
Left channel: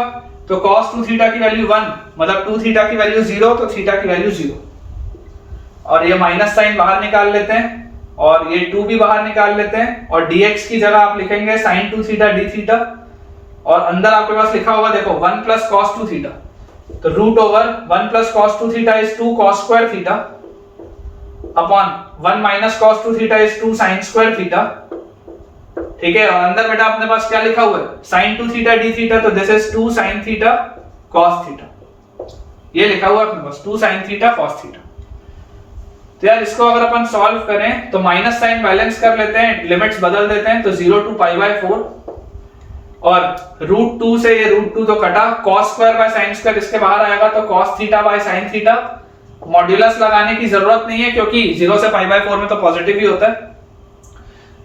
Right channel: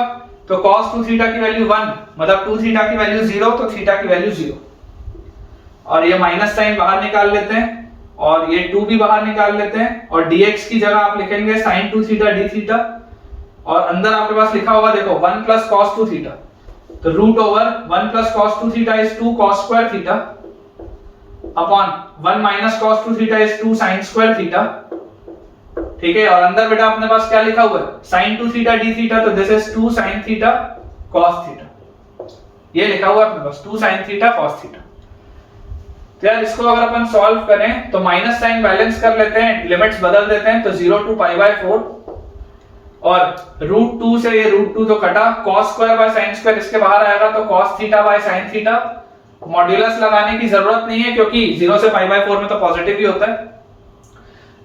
तो cos 2 थीटा की वैल्यू 1, मतलब 2 थीटा की वैल्यू 0 तो थीटा की वैल्यू 0। और ये माइनस साइन बाहर निकाल लेते हैं और ये 2 भी बाहर निकाल लेते हैं और dx की जगह आप लिखेंगे sin 2 थीटा d थीटा। और अंदर आपके पास लिखा होगा देखो 1 प्लस cos 2 थीटा, तो root over 1 plus cos 2 theta is 2 cos square theta upon 1 minus cos 2 theta is 2 sin square theta. ठीक है, और अंदर बेटा अपने पास क्या लिखा हुआ है, sin 2 थीटा d थीटा, तो this is 2 sin theta cos theta. ये लिखा हुआ है अपने पास 2 sin थीटा cos थीटा। तो यार इसको अगर अपन सॉल्व करें तो माइनस साइन बैलेंस कर लेते हैं, लिमिट्स बदल देते हैं, तो 0 टू π/4 और रूट 2 से ये रूट 2 तो कटा, cos square by sin square इसके बाहर आएगा तो cos theta by sin theta. Modulus लगाने की जरूरत नहीं है क्योंकि 0 से π/4 में तो पॉजिटिव ही होता है।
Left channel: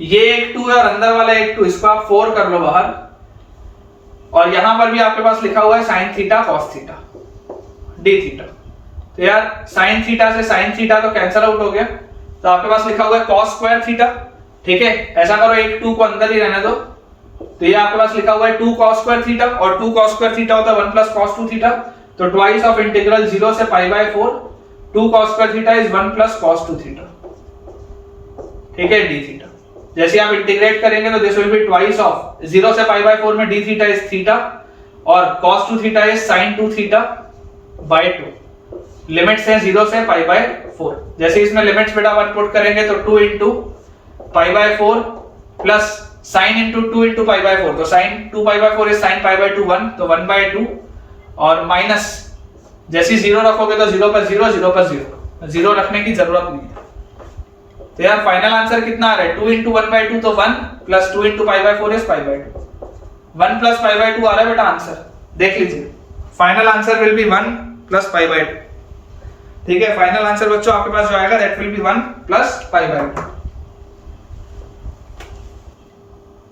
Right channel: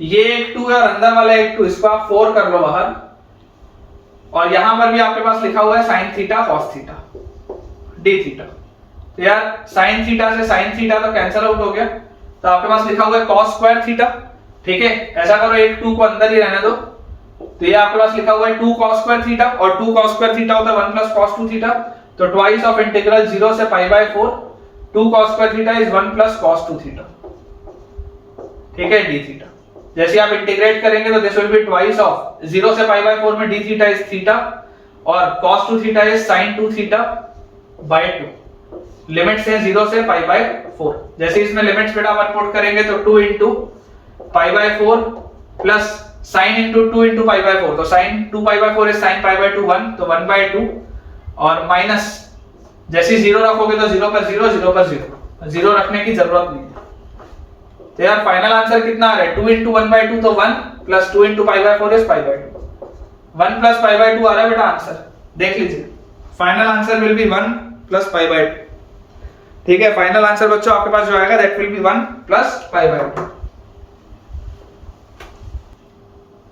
ये एक 2 है और अंदर वाला एक 2, इसको आप 4 कर लो बाहर। और यहां पर भी आपके पास लिखा हुआ है sin theta cos theta d theta. तो यार sin थीटा से sin थीटा तो कैंसिल आउट हो गया, तो आपके पास लिखा हुआ है cos स्क्वायर थीटा। ठीक है, ऐसा करो एक 2 को अंदर ही रहने दो, तो ये आपके पास लिखा हुआ है 2 cos स्क्वायर थीटा और 2 cos स्क्वायर थीटा होता है 1 प्लस cos 2 थीटा, तो ट्वाइस ऑफ इंटीग्रल 0 से π/4 2 cos square theta is 1 plus cos 2 theta. ठीक है, d थीटा जैसे आप इंटीग्रेट करेंगे तो this will be twice of 0 से π/4 में d थीटा इज थीटा और cos 2 theta is sin 2 theta by 2। Limits हैं 0 से π/4। जैसे इसमें लिमिट्स बेटा 1 पुट करेंगे तो 2 into π/4 plus sin into 2 into π/4, तो sin 2π/4 इज sin π/2 1, तो 1/2 और माइनस जैसे 0 रखोगे तो 0 पर 0, 0 पर 0, 0 रखने की जरूरत नहीं है। तो यार फाइनल आंसर कितना आ रहा है, 2 इंटू 1/2 तो 1 प्लस 2 इंटू π/4 इज π/2, 1 प्लस π/2 आ रहा है बेटा आंसर। देख लीजिए final answer will be 1 plus π/2। ठीक है, फाइनल आंसर बच्चों आपके पास जो आएगा that will be 1 plus π/2।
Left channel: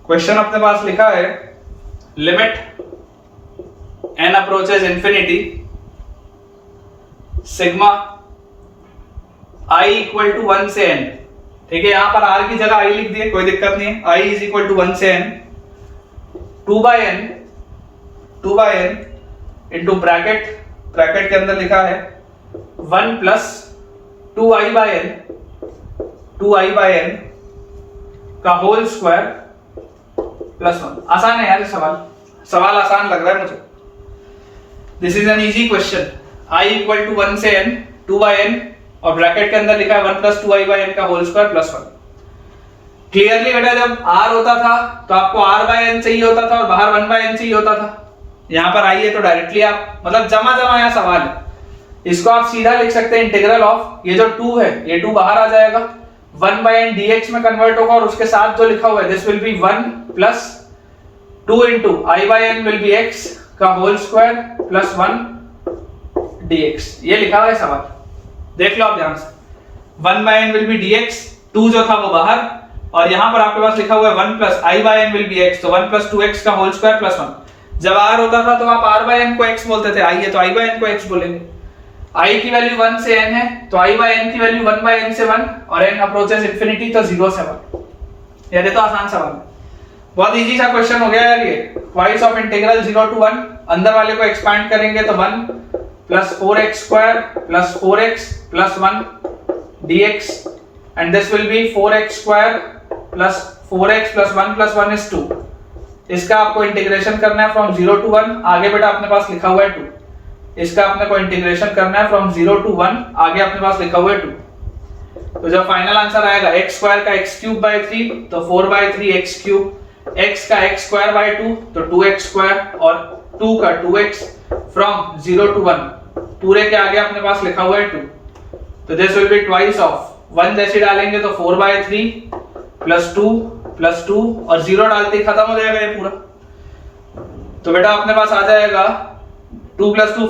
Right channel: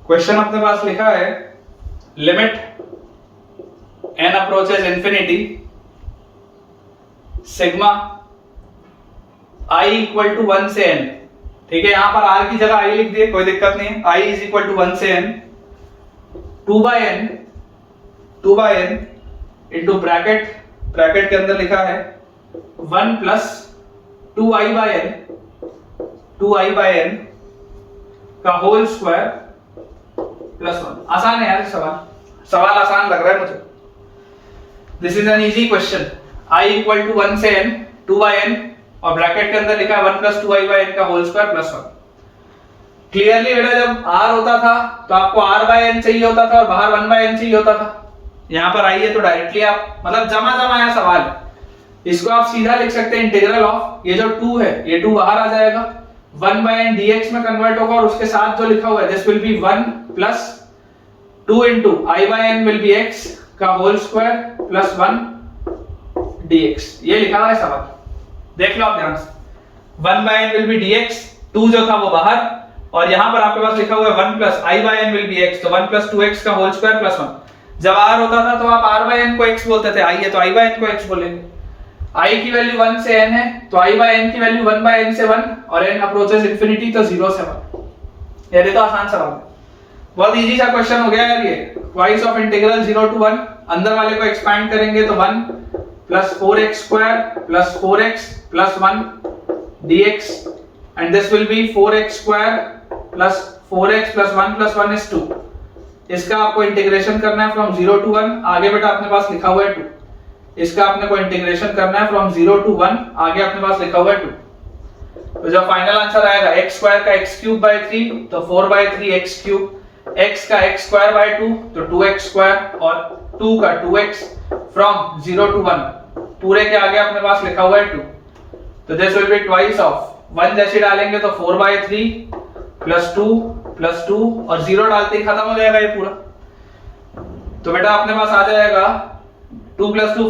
Question अपने पास लिखा है, limit n approaches infinity sigma i equal to 1 से n। ठीक है, यहां पर r की जगह i लिख दिए, कोई दिक्कत नहीं है, i इज इक्वल टू 1 से n 2 by n into bracket के अंदर लिखा है 1 प्लस 2i बाय n का होल स्क्वायर प्लस 1। आसान है यार ये सवाल आसान लग रहा है मुझे। This is an easy question. i equal to 1 से n 2 बाय n और ब्रैकेट के अंदर लिखा है 1 प्लस 2i बाय n का होल स्क्वायर प्लस 1। क्लियरली बेटा जब r होता था तो आपको r बाय n चाहिए होता था और बाहर 1 बाय n चाहिए होता था। यहां पर आई है तो डायरेक्टली आप मतलब जमा यहाँ सवाल है, इसको आप सीधा लिख सकते हैं इंटीग्रल ऑफ ये जो 2 है ये 2 बाहर आ जाएगा, 1 बाय n dx में कन्वर्ट होगा और उसके साथ जो लिखा हुआ है this will be 1 plus 2 into i by n will be x का होल स्क्वायर प्लस 1 dx। ये लिखा हुआ है सवाल, देख लो आप ध्यान से। 1 by n will be dx, 2 जो था वो बाहर और यहां पर आपके पास लिखा हुआ है 1 plus i by n will be x, तो 1 प्लस 2x का होल स्क्वायर प्लस 1। जब r होता था तो आप r बाय n को x बोलते थे, i है तो i बाय n को x बोलेंगे। i की वैल्यू 1 से n है तो i बाय n की वैल्यू 1 बाय n से 1 और n अप्रोचेस इंफिनिटी तो 0 से 1। ये तो आसान सवाल है, बहुत इजी सा क्वेश्चन हो गया यार ये। ट्वाइस ऑफ इंटीग्रल 0 टू 1, अंदर वाले को एक्सपैंड करेंगे तो 1 plus 4x square plus 4x plus 1 dx and this will B 4x square plus 4x plus 1 plus 1 is 2। इसका आपको इंटीग्रेशन करना है फ्रॉम 0 टू 1, आगे बेटा अपने पास लिखा हुआ है 2। इसका अपने को इंटीग्रेशन करना है फ्रॉम 0 टू 1, आगे अपने पास लिखा हुआ है 2। तो जब फाइनल आंसर आएगा x स्क्वायर का x क्यूब बाय 3 तो 4 बाय 3 x क्यूब, x का x स्क्वायर बाय 2 तो 2x स्क्वायर और 2 का 2x फ्रॉम 0 टू 1 पूरे के आगे अपने पास लिखा हुआ है 2। तो this will be twice of 1 जैसे डालेंगे तो 4 बाय 3 प्लस 2 और 0 डालते ही खत्म हो जाएगा ये पूरा। तो बेटा अपने पास आ जाएगा 2 प्लस 2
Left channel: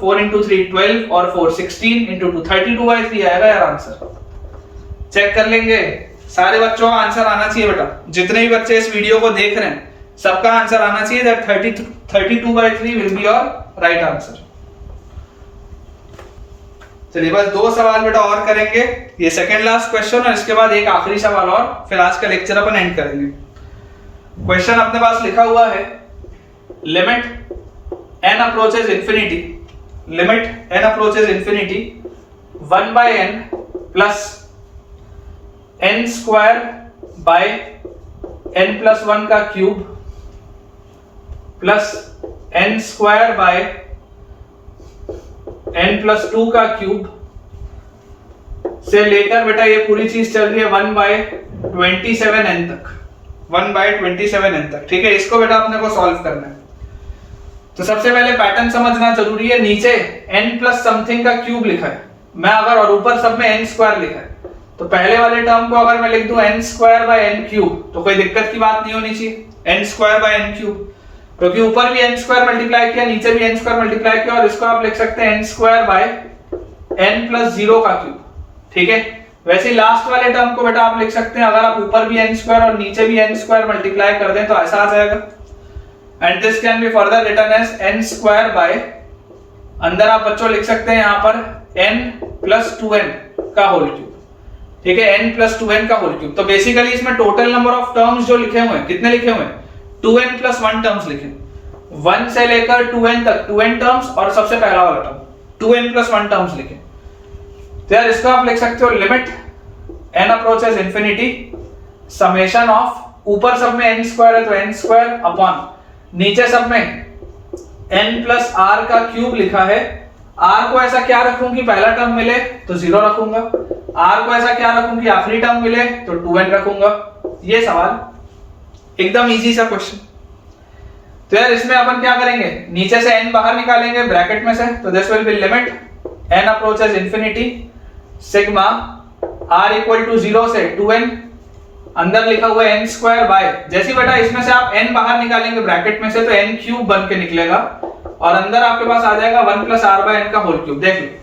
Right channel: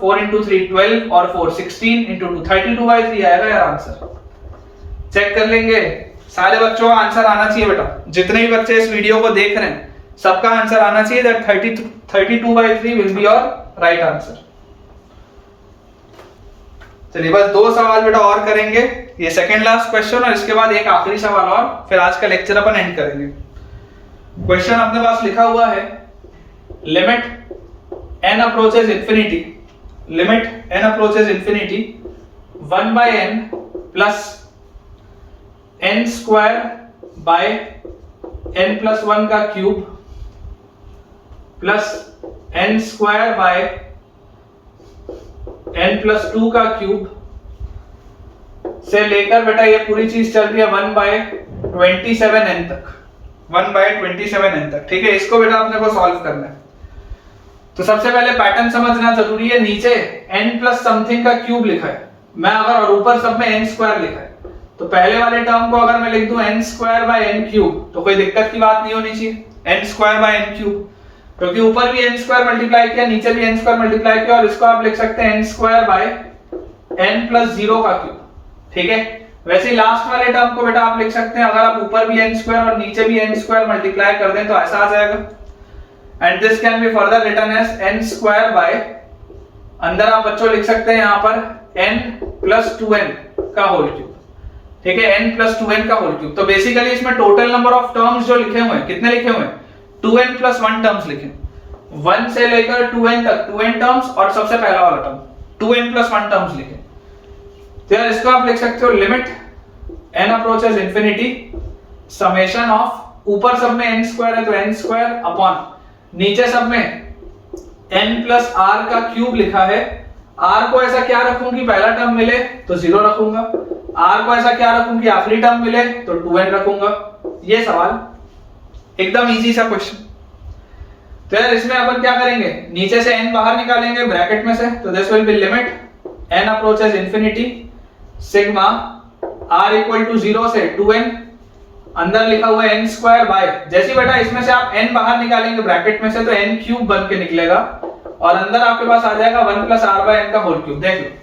4 इंटू 3 12 और 4 16 इंटू 2 32 बाय 3 आएगा यार आंसर। चेक कर लेंगे, सारे बच्चों का आंसर आना चाहिए बेटा, जितने भी बच्चे इस वीडियो को देख रहे हैं सबका आंसर आना चाहिए that 32 by 3 will be your right answer. चलिए बस 2 सवाल बेटा और करेंगे, ये सेकंड लास्ट क्वेश्चन और इसके बाद एक आखिरी सवाल और, फिर आज का लेक्चर अपन एंड करेंगे। क्वेश्चन अपने पास लिखा हुआ है limit n approaches infinity, limit n approaches infinity 1 by n plus n square by n plus 1 का cube plus n square by n plus 2 का क्यूब से लेकर बेटा ये पूरी चीज चल रही है 1 by 27n तक, 1 by 27n तक। ठीक है, इसको बेटा अपने को सॉल्व करना है। तो सबसे पहले पैटर्न समझना जरूरी है। नीचे n प्लस समथिंग का क्यूब लिखा है, मैं अगर और ऊपर सब में n स्क्वायर लिखा है तो पहले वाले टर्म को अगर मैं लिख दूं n square by n cube तो कोई दिक्कत की बात नहीं होनी चाहिए, n square by n cube, क्योंकि ऊपर भी n स्क्वायर मल्टीप्लाई किया नीचे भी n स्क्वायर मल्टीप्लाई किया और इसको आप लिख सकते हैं n square by n plus 0 का क्यूब। ठीक है, वैसे लास्ट वाले टर्म को बेटा आप लिख सकते हैं, अगर आप ऊपर भी n स्क्वायर और नीचे भी n स्क्वायर मल्टीप्लाई कर दें तो ऐसा आ जाएगा and this can be further written as n square by, अंदर आप बच्चों लिख सकते हैं यहां पर n plus 2n का होल क्यूब। ठीक है, n plus 2n का होल क्यूब। तो बेसिकली इसमें टोटल नंबर ऑफ टर्म्स जो लिखे हुए हैं, कितने लिखे हुए हैं? 2n plus 1 टर्म्स लिखे, 1 से लेकर 2n तक 2n टर्म्स और सबसे पहला वाला टर्म 2n plus 1 टर्म्स लिखे। तो यार इसका आप लिख सकते हो limit n approaches infinity summation of, ऊपर सब में n स्क्वायर है तो n स्क्वायर अपॉन नीचे सब में n प्लस r का क्यूब लिखा है। r को ऐसा क्या रखूं कि पहला टर्म मिले तो 0 रखूंगा, r को ऐसा क्या रखूं कि आखिरी टर्म मिले तो 2n रखूंगा। ये सवाल एकदम इजी सा क्वेश्चन। तो यार इसमें अपन क्या करेंगे, नीचे से n बाहर निकालेंगे ब्रैकेट में से, तो this will be limit n approaches infinity sigma r equal to 0 से 2n, अंदर लिखा हुआ है n स्क्वायर बाय, जैसे बेटा इसमें से आप n बाहर निकालेंगे ब्रैकेट में से तो n क्यूब बन के निकलेगा और अंदर आपके पास आ जाएगा 1 प्लस r बाय n का होल क्यूब। देखिए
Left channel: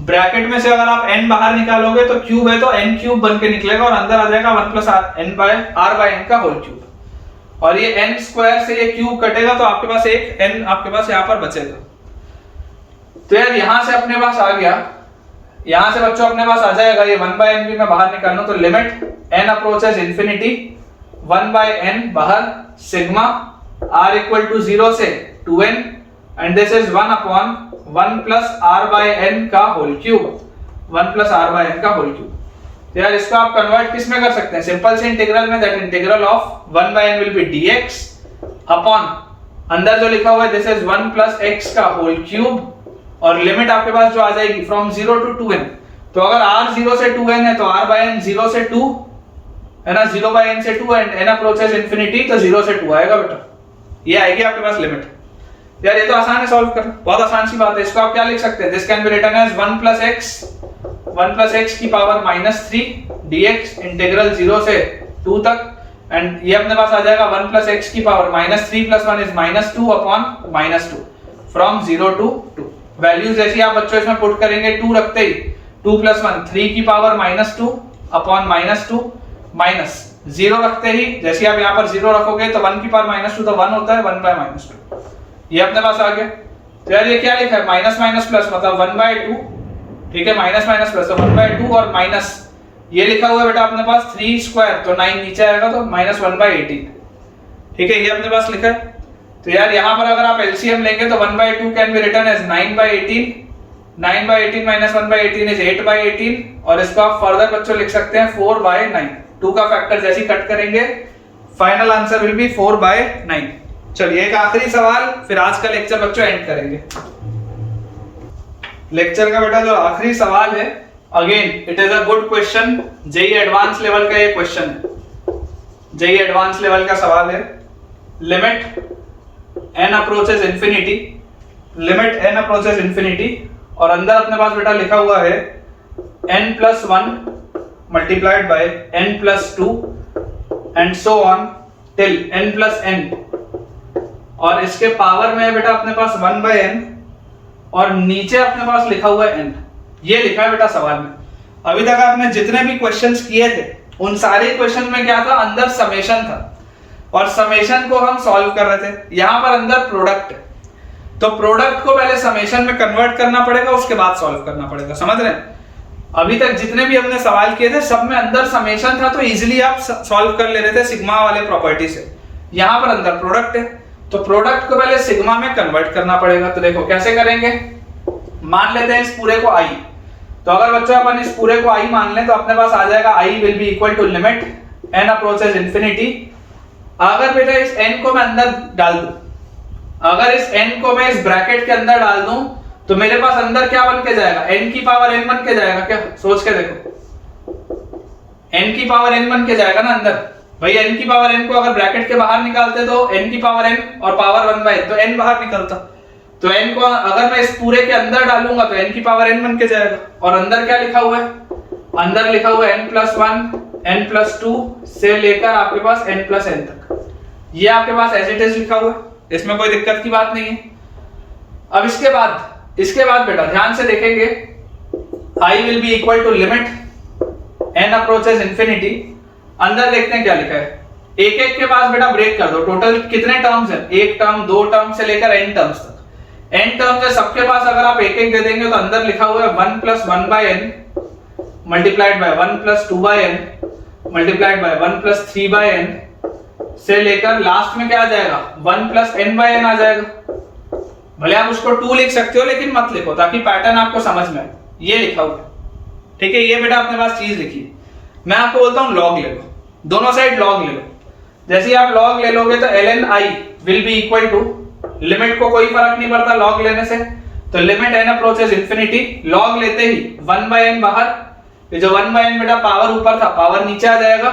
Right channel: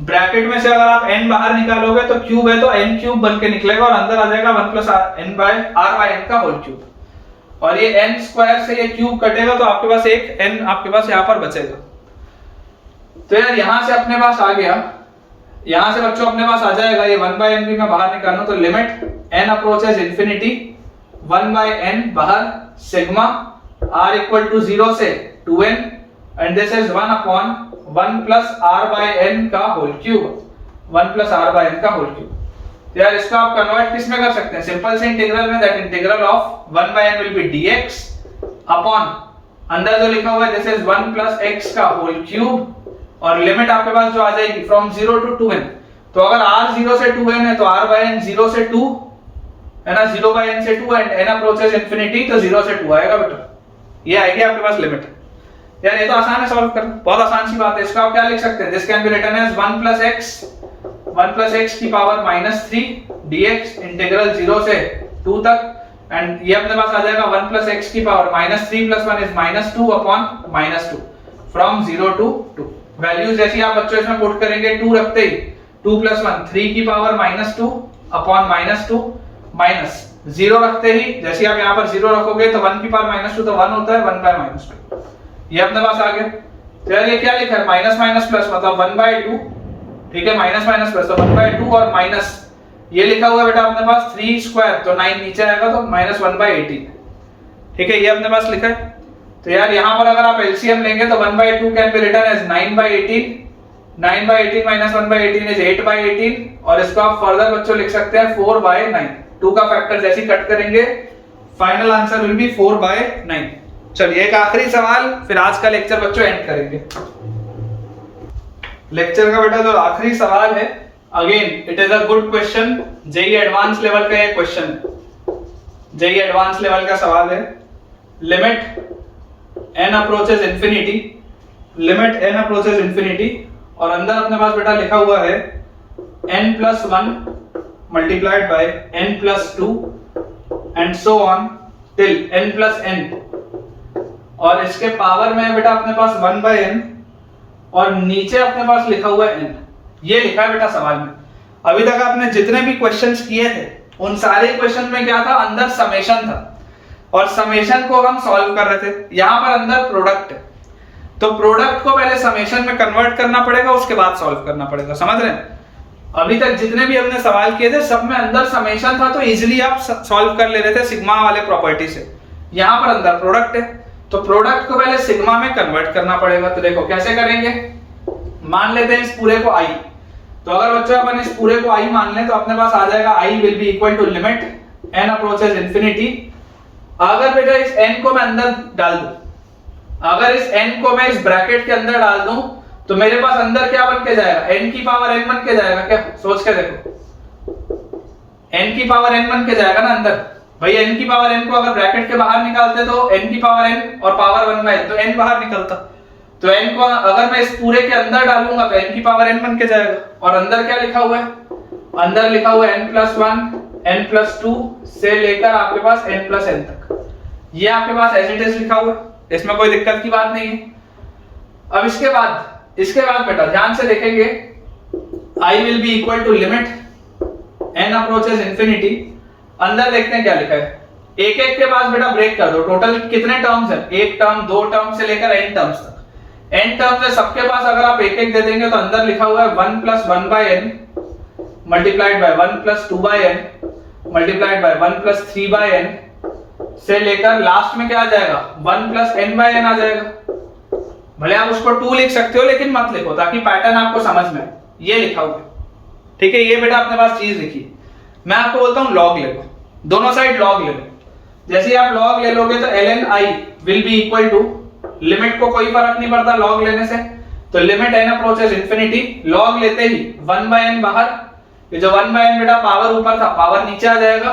ब्रैकेट में से अगर आप n बाहर निकालोगे तो क्यूब है तो n क्यूब बन के निकलेगा और अंदर आ जाएगा 1 plus n by r by n का होल क्यूब और ये n स्क्वायर से ये क्यूब कटेगा तो आपके पास एक n आपके पास यहां पर बचेगा। तो यार यहां से अपने पास आ गया, यहां से बच्चों अपने पास आ जाएगा ये 1 बाय n भी मैं बाहर निकालूं तो limit n approaches infinity 1 by n बाहर सिग्मा r इक्वल टू 0 से 2n and this is 1 upon 1 plus r by n का whole cube, 1 plus r by n का होल क्यूब। तो यार इसको आप कन्वर्ट किस में कर सकते हैं, सिंपल से इंटीग्रल में, that integral of 1 by n will be dx upon अंदर जो लिखा हुआ है दिस इज 1 प्लस x का होल क्यूब और लिमिट आपके पास जो आ जाएगी फ्रॉम 0 टू 2n। तो अगर r 0 से 2n है तो r बाय n 0 से 2 है ना, 0 बाय n से 2 एंड n अप्रोचेस इंफिनिटी तो 0 से 2 आएगा बेटा, ये आएगी आपके पास लिमिट। यार ये तो आसान है सॉल्व करना, बहुत आसान सी बात है। इसको आप क्या लिख सकते हैं, this can be written as 1 plus x की पावर -3 dx इंटीग्रल 0 से 2 तक एंड ये अपने पास आ जाएगा 1 प्लस x की power -3 plus 1 is -2 upon -2 from 0 to 2। Values जैसी आप बच्चों इसमें पुट करेंगे 2 रखते ही 2 प्लस 1 3 की पावर -2 अपॉन -2 माइनस 0 रखते ही जैसे आप यहाँ पर 0 रखोगे तो 1 की पावर -2 तो 1 होता है, 1 बाय -2 ये अपने पास आ गया। तो यार ये क्या लिखा है, माइनस माइनस प्लस मतलब 1/2, ठीक है, माइनस माइनस प्लस तो 1/2 और माइनस ये लिखा हुआ है बेटा अपने पास 3 स्क्वायर तो 9 नीचे आएगा तो -1/18, ठीक है, ये अपने पास लिखा है। तो यार यहाँ पर अगर आप एलसीएम लेंगे तो 1/2 can be written as 9/18, 9/18 minus 1/18 is 8/18 और इसको आप फर्दर बच्चों लिख सकते हैं 4/9। 2 का फैक्टर जैसे ही कट करेंगे फाइनल आंसर विल बी 4/9। चलिए एक आखिरी सवाल फिर आज का लेक्चर बच्चों एंड करेंगे। लेक्चर का बेटा जो आखिरी सवाल है, again it is a good question, JEE advance level का ये क्वेश्चन है, जेई एडवांस लेवल का सवाल है। Limit n approaches infinity, limit n approaches infinity और अंदर अपने पास बेटा लिखा हुआ है n+1 multiplied by n+2 and so on till n+n और इसके पावर में है बेटा अपने पास 1/n और नीचे अपने पास लिखा हुआ है n। ये लिखा है बेटा सवाल में। अभी तक आपने जितने भी क्वेश्चंस किए थे उन सारे क्वेश्चन में क्या था, अंदर समेशन था और समेशन को हम सॉल्व कर रहे थे। यहां पर अंदर प्रोडक्ट, तो प्रोडक्ट को पहले समेशन में कन्वर्ट करना पड़ेगा, उसके बाद सॉल्व करना पड़ेगा, समझ रहे हैं। अभी तक जितने भी हमने सवाल किए थे सब में अंदर समेशन था तो इजीली आप सॉल्व कर ले रहे थे सिग्मा वाले प्रॉपर्टी से। यहां पर अंदर प्रोडक्ट है तो प्रोडक्ट को पहले सिग्मा में कन्वर्ट करना पड़ेगा। तो देखो कैसे करेंगे, मान लेते हैं इस पूरे को i, तो अगर बच्चों अपन इस पूरे को i मान लें तो अपने पास आ जाएगा i will be equal to limit n approaches infinity. अगर बेटा इस n को मैं अंदर डाल दूं, अगर इस n को मैं इस ब्रैकेट के अंदर डाल दूं तो मेरे पास अंदर क्या बन के जाएगा, n की पावर n बन के जाएगा। क्या सोच के देखो, n की पावर n बन के जाएगा ना अंदर। भाई n की पावर n को अगर ब्रैकेट के बाहर निकालते तो n की पावर n और पावर 1/n तो n बाहर निकलता। तो n को अगर मैं इस पूरे के अंदर डालूंगा तो n की पावर n बन के जाएगा और अंदर क्या लिखा हुआ है, अंदर लिखा हुआ है n+1 n+2 से लेकर आपके पास n+n तक। ये आपके पास एज इट इज लिखा हुआ है, इसमें कोई दिक्कत की बात नहीं है। अब इसके बाद बेटा ध्यान से देखेंगे, i will be equal to limit n approaches infinity. अंदर देखते हैं क्या लिखा है, एक एक के पास बेटा ब्रेक कर दो। टोटल कितने टर्म्स हैं, एक टर्म, दो टर्म से लेकर n टर्म्स तक। n टर्म्स है सबके पास, अगर आप एक एक दे देंगे तो अंदर लिखा हुआ है 1 + 1/n multiplied by 1 + 2/n multiplied by 1 + 3/n से लेकर लास्ट में क्या आ जाएगा 1 + n/n आ जाएगा। भले आप उसको 2 लिख सकते हो लेकिन मत लिखो ताकि पैटर्न आपको समझ में आए। ये लिखा हुआ है, ठीक है, ये बेटा अपने पास चीज लिखी। मैं आपको बोलता हूं लॉग ले लो, दोनों साइड लॉग ले लो। जैसे ही आप लॉग ले लोगे तो ln i will be equal to, लिमिट को कोई फर्क नहीं पड़ता लॉग लेने से, तो limit n approaches infinity, log लेते ही 1/n बाहर, ये जो 1/n बेटा पावर ऊपर था पावर नीचे आ जाएगा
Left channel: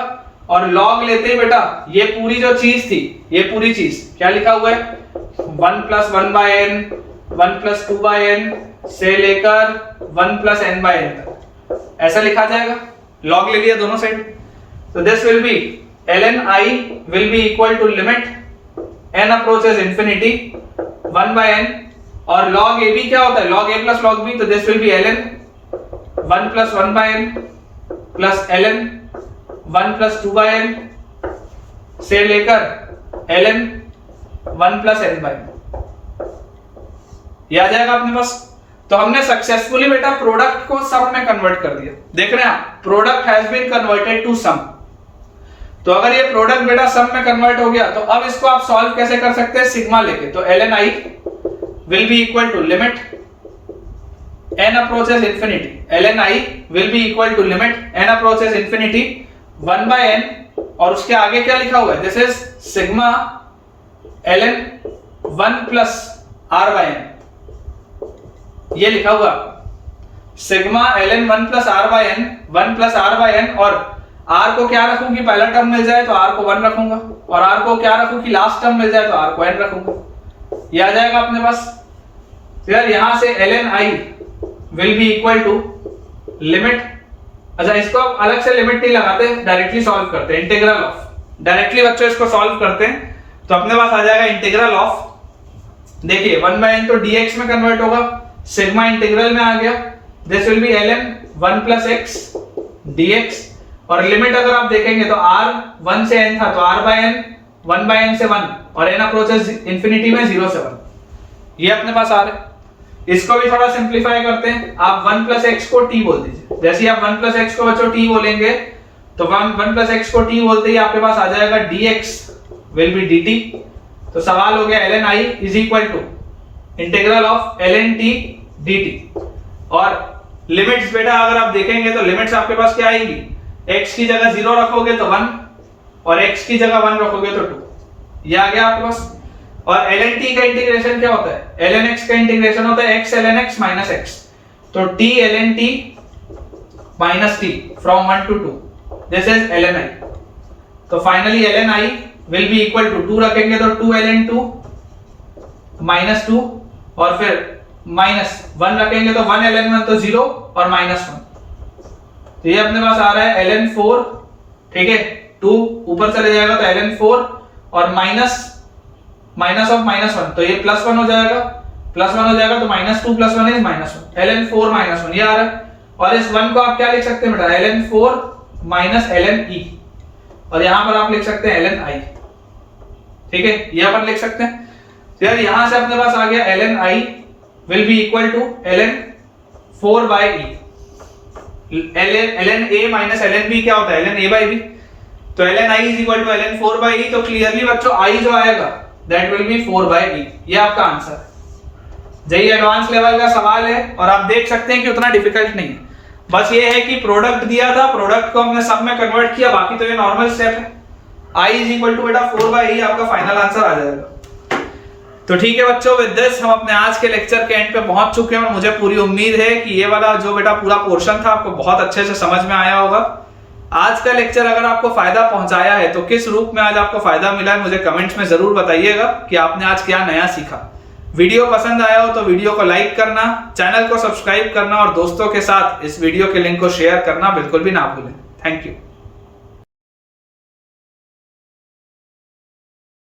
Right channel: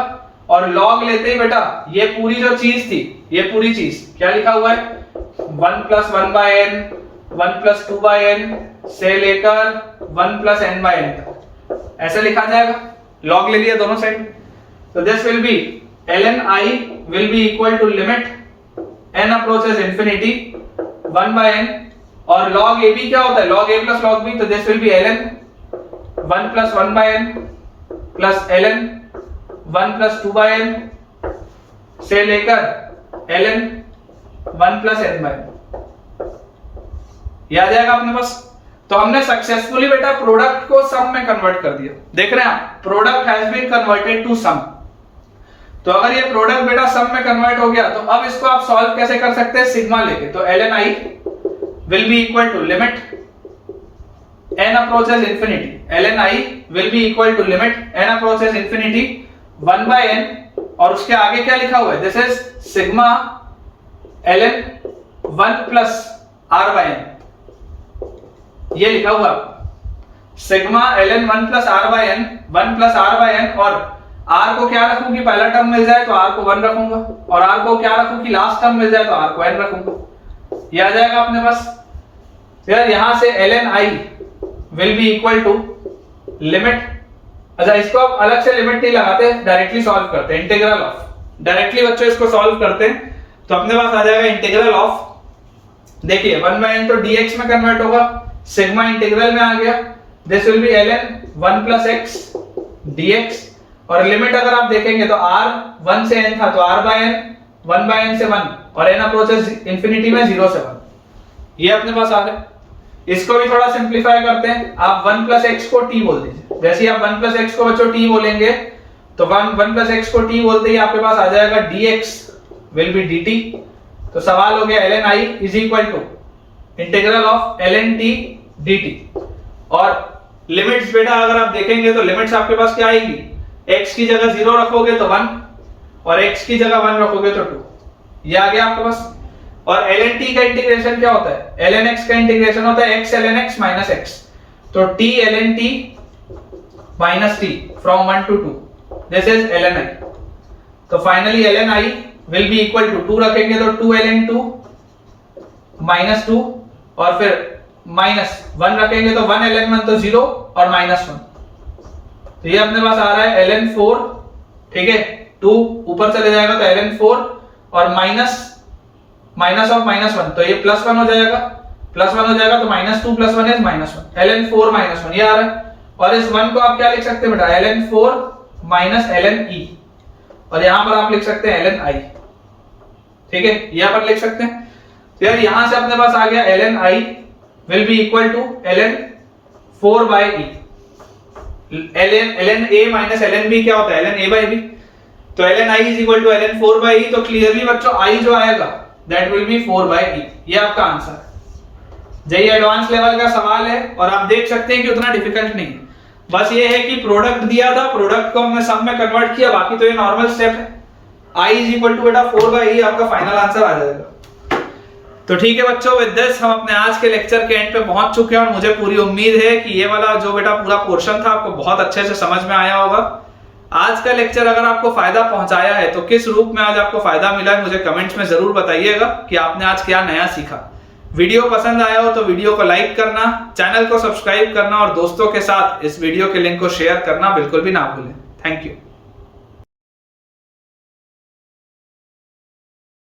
और log लेते ही बेटा ये पूरी जो चीज थी, ये पूरी चीज क्या लिखा हुआ है 1 + 1/n 1 + 2/n से लेकर 1 + n/n तक ऐसा लिखा जाएगा। log ले लिया दोनों साइड, तो this will be ln i will be equal to limit n approaches infinity 1/n और log ab क्या होता है log a + log b, तो this will be ln 1 + 1/n plus ln 1 + 2/n से लेकर ln 1 + n/n ये आ जाएगा अपने पास। तो हमने सक्सेसफुली बेटा प्रोडक्ट को सम में कन्वर्ट कर दिया। देख रहे हैं आप, product has been converted to sum. तो अगर ये प्रोडक्ट बेटा सम में कन्वर्ट हो गया, तो अब इसको आप सॉल्व कैसे कर सकते हैं, सिग्मा लेके। तो ln i will be equal to limit n approaches infinity, ln i will be equal to limit n approaches infinity 1 by n, और उसके आगे क्या लिखा हुआ है, this is sigma ln 1 plus r by n, ये लिखा हुआ sigma ln 1 plus r by n, 1 plus r by n, और r को क्या रखूं कि पहला टर्म मिल जाए तो r को 1 रखूंगा, और r को क्या रखूं कि लास्ट टर्म मिल जाए तो r को n रखूंगा, ये आ जाएगा अपने पास। फिर यहां से ln i will be equal to limit, अच्छा इसको अब अलग से लिमिट नहीं लगाते, डायरेक्टली सॉल्व करते हैं, इंटीग्रल ऑफ, डायरेक्टली बच्चों इसको सॉल्व करते हैं तो अपने पास आ जाएगा इंटीग्रल ऑफ, देखिए 1 by n तो dx में कन्वर्ट होगा, सिग्मा इंटीग्रल में आ गया, this will be ln 1 plus x dx, और लिमिट अगर आप देखेंगे तो r 1 से n था तो r by n 1 by n से 1, और n अप्रोचेस इंफिनिटी में 0 से 1, ये अपने पास आ रहा है। इसको भी थोड़ा सिंपलीफाई करते हैं, आप 1 प्लस x को t बोल दीजिए, जैसे ही आप 1 प्लस x को बच्चों t बोलेंगे तो 1 प्लस x को t बोलते ही आपके पास आ जाएगा dx विल बी dt, तो सवाल हो गया ln i is equal to integral of ln t dt, और लिमिट्स बेटा अगर आप देखेंगे तो लिमिट्स आपके पास क्या आएगी, x की जगह 0 रखोगे तो 1, और x की जगह 1 रखोगे तो 2, ये आ गया आपके पास। और ln t का इंटीग्रेशन क्या होता है, ln x का इंटीग्रेशन होता है x ln x minus x, तो t ln t minus t from 1 to 2, this is ln i, तो finally ln i will be equal to 2 रखेंगे तो 2 ln 2 माइनस 2, और फिर माइनस 1 रखेंगे तो 1 ln 1 तो 0 और माइनस 1, तो ये अपने पास आ रहा है ln 4, ठीक है, 2 ऊपर चले जाएगा तो ln 4, और माइनस ऑफ माइनस 1 तो ये प्लस 1 हो जाएगा, प्लस 1 हो जाएगा तो minus 2 plus 1 is minus 1, ln 4 minus 1 ये आ रहा है, और इस 1 को आप क्या लिख सकते हैं बेटा, ln 4 माइनस ln e, और यहां पर आप लिख सकते हैं ln i, ठीक है, ये अपन लिख सकते हैं। तो यार यहां से अपने पास आ गया ln i will be equal to ln 4 by e, ln a minus ln b क्या होता है, ln a by b, तो ln i is equal to ln 4 by e, तो क्लियरली बच्चों i जो आएगा that will be 4 by e, ये आपका आंसर है। ये एडवांस लेवल का सवाल है, और आप देख सकते हैं कि उतना डिफिकल्ट नहीं है, बस ये है कि प्रोडक्ट दिया था, प्रोडक्ट को हमने सब में कन्वर्ट किया, बाकी तो ये नॉर्मल स्टेप है। i इज इक्वल टू बेटा 4 by e आपका फाइनल आंसर आ जाएगा। तो ठीक है बच्चों, विद दिस हम अपने आज के लेक्चर के एंड पे पहुंच चुके हैं, और मुझे पूरी उम्मीद है कि ये वाला जो बेटा पूरा पोर्शन था आपको बहुत अच्छे से समझ में आया होगा। आज का लेक्चर अगर आपको फायदा पहुंचाया है तो किस रूप में आज आपको फायदा मिला है मुझे कमेंट्स में जरूर बताइएगा कि आपने आज क्या नया सीखा। वीडियो पसंद आया हो तो वीडियो को लाइक करना, चैनल को सब्सक्राइब करना, और दोस्तों के साथ इस वीडियो के लिंक को शेयर करना बिल्कुल भी ना भूलें। Thank you.